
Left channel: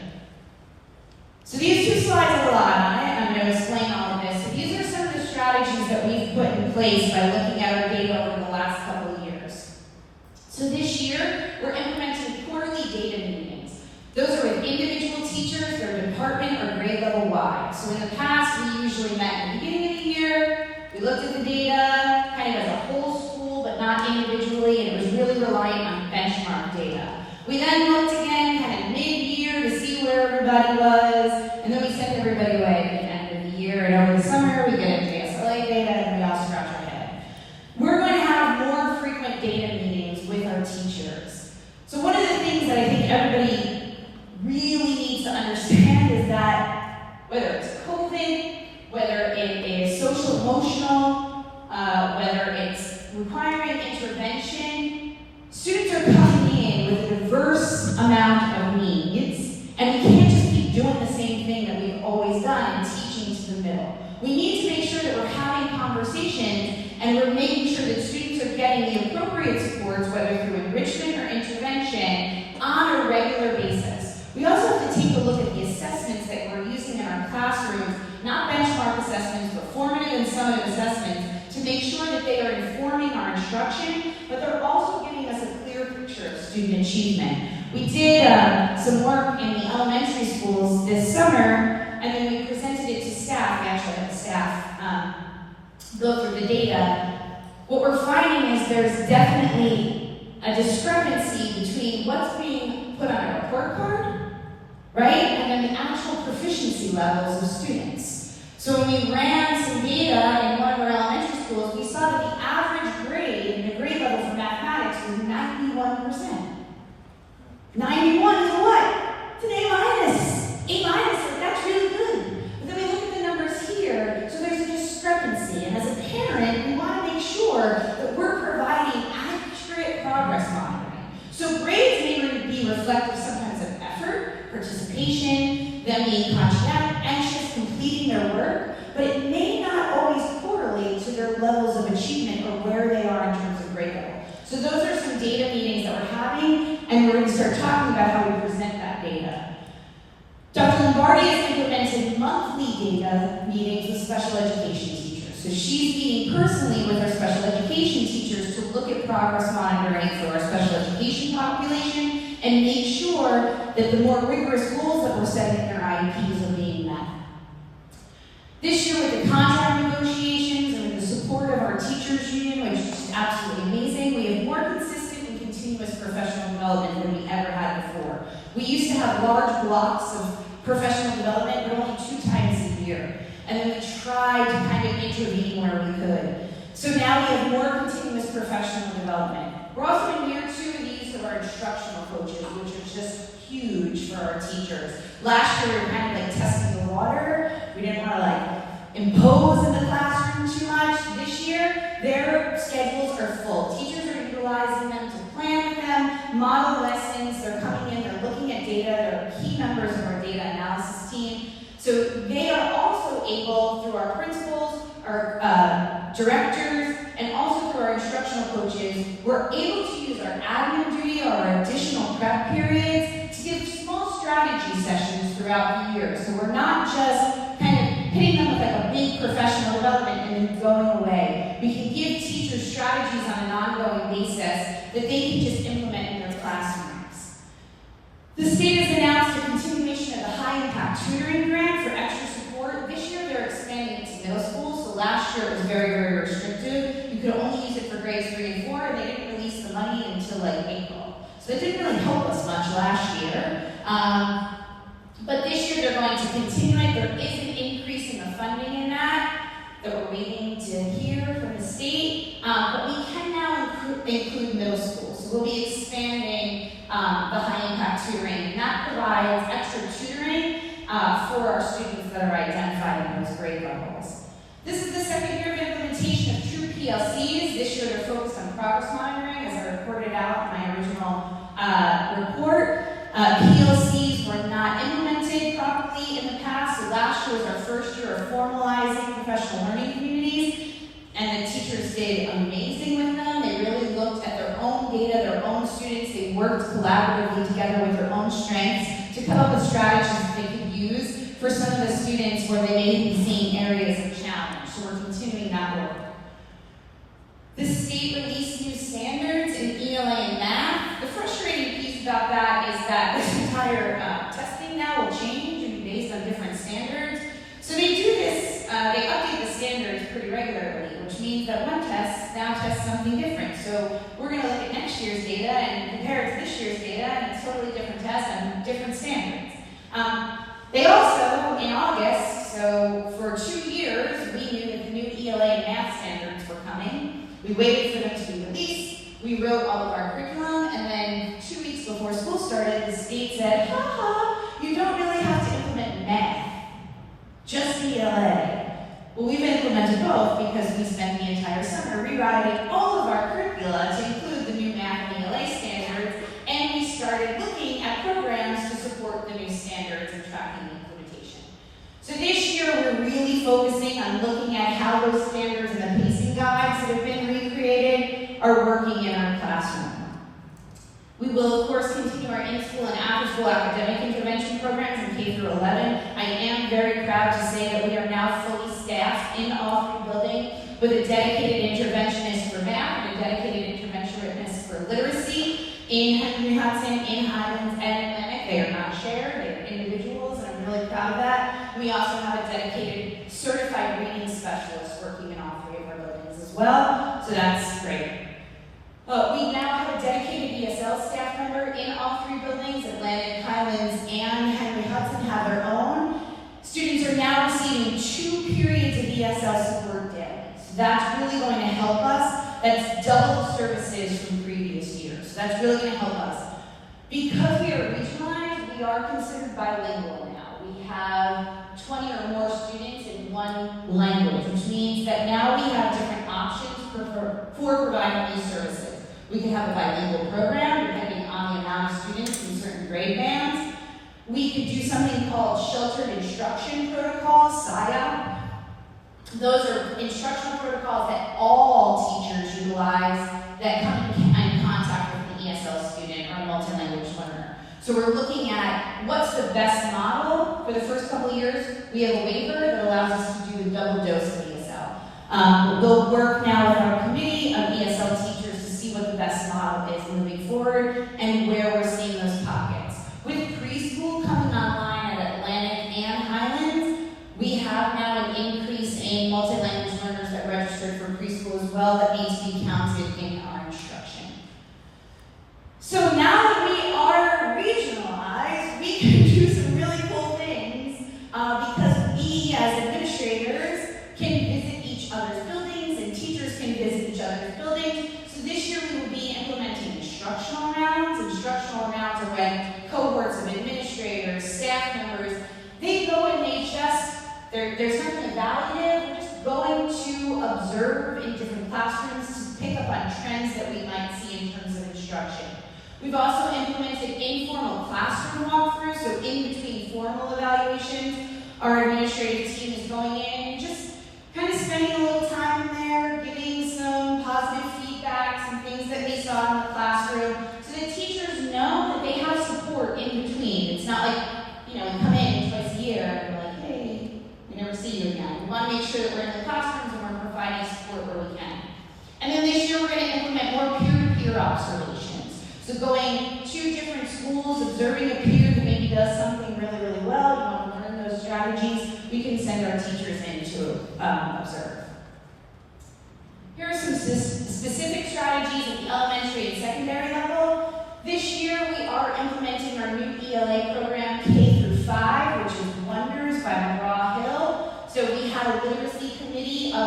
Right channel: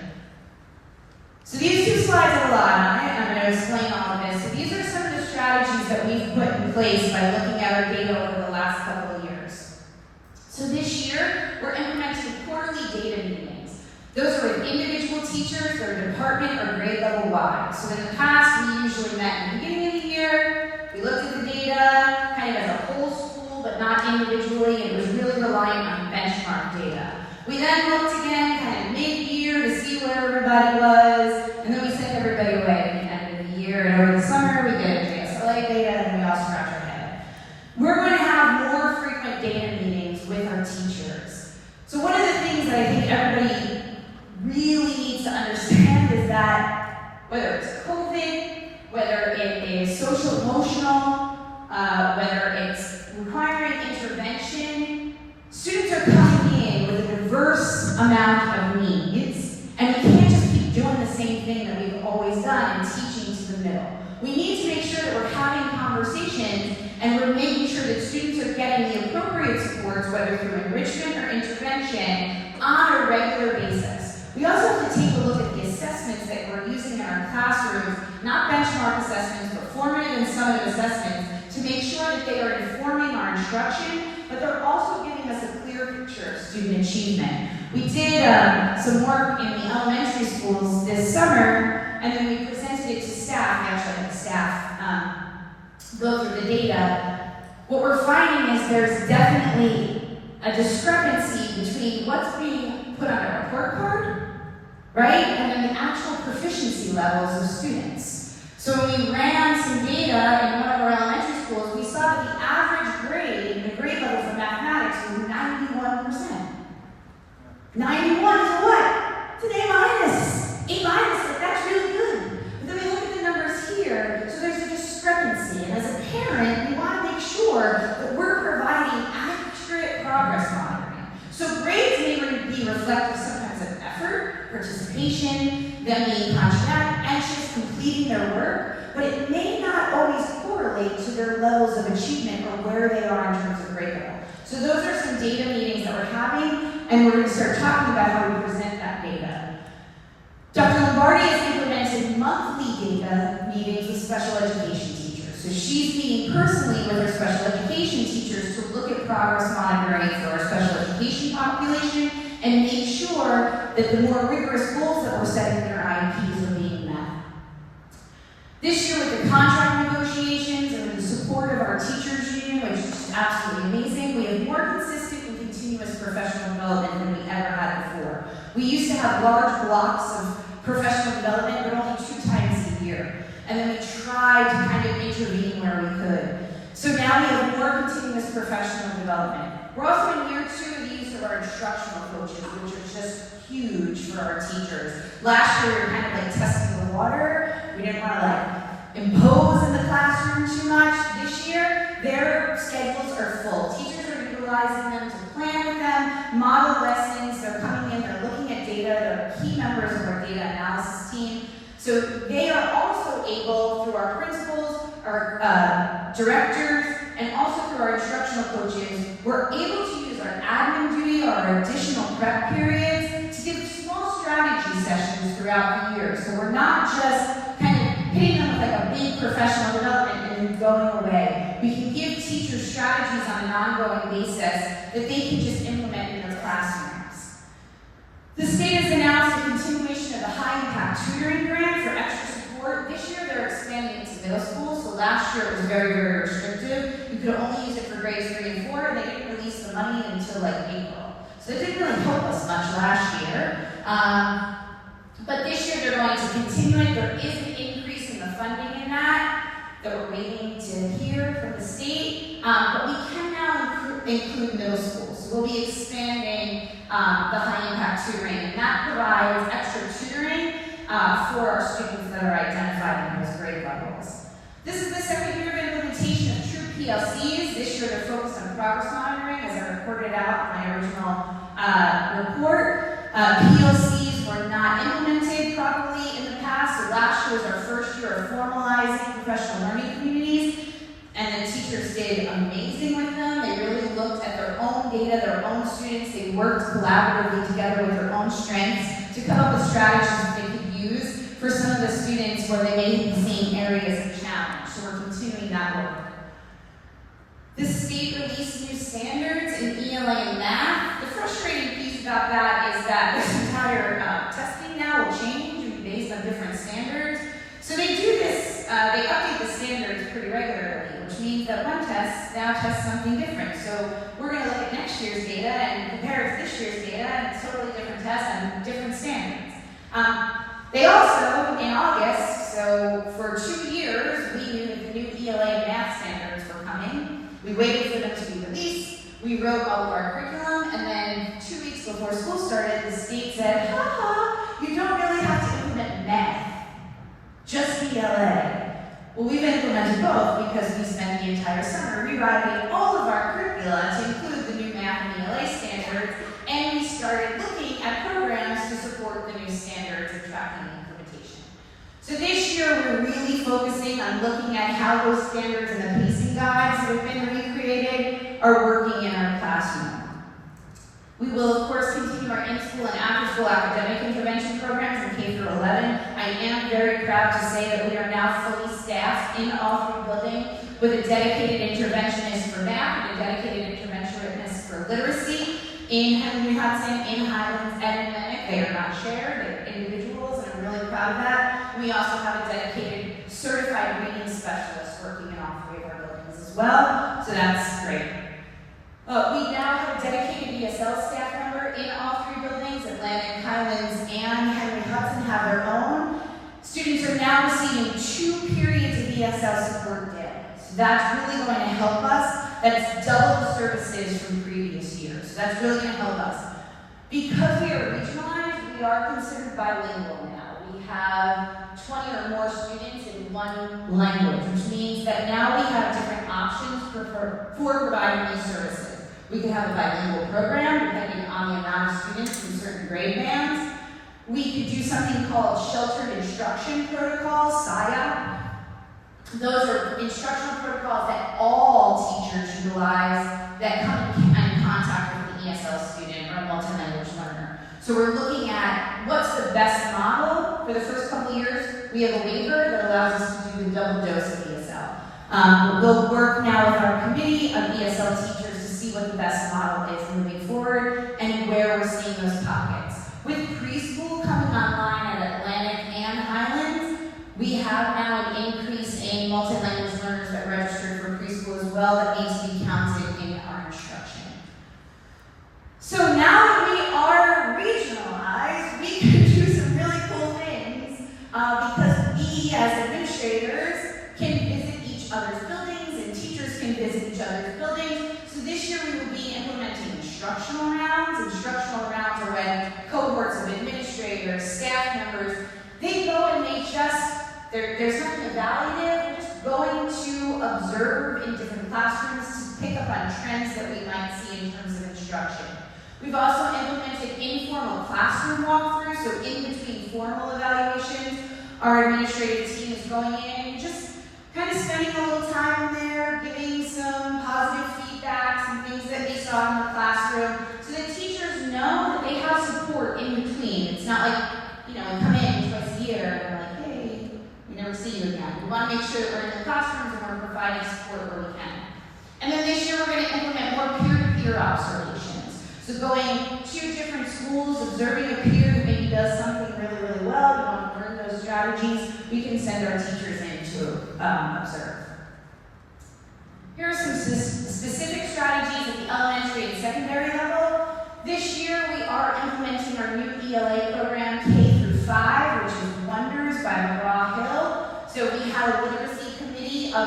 So these two slides have a lot on it, and I'm going to explain all of this. So these are some of the strategies that we've put in place by looking at our data over the last couple of years. So this year, we're implementing quarterly data meetings. Those are with individual teachers, their department, or grade level wide. So in the past, we usually met in the beginning of the year, we looked at the data, kind of as a whole school, but not individually, and it was really reliant on benchmark data. We then looked again, kind of mid-year, to see where everybody was, and then we sent everybody away at the end of the year, and over the summer, we get into SLA data, and we all scratch our head. We're going to have more frequent data meetings with our teachers. So one of the things that I think everybody really needs to understand is that whether it's COVID, whether it is social emotional, whether it's requiring intervention, students are coming in with a diverse amount of needs, and we can't just keep doing the same thing that we've always done and teaching to the middle. We need to make sure that we're having conversations and we're making sure that students are getting the appropriate supports, whether through enrichment or intervention, on a regular basis. We also have to take a look at the assessments that we're using in our classrooms, not benchmark assessments, but formative and summative assessments, to make sure that they are informing our instruction, but they're also giving us a clear picture of student achievement. We did some work in the elementary schools this summer, and then we presented it to staff. We actually had the staff go through the data. What we're finding is there's definitely a discrepancy between what's being put on a report card, right, and then the actual proficiency levels of students. So when we ran some data in one of our elementary schools, we saw that the average grade in the grade level for mathematics was 91%. 91 is what? It's an A minus. A minus, like, that's really good. But then we look at the numbers here, so there's a discrepancy. And as a parent, we want to make sure that we're providing accurate progress monitoring. So grades may be reflective sometimes of effort, participation, them being conscientious, completing their work, but it may not always correlate to their levels of achievement or where they are in terms of grade level. So those are some data meetings that we're having, and we're going to start talking about how we present that data. Dr. Lombardi has implemented monthly data meetings with special education teachers. So she's meeting personally with our special education teachers to look at progress monitoring for our special education population and make sure that the more rigorous goals that we're setting in our IEPs are being met. This year with the contract negotiations and with the support of our teachers union, which is absolutely amazing, we have more consistent and continuous professional development than we ever had before. We used to have large blocks of professional development, but only 2 times a year. And then we tried to kind of intervene where we could. So now we have more continuous professional development. We're also in year 2 of the use of our instructional coaches, which are just huge for our teachers. Last year we were kind of like testing the water. We didn't want to like impose in the classroom too much. This year, their schedules are full. Teachers are utilizing them to plan with them, model lessons. They're coming in, they're looking at data. They're key members of our data analysis team. So they are also able, through our principals, our directors, and also through our instructional coaches, we're able to use our admin duty or our additional prep periods to give small strategy sessions throughout the year. So we're not just kind of hitting them with like a big professional development and then going away. We can give teachers strategies on an ongoing basis that they can just implement in their classrooms. The state has announced a continuation of the high-impact tutoring grant for extra support. This year they're expanding it to middle school, so last year it was very, very restrictive. You could only use it for grades 3 and 4, and they didn't release the money until like April. So it didn't really help us much last year. But this year they're going to continue it. There is an increase in the funding in that. that we're waiting to hear from the state, but we can now include middle school. So we'll be expanding the high impact tutoring, and that provides extra tutoring for our students that are identified in those grade levels. This is the second year of implementation of true PLCs. This year they're focused on progress monitoring, as I reported out in my original report. PLCs were not implemented properly in the past, so last year was our first year of formalizing professional learning communities, and the teachers did amazing with them. They really looked at their own data, their own students. They worked collaboratively together with their own strengths to come up with strategies that they could use for some of the students where they may be seeing areas of challenge. So we're continuing that work. The state released new standards in ELA and math. The frustrating piece about that is that this entire testing now will change and be based on different standards. So they do this, they update the standards pretty regularly, which means that one test now tests something different. So we're going to look at next year's data and compare it to this year's data, and it's totally different tests and different standards. They also, in August, so for 2 years, we knew that the new ELA and math standards were coming. We waited for them to be released. We wrote all of our curriculum, and then 2 weeks before school started, the state said, you don't really have to implement math, just ELA. Well, we've implemented both because we spent the entire summer rewriting all of our curricula to include the new math and ELA standards, and we started looking at programs to support the new standards and tracking the implementation. So this year, we're really focusing on looking at how those standards and the pacing guides that have been recreated are working in our classroom. We will, of course, continue our in-school and after-school academic intervention programs in K through 11. I am very proud to say that we are now fully staffed in all 3 buildings with a dedicated interventionist for math and a dedicated interventionist for literacy in Henry Hudson, in Highlands, and in Atlantic. They are not shared, they are individuals, and I'm really proud of that. We also have a dedicated certified reading specialist working in all 3 of our buildings as well, so that's great. We now have a dedicated ESL staff member in all 3 buildings. Atlantic, Highlands, and Henry Hudson have their own. Students are now receiving 2 periods of ESL support daily. So that's really going to help us. That's double the services from previous years. So that's really going to help us. Because we are regionalized, we are considered bilingual now. We have 20 or more students in one language, which means that now we have different options for providing these services. We can have a bilingual program depending on the amount of students in certain grade bands. We could do something called Sheltered Instruction Protocols, SIOP. Those are instructional protocols that all teachers utilize that come in contact with an ESL student or a multilanguage learner. So we're looking at what's the best model. For the first couple of years, we have a waiver that allows us to do the double dose of ESL. We'll work now with our committee of ESL teachers to see what the best model is moving forward and where we're seeing those pockets. With preschool coming online at Atlantic and Highlands, we have now an increase in multilanguage learners that registered for preschool as well that needs to be counted in our instruction. So now that we are regionalized, we can do some really cool things because we as administrators can visit each other's buildings and teachers can visit each other's buildings. So this year we will be implementing instructional rounds. Instructional rounds are when cohorts of administrators, staff members, they go and they just, there's nothing evaluative, we're just going to observe in different classrooms to pick up on trends that we might see in terms of instruction. We've also implemented informal classroom walkthroughs, so in between formal evaluations, our administrative team is going in and just kind of spending a little time there, giving some positive feedback, some things that they saw in the classroom, so that teachers know that they have support in between. It's not like, we come in twice a year and we're like, hey, we never see you again. We want to make sure that we're in the classrooms and we're providing support where we can. And then this year we're going to implement more peer-to-peer observations. So going to different schools, observing a peer who maybe does something really, really well, you want to learn those strategies, we can send our teachers in to observe. Here are some specific strategies at the elementary and secondary level. This year we are implementing our new ELA program K through 5, which is Wonders by McGraw-Hill. So we have a literacy committee of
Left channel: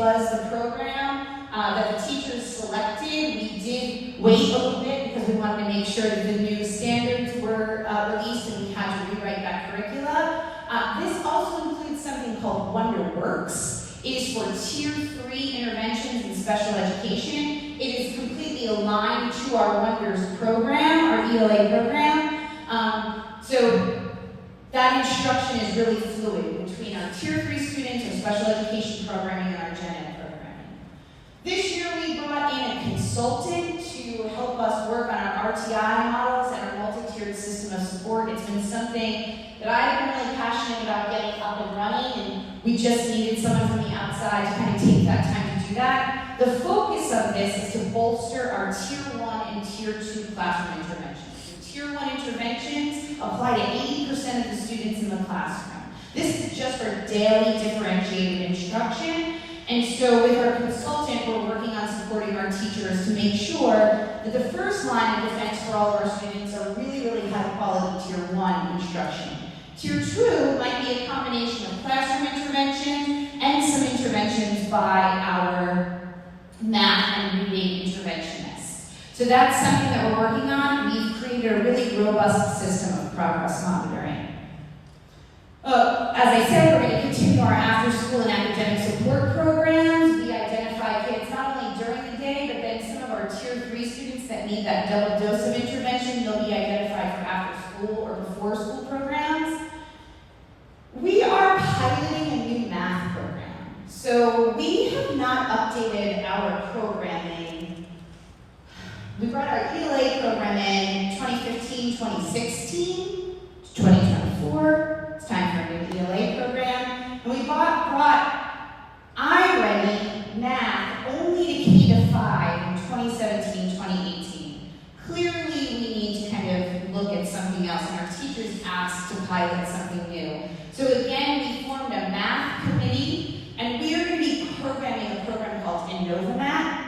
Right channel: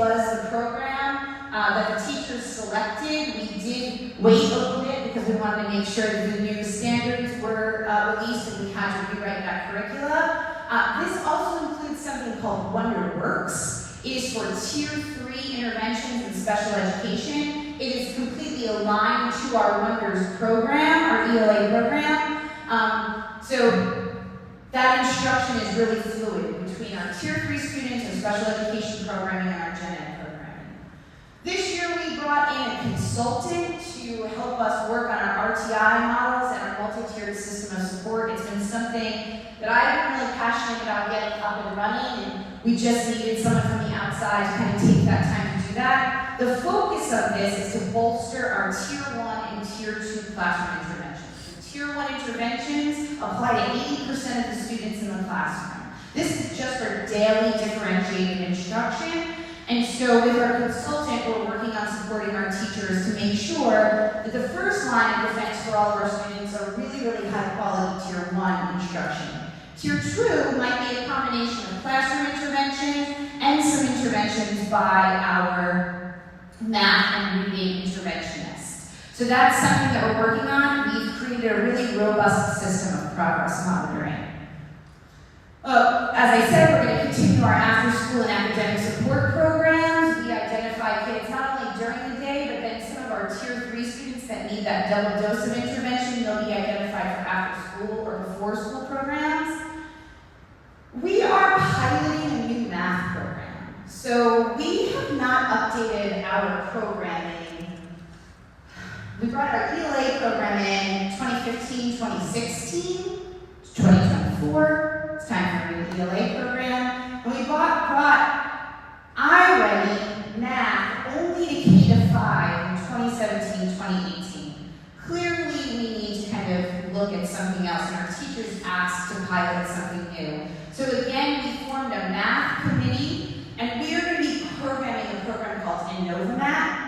was the program that the teachers selected. We did wait a little bit because we wanted to make sure that the new standards were released and we had to rewrite that curricula. This also includes something called WonderWorks. It is for Tier 3 interventions in special education. It is completely aligned to our Wonders program, our ELA program. So that instruction is really fluid between our Tier 3 students, our special education programming, and our gen ed programming. This year we brought in a consultant to help us work on our RTI models and our multi-tiered system of support. It's been something that I've been really passionate about getting up and running, and we just needed someone from the outside to kind of take that time to do that. The focus of this is to bolster our Tier 1 and Tier 2 classroom interventions. Tier 1 interventions apply to 80% of the students in the classroom. This is just for daily differentiated instruction. And so with our consultant, we're working on supporting our teachers to make sure that the first line of defense for all of our students are really, really high quality Tier 1 instruction. Tier 2 might be a combination of classroom interventions and some interventions by our math and reading interventionists. So that's something that we're working on. We've created a really robust system of progress monitoring. As I said, we're going to continue our after-school and academic support programs. We identify kids not only during the day, but then some of our Tier 3 students that need that double dose of intervention, they'll be identified for after-school or before-school programs. We are piloting a new math program. So we have not updated our programming. We brought our ELA program in 2015, 2016, 2024. It's time for a new ELA program. And we brought iReady math only to K-5 in 2017, 2018. Clearly, we need to kind of look at something else, and our teachers asked to pilot something new. So again, we formed a math committee, and we are going to be programming a program called InnovaMath.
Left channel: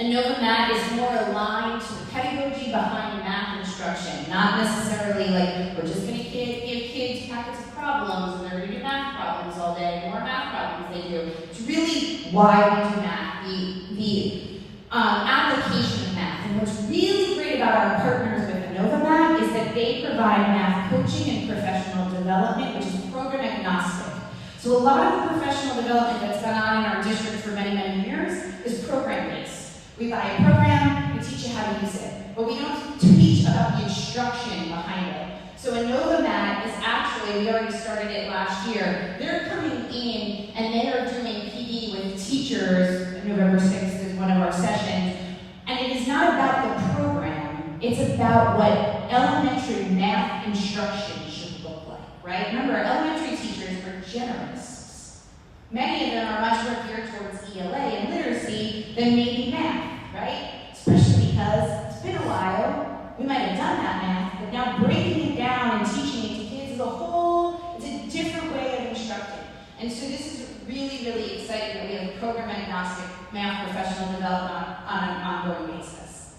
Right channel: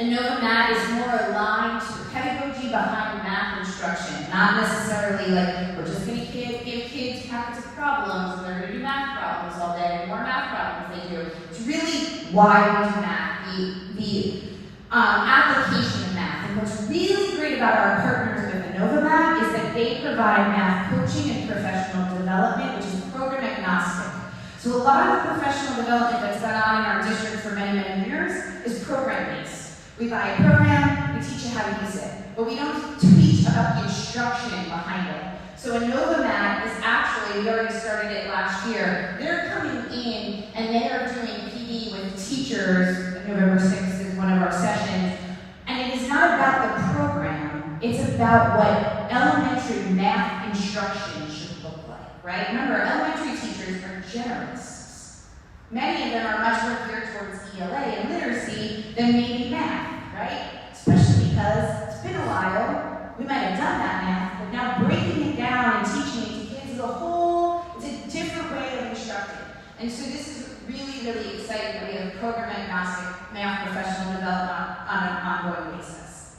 InnovaMath is more aligned to the pedagogy behind math instruction, not necessarily like we're just going to give kids packets of problems and they're going to do math problems all day, the more math problems they do. It's really why we do math, the application of math. And what's really great about our partners with InnovaMath is that they provide math coaching and professional development, which is program agnostic. So a lot of the professional development that's been on in our district for many, many years is program-based. We buy a program, we teach you how to use it, but we don't teach about the instruction behind it. So InnovaMath is actually, we already started it last year, they're coming in and they are doing PD with teachers. November 6th is one of our sessions, and it is not about the program, it's about what elementary math instruction should look like, right? Remember, elementary teachers are generous. Many of them are much more geared towards ELA and literacy than maybe math, right? Especially because it's been a while. We might have done that math, but now breaking it down and teaching it to kids as a whole, it's a different way of instructing. And so this is really, really exciting that we have program agnostic math professional development on an ongoing basis.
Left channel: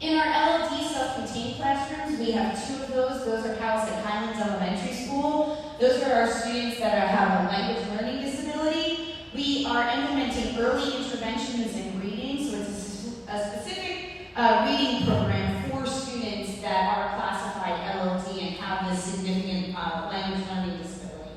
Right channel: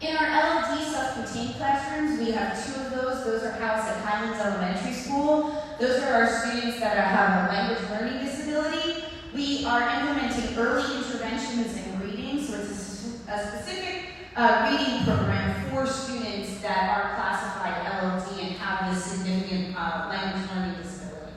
In our LLD self-contained classrooms, we have 2 of those. Those are housed at Highlands Elementary School. Those are our students that have a language learning disability. We are implementing early interventions in reading, so it's a specific reading program for students that are classified LLD and have this significant language learning disability.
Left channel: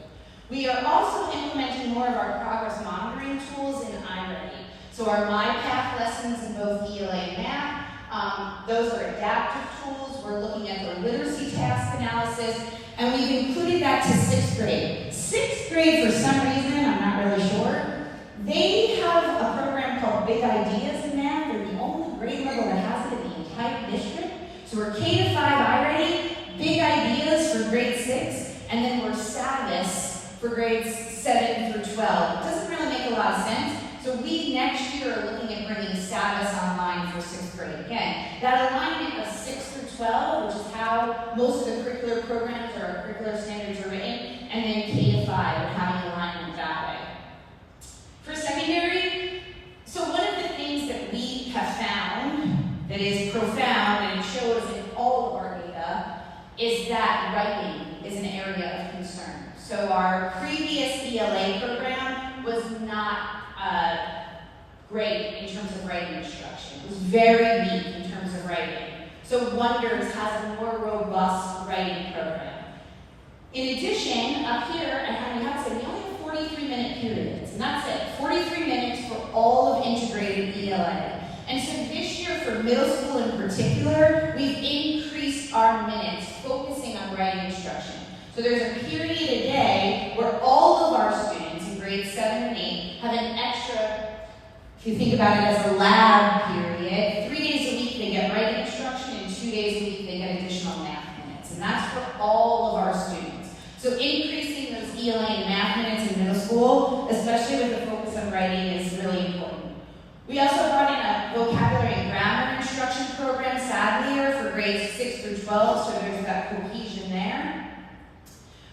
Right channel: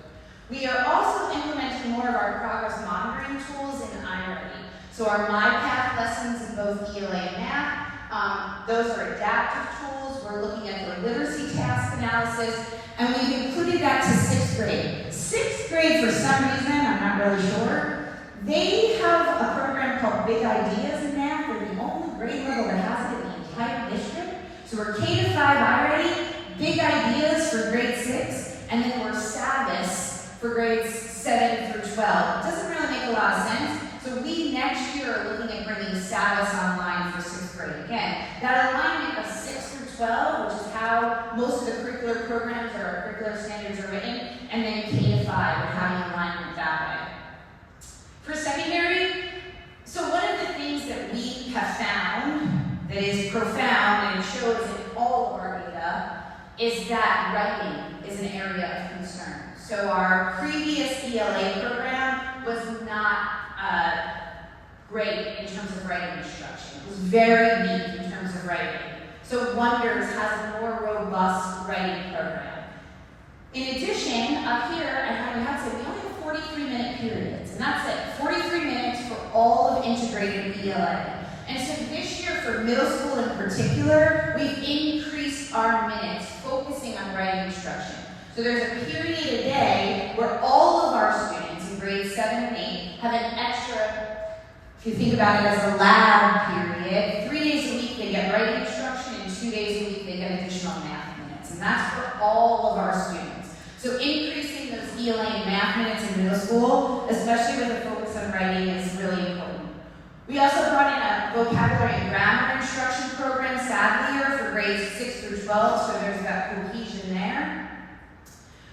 We are also implementing more of our progress monitoring tools in iReady. So our MyPath lessons in both ELA and math, those are adaptive tools. We're looking at the literacy task analysis, and we've included that to 6th grade. 6th grade, for some reason, I'm not really sure, they have a program called Big Ideas in math. They're the only grade level that has it in the entire district. So we're K-5 iReady, Big Ideas for grade 6, and then we're Savvis for grades 7 through 12. It doesn't really make a lot of sense. So we next year are looking at bringing Savvis online for 6th grade. Again, that alignment of 6 through 12, which is how most of the curricular programs or our curricular standards are written, and then K-5 and having alignment that way. For secondary, so one of the things that we have found that is profound and it shows in all of our data is that writing is an area of concern. So our previous ELA program, was not great in terms of writing instruction. It was very weak in terms of writing. So Wonders has a more robust writing program. In addition, up here at Hudson, we only have 43-minute periods, and that's it. 43 minutes for all of integrated ELA. And so this year, for middle school in particular, we've increased our minutes focusing on writing instruction. So there's a period a day where all of our students in grades 7 and 8 have an extra, if you think about it as a lab period, 3 days a week they get writing instruction, and 2 days a week they get additional math minutes. And that's for all of our students. So increasing those ELA and math minutes in middle school, especially with a focus on writing, is really important. We also brought in a vocabulary and grammar instruction program, sadly, for grades 6 through 12, so there's that cohesion there.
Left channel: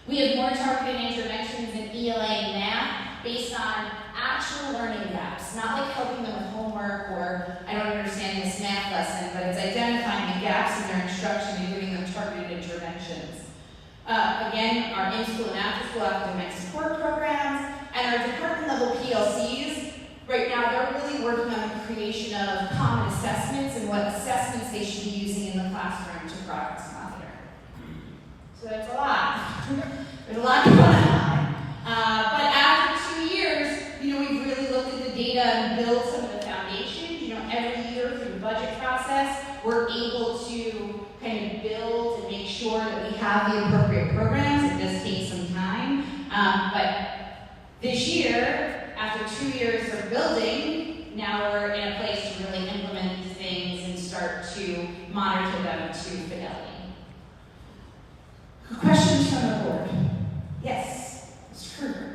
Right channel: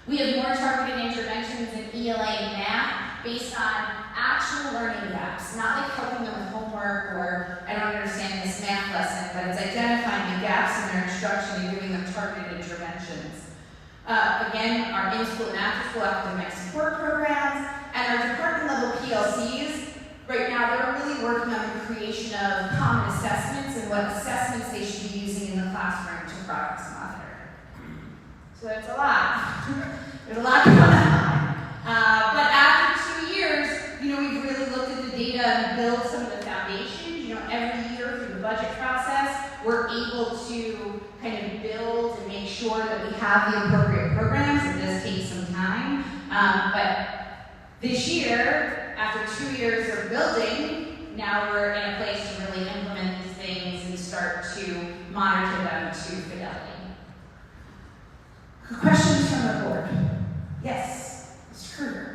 We have more targeted interventions in ELA and math based on actual learning gaps, not like helping them with homework or I don't understand this math lesson, but it's identifying the gaps in their instruction and giving them targeted interventions. Again, our in-school and after-school academic support programs, and our department-level PLCs. Right now, they're really working on the creation of common assessments and what assessments they should be using in the classroom to progress monitor. So there's a lot. There's a lot going on. But after 2 years, we've really looked at the data and built some of the foundations. Every year through the budget process, we're able to kind of build and make sure that we have the appropriate programs. It does take some time. But this year, after 2 years of building, now we're in a place to really implement these things and start to monitor them to fidelity. Questions from the board? Yes, Mr. Kruger.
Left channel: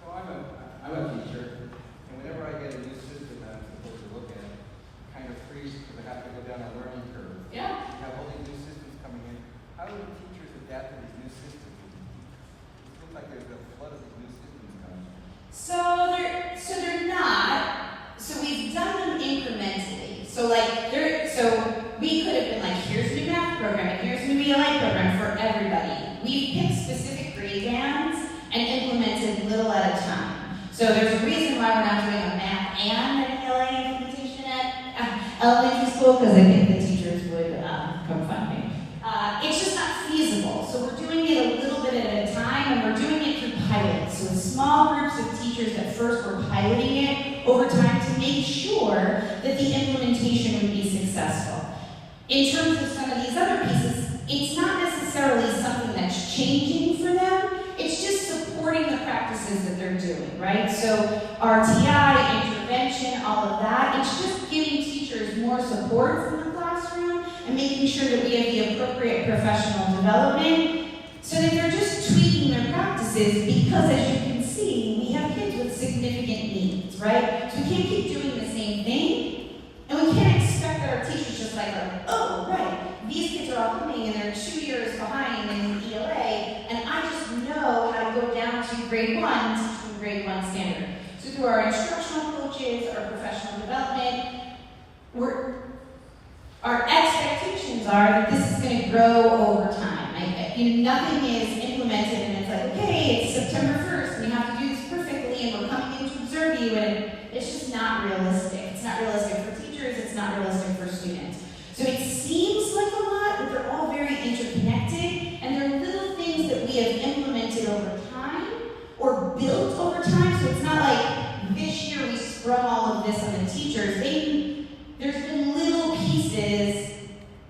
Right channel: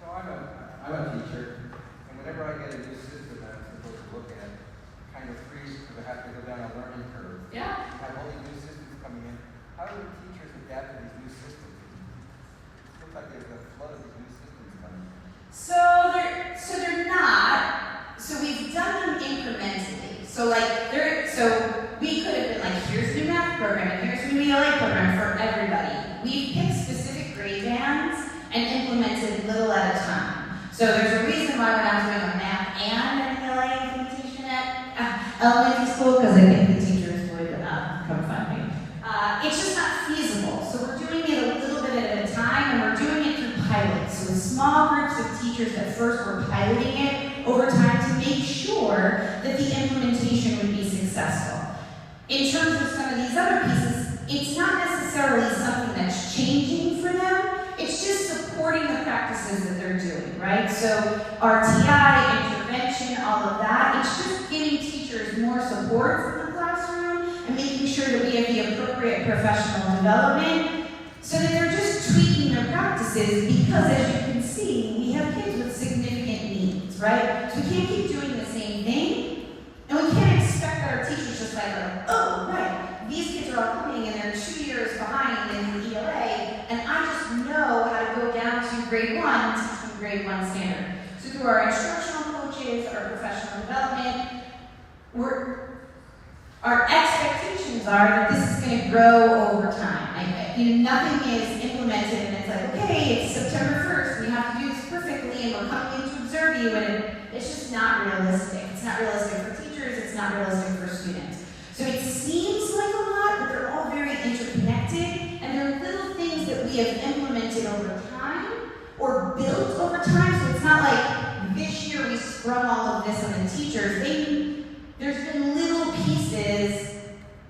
So I'm a teacher, and whenever I get a new system I'm supposed to look at, it kind of freeze because I have to go down a learning curve. Yeah. I have all these new systems coming in. How do the teachers adapt to these new systems? It looks like there's a flood of these new systems coming. So they're not. So we've done them incrementally. So we could have been like, here's a new math program and here's a new ELA program for everybody. We picked specific grade bands and implemented little at a time. So there's a reason why we're not doing a math and an ELA implementation at elementary school, because I think the teachers would come find me. It's just not feasible. So we're doing it a little bit at a time, and we're doing it through pilots. So small groups of teachers at first were piloting it over time to make sure that the implementation would be successful. In terms of some of these other pieces, it's not necessarily something that's changing for them. It's just supporting the practices that they're doing, right? So RTI, intervention, all of that, it's just giving teachers more support in the classroom and making sure that we have the appropriate professional development so that they're just tweaking their practices because, as you can see, we have kids with significant needs, right? So we can't keep doing the same thing, and we can't expect that our teachers just oh, right, these kids are all coming and they're 2 years behind in the ELA, and I just know how to go down to grade 1 and teach them grade 1 standard. So through our instructional coaches, our professional development, our expectations are that this is going to grow over time. Nothing is implemented and it's like, okay, it's September 1st, and we have to do this perfectly, and we're coming in to observe you, and it's just not realistic. It's not realistic for teachers, it's not realistic for students. So it seems like a lot, but they're all very interconnected, and they're little things that we have implemented over time or built over time. So it's not like this year we sprung all of this on the teachers. There's been little pieces,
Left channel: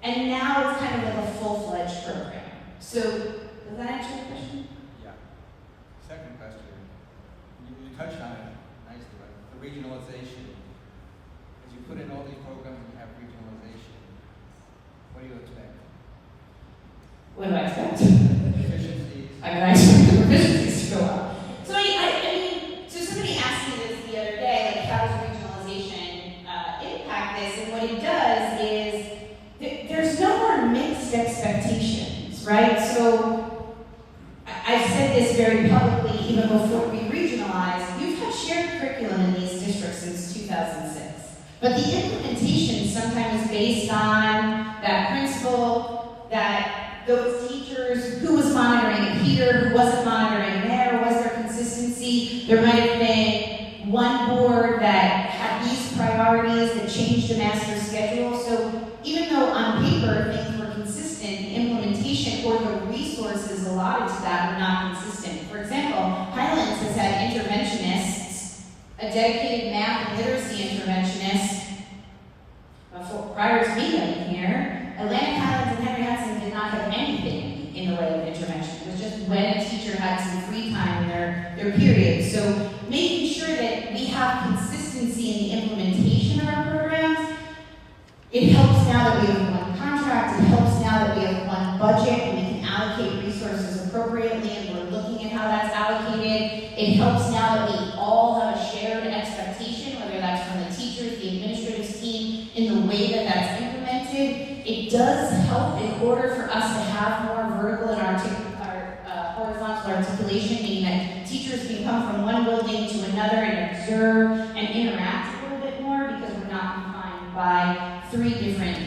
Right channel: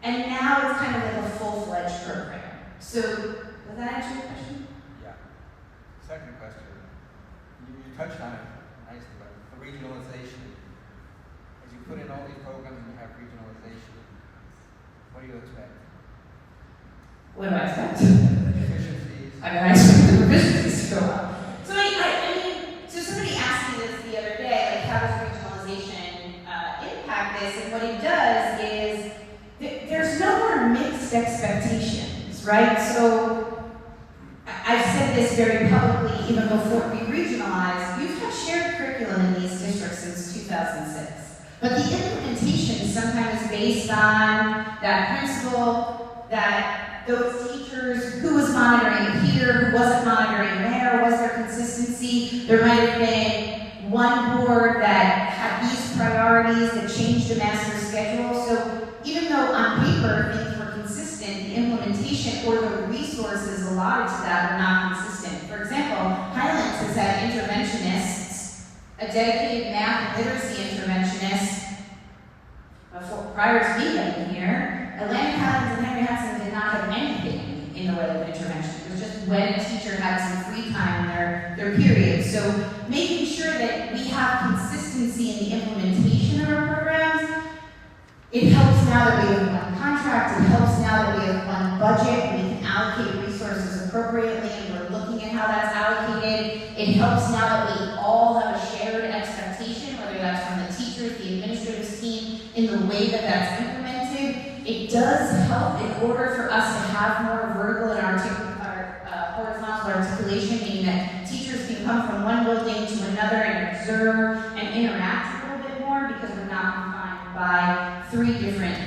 and now it's kind of like a full-fledged program. So, does that answer your question? Yeah. Second question. You touched on it nicely, but the regionalization. As you put in all these programs and you have regionalization, what do you expect? What do I expect? Efficiencies. I expect the proficiencies to go up. So so somebody asked me this the other day, like, how does regionalization impact this? And what it does is, there's no more mixed expectations, right? So, I've said this very publicly even before we regionalized. We've had shared curriculum in these districts since 2006. But the implementation is sometimes based on that principal, that those teachers, who was monitoring wasn't monitoring there? Was there consistency? There might have been one board that had these priorities that changed the master schedule. So even though on paper things were consistent, the implementation or the resources allotted to that were not consistent. For example, Highlands has had interventionists, a dedicated math and literacy interventionist, prior to me getting here. Atlantic Highlands and Henry Hudson did not have anything in the way of intervention. It was just when a teacher had some free time in their period. So making sure that we have consistency in the implementation of our programs, it helps now that we have one contract, it helps now that we have one budget, and we can allocate resources appropriately, and we're looking at how that's allocated. It helps now that we all have a shared expectation, whether that's from the teachers, the administrative team, in the way that that's implemented. It does help in order for us to have more vertical and horizontal articulation, meaning that teachers can come from one building to another and observe and interact a little bit more because we're not confined by 3 different,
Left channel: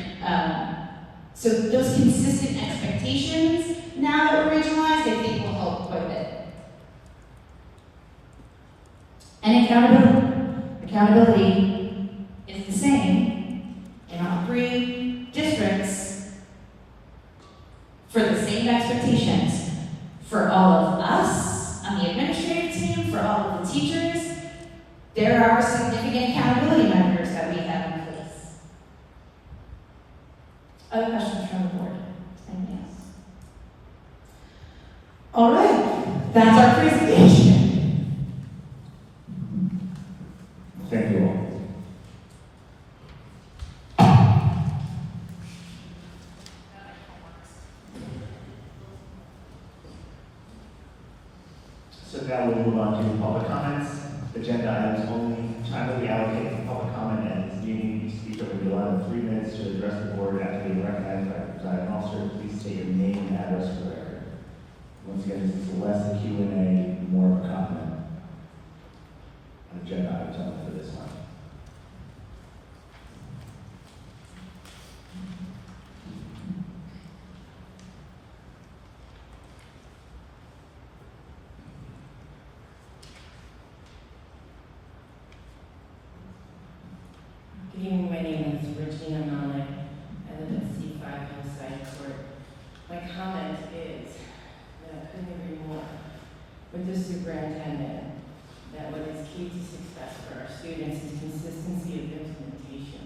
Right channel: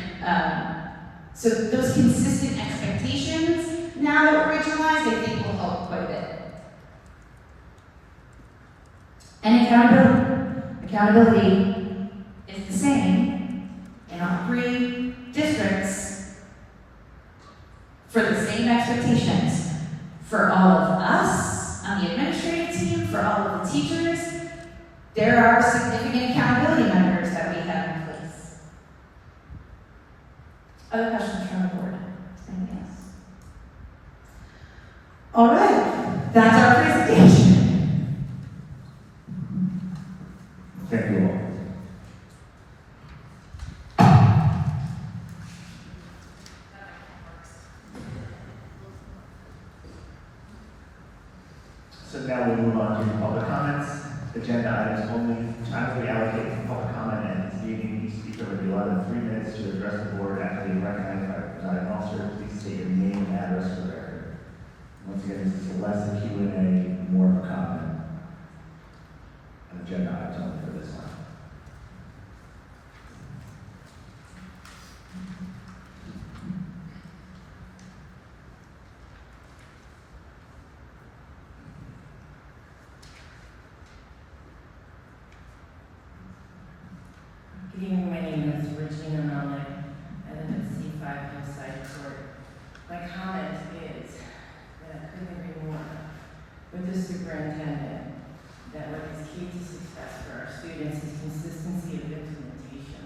so those consistent expectations, now that we're regionalized, I think will help quite a bit. And accountability is the same in all 3 districts for the same expectations. For all of us on the administrative team, for all of the teachers, there are significant accountability measures that we have in place. Other questions from the board? Anything else? All right, that's our presentation. Thank you all. So now we'll move on to public comments. Agenda items only. Time will be allocated for public comment at this meeting. Each speaker will be allotted 3 minutes to address the board after being recognized by the presiding officer. Please state your name and address for the record. Once again, this is less a Q&A, more of a comment. Agenda items only for this time. Good evening, my name is Regina Malik. I live at C5 Hillside Court. My comment is that I couldn't agree more with the superintendent that what is key to success for our students is consistency of implementation,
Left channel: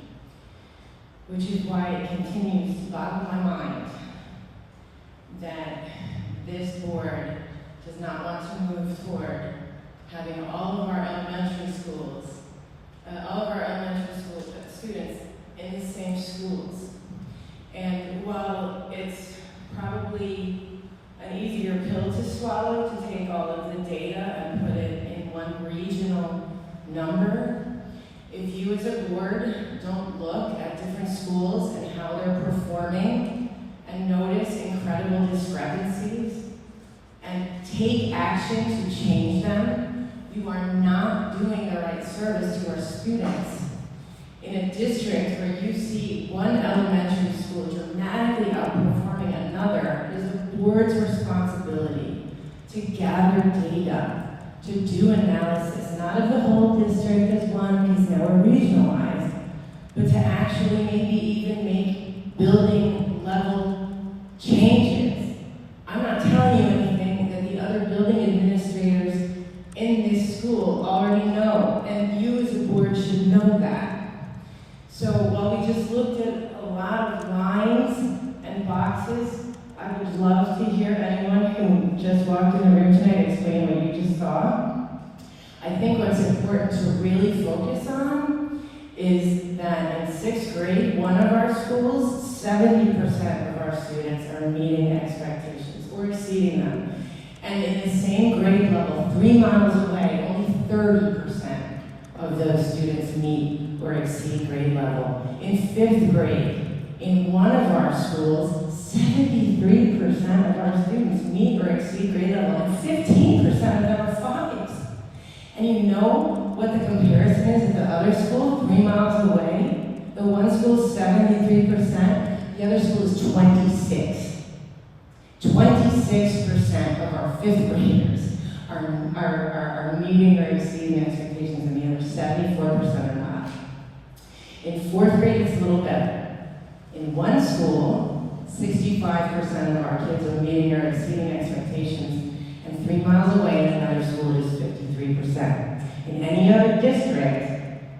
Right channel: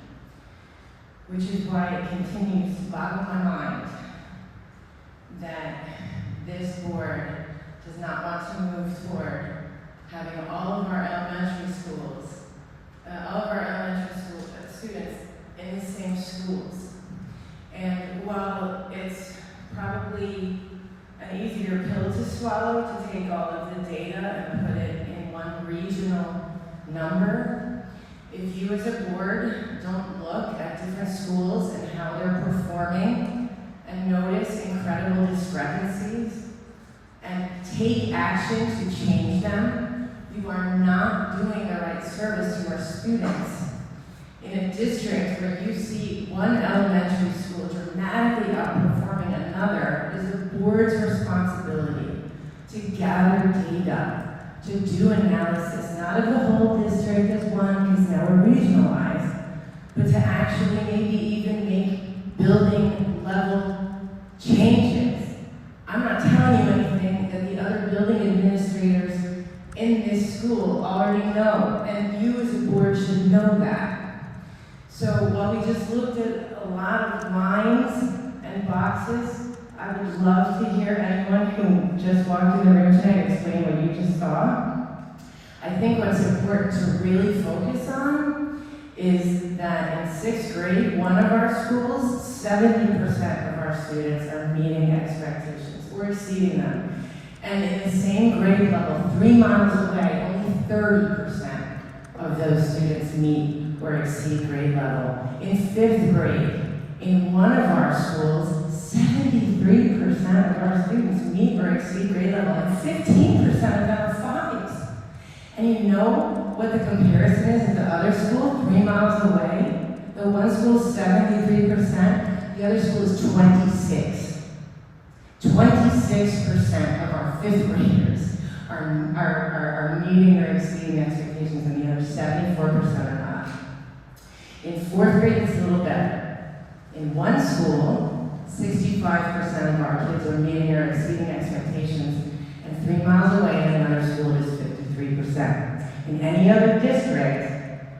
which is why it continues to boggle my mind that this board does not want to move toward having all of our elementary schools, students in the same schools. And while it's probably an easier pill to swallow to take all of the data and put it in one regional number, if you as a board don't look at different schools and how they're performing and notice incredible discrepancies and take action to change them, you are not doing the right service to our students. In a district where you see one elementary school dramatically outperforming another, it is the board's responsibility to gather data, to do analysis, not of the whole district as one, because now we're regionalized, but to actually maybe even make building level changes. I'm not telling you anything that the other building administrators in this school already know, and you as a board should know that. So while we just looked at a lot of lines and boxes, I would love to hear anyone who just walked in the room tonight explain what you just saw. I think what's important to really focus on is that in 6th grade, one of our schools, 70% of our students are meeting expectations or exceeding them. And in the same grade level, 3 miles away, only 30% of those students meet or exceed grade level. In 5th grade, in one of our schools, 73% of our students meet or exceed grade level, and 15% of them are 5s. And you know what the comparison is at the other school, 3 miles away? The one school is 73%, the other school is 26. 26% of our fifth graders are meeting or exceeding expectations, and the other 74% are not. In fourth grade, it's a little better. In one school, 65% of our kids are meeting or exceeding expectations, and 3 miles away in another school is 53%. In any other district,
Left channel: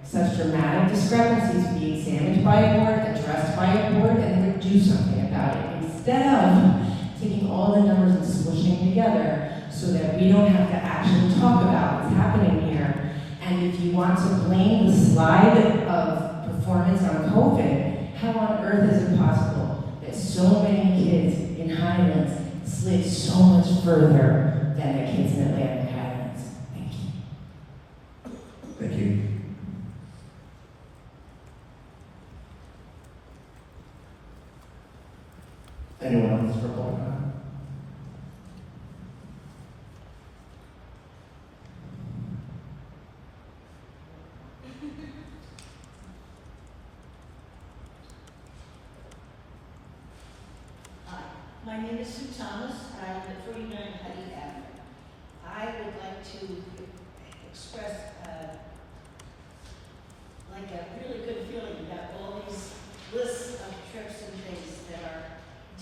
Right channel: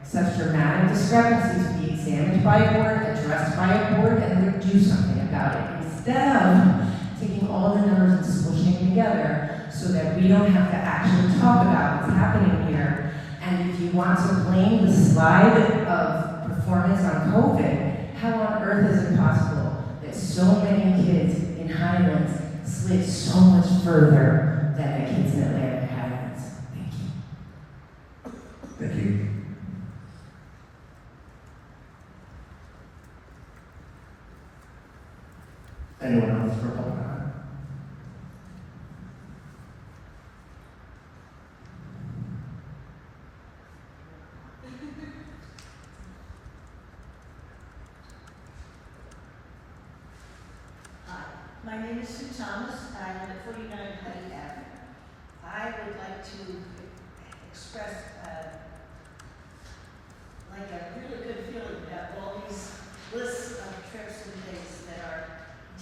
such dramatic discrepancies would be examined by a board, addressed by a board, and they would do something about it, instead of taking all the numbers and squishing together so that we don't have to actually talk about what's happening here. And if you want to blame the slide of performance on COVID, how on earth is it possible that so many kids in Highlands slid so much further than the kids in Atlanta and Highlands? Thank you. Thank you. Anyone else for public comment? Hi, my name is Sue Thomas, and I live at 49 Cuddy Avenue. I would like to express like a really good feeling about all these lists of trips and things that our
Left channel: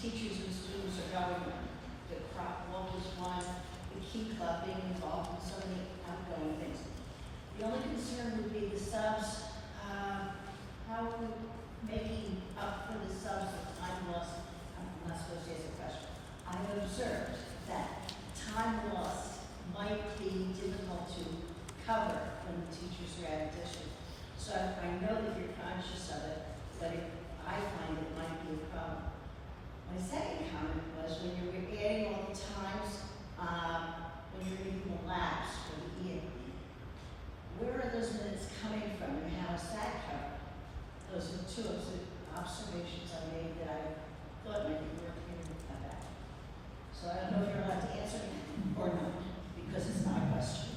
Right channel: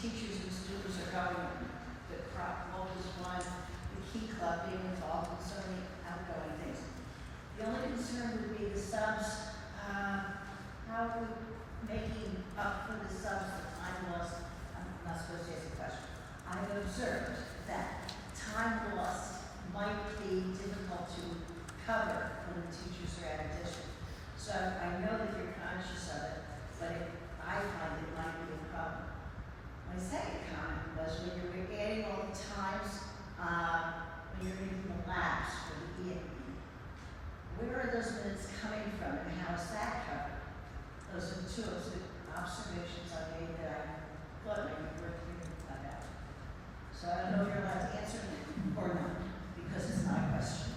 teachers and students are going on. The crop walk is one, the key club being involved in so many outgoing things. The only concern would be the subs. How are we making up for the subs for time lost? I'm not supposed to ask a question. I have observed that time lost might be difficult to cover when the teachers are out of district. So I know that you're conscious of it, but I find it might be a problem. My second comment was when you were adding all the times, when you're doing the labs for the year, where are those minutes coming from and how is that covered? Those are two of the observations I made that I thought might be worth thinking about. So I don't know if you're allowed to answer or not, because it's not a question.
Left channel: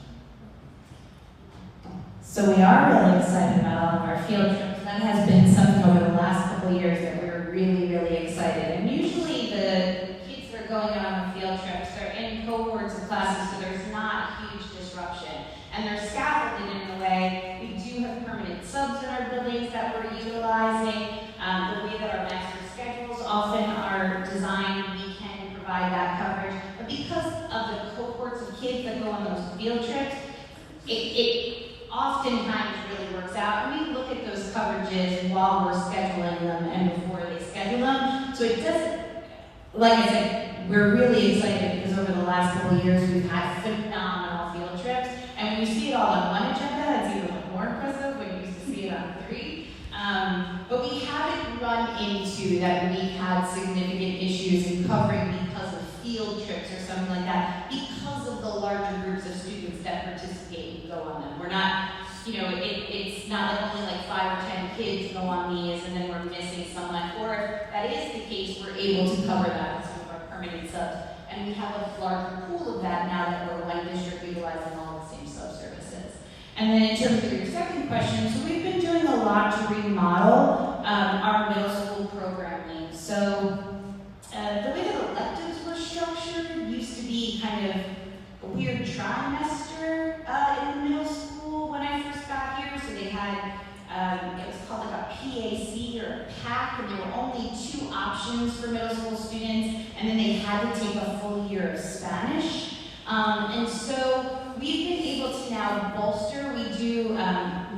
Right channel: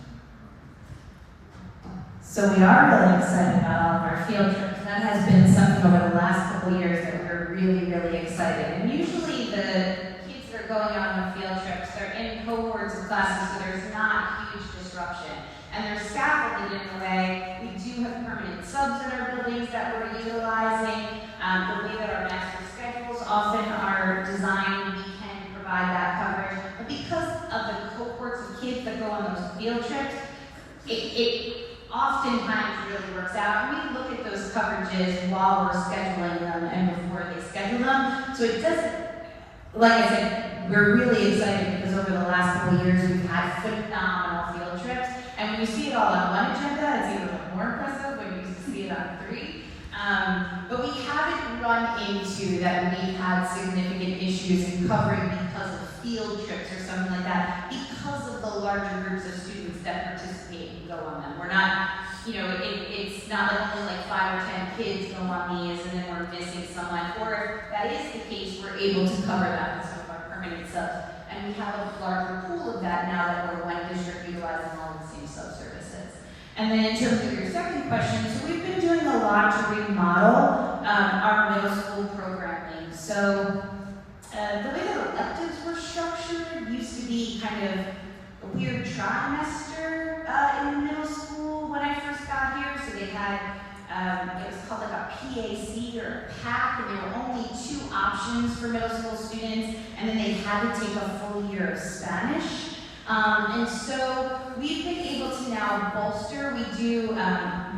So we are really excited about all of our field trips. That has been something over the last couple of years that we're really, really excited. And usually the kids that are going on the field trips, they're in cohorts of classes, so there's not huge disruption. And they're scaffolded in a way. We do have permanent subs in our buildings that we're utilizing. The way that our master schedules often are designed, we can provide that coverage. But because of the cohorts of kids that go on those field trips, it oftentimes really works out. And we look at those coverages while we're scheduling them and before they schedule them. So it doesn't, like I said, we're really excited because over the last couple of years we've had phenomenal field trips. And when you see it all on one agenda, it's even more impressive when you used to see it on 3. But we haven't run into that we've had significant issues in covering because of field trips or something like that, because of the larger groups of students that participate and go on them. We're not, it's not like only like 5 or 10 kids go on these and then we're missing someone. Or if that is the case, we're able to cover that with some of our permanent subs. And we have a larger pool of that now that we're one district utilizing all the same sub-services. And then in terms of your second question, so we've been doing a lot to remodel our middle school programming. So the way that electives were structured used to be kind of a weird trimester in the middle school when I first got here. So they had, it was called like a PAC or a PAC, and there were only 2 options for middle school students, and then they had to take a full year of Spanish. And so we've been able to now bolster. We do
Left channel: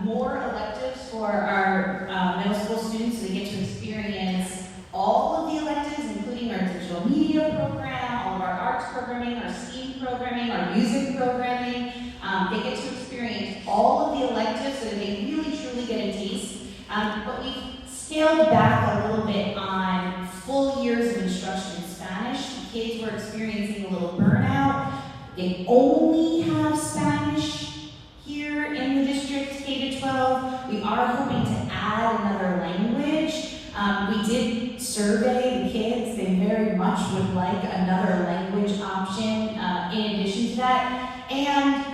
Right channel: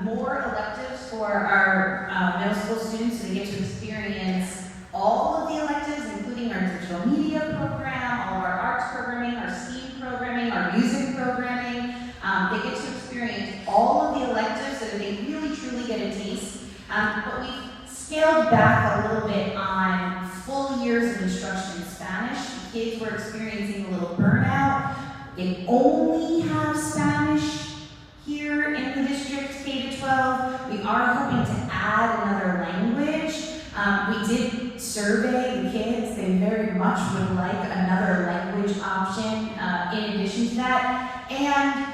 more electives for our middle school students, so they get to experience all of the electives, including our digital media program, all of our arts programming, our STEAM programming, our music programming. They get to experience all of the electives so that they really truly get a taste. But we've scaled back a little bit on full years of instruction in Spanish. The kids were experiencing a little burnout. They only have Spanish here in the district, K-12. We are hoping to add another language. We did survey the kids. They very much would like another language option in addition to that. And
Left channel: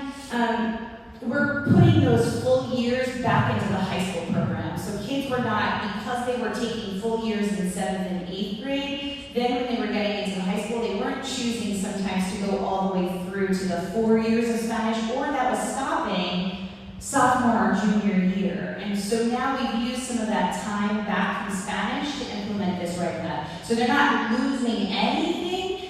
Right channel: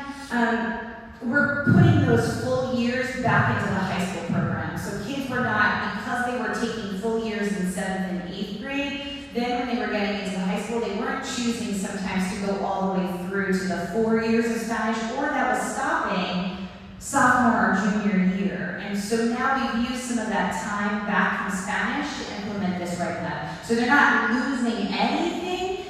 we're putting those full years back into the high school program. So kids were not, because they were taking full years in 7th and 8th grade, then when they were getting into high school, they weren't choosing sometimes to go all the way through to the 4 years of Spanish, or that was stopping sophomore or junior year. And so now we've used some of that time back in Spanish to implement this right now. So they're not losing anything,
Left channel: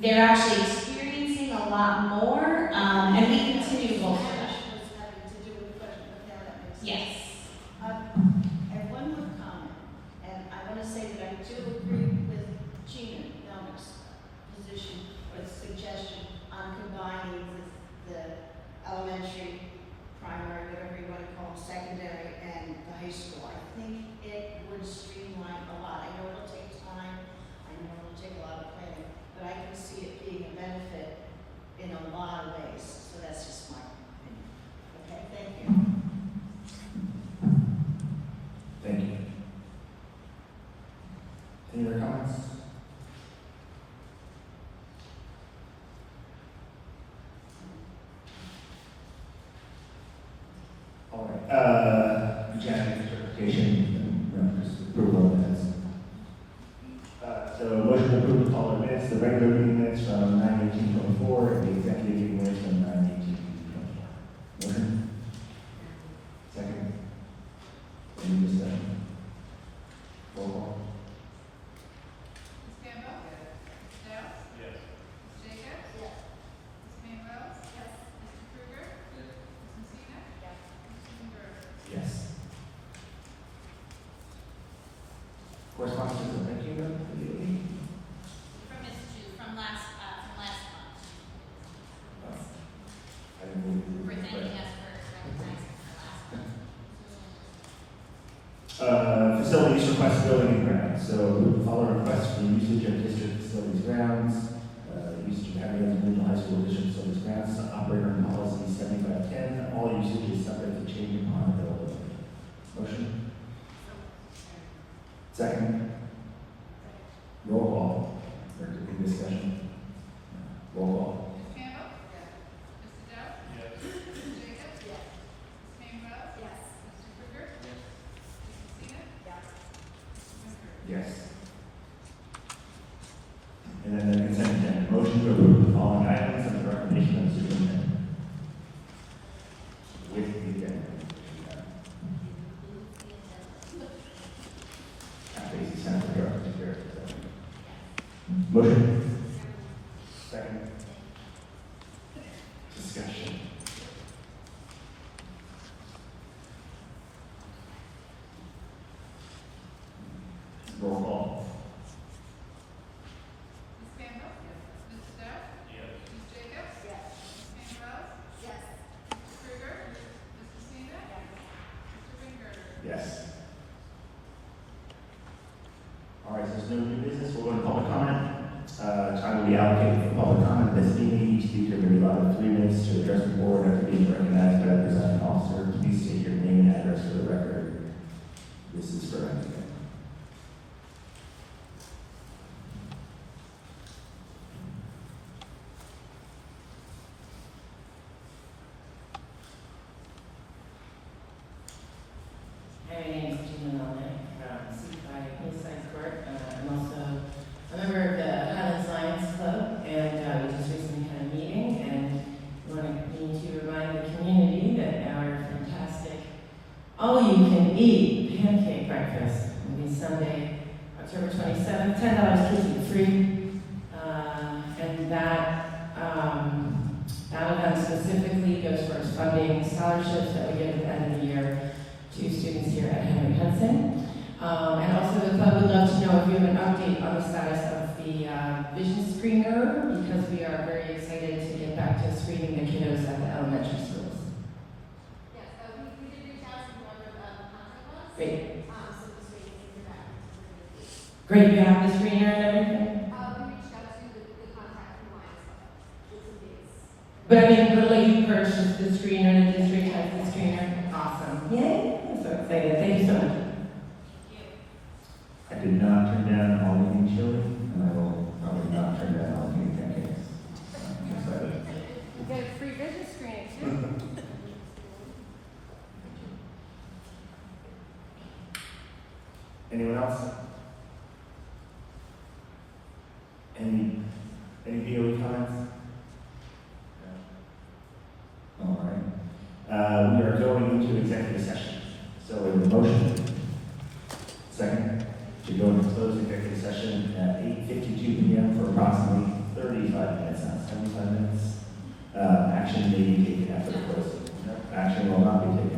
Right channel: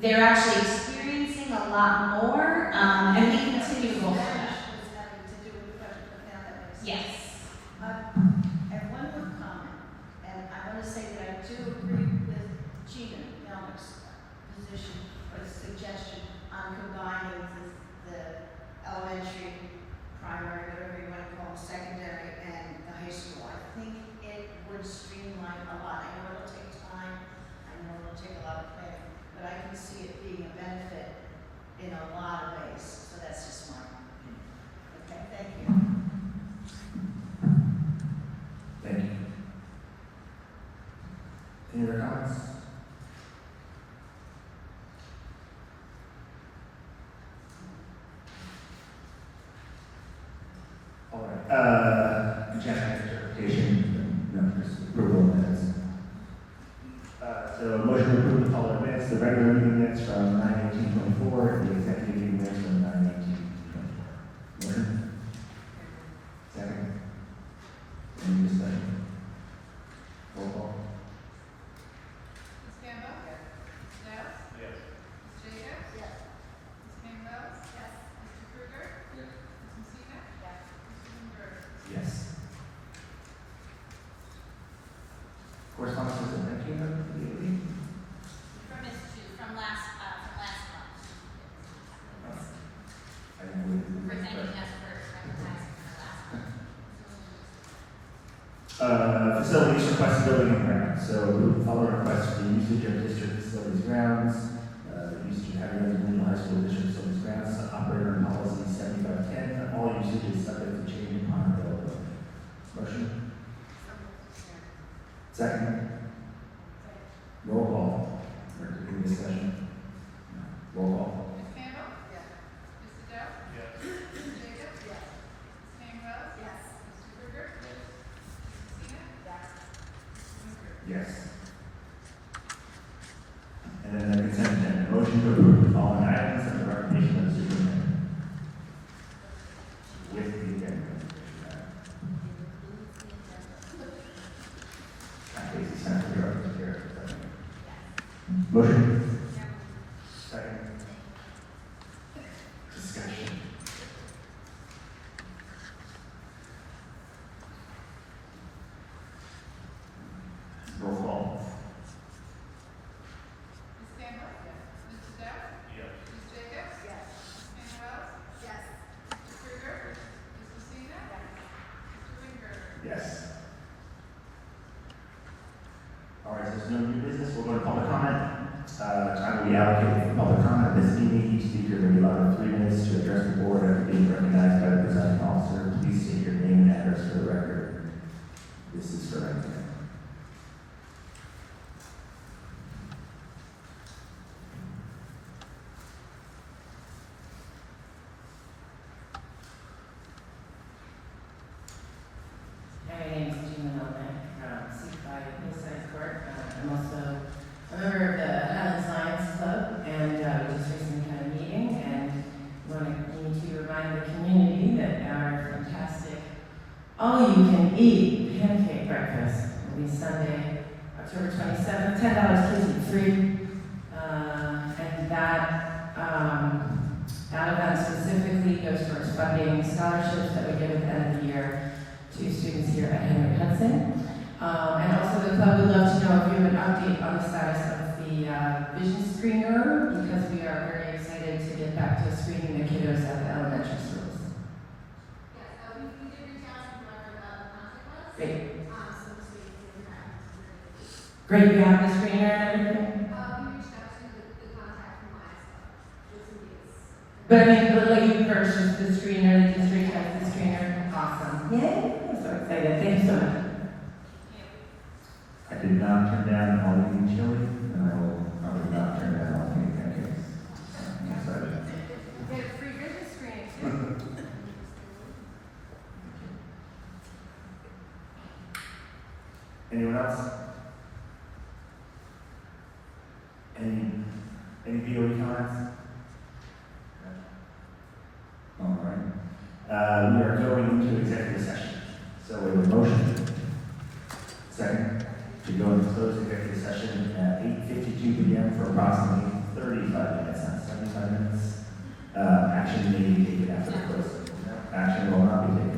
they're actually experiencing a lot more, and we continue to go for that. Was having to do with the budget, but now that makes sense. Yes. And one more comment, and I want to say that I do agree with Gina Melnick's position or suggestion on combining the elementary, primary, whatever you want to call it, secondary, and the high school. I think it would streamline a lot. I know it'll take time, I know it'll take a lot of planning, but I can see it being a benefit in a lot of ways. So that's just my opinion. Okay, thank you. Thank you. Any other comments? All right, Jen, clarification, no, just approval of minutes. So motion to approve the following minutes, the regular meeting minutes from 9/18/24 and the executive meeting minutes from 9/18/24. Motion? Second? Any discussion? Roll call. Ms. Campbell? Ms. Dowd? Yes. Ms. Jacobs? Yes. Ms. Campbell? Yes. Mr. Krueger? Yes. Ms. Messina? Yes. Mr. Lindberg? Yes. Correspondence and thank you note immediately. From Ms. Chu, from last month. I didn't believe. For thanking us for recognizing her last month. Facilities request building and grounds. So follow requests for the usage of district facilities grounds, usage of having Regional High School district facilities grounds, operator and policy 7510, all usage is subject to change upon availability. Motion? Second? Roll call. Or any discussion? No. Roll call. Ms. Campbell? Yes. Mr. Dowd? Yes. Ms. Jacobs? Yes. Ms. Campbell? Yes. Mr. Krueger? Yes. Ms. Messina? Yes. Mr. Lindberg? Yes. And then the consent agenda. Motion to approve the following items and the recommendation of the superintendent. With the agenda. Basically, sounds like you're up to here. Motion? Second? Discussion? Roll call. Ms. Campbell? Yes. Mr. Dowd? Yes. Ms. Jacobs? Yes. Ms. Campbell? Yes. Mr. Krueger? Ms. Messina? Mr. Lindberg? Yes. All right, so there's no new business, we'll go to public comment. Time will be allocated for public comment this evening. Each speaker will be allowed 3 minutes to address the board after being recognized by the presiding officer. Please state your name and address for the record. This is for everything. Hi, my name is Gina Melnick from C5 Hillside Court. I'm also a member of the Highlands Lions Club, and we just recently had a meeting, and we need to remind the community that our fantastic all-you-can-eat pancake breakfast will be Sunday, October 27th, $10 kids eat free, and that event specifically goes towards funding scholarships that we give at the end of the year to students here at Hudson. And also the club would love to know if you have an update on the status of the vision screener, because we are very excited to get back to screening the kiddos at the elementary schools. Yes, we did reach out to whoever contact us. Great. So this week we'll get back to the Great, you have the screener and everything? We reached out to the contact from Lions Club with some dates. But I mean, but like you purchased the screener, the district has the screener. Awesome. Yay, I'm so excited. Thank you so much. I did not turn down the all-you-can chili, and I will probably not turn down all-you-can pancakes. I'm excited. We get a free vision screening. Anyone else? Any We are going into executive session. So we have a motion. Second, to go into closed executive session at 8:52 p.m. for approximately 35 minutes, not 75 minutes. Action may be taken after the close. Action will not be taken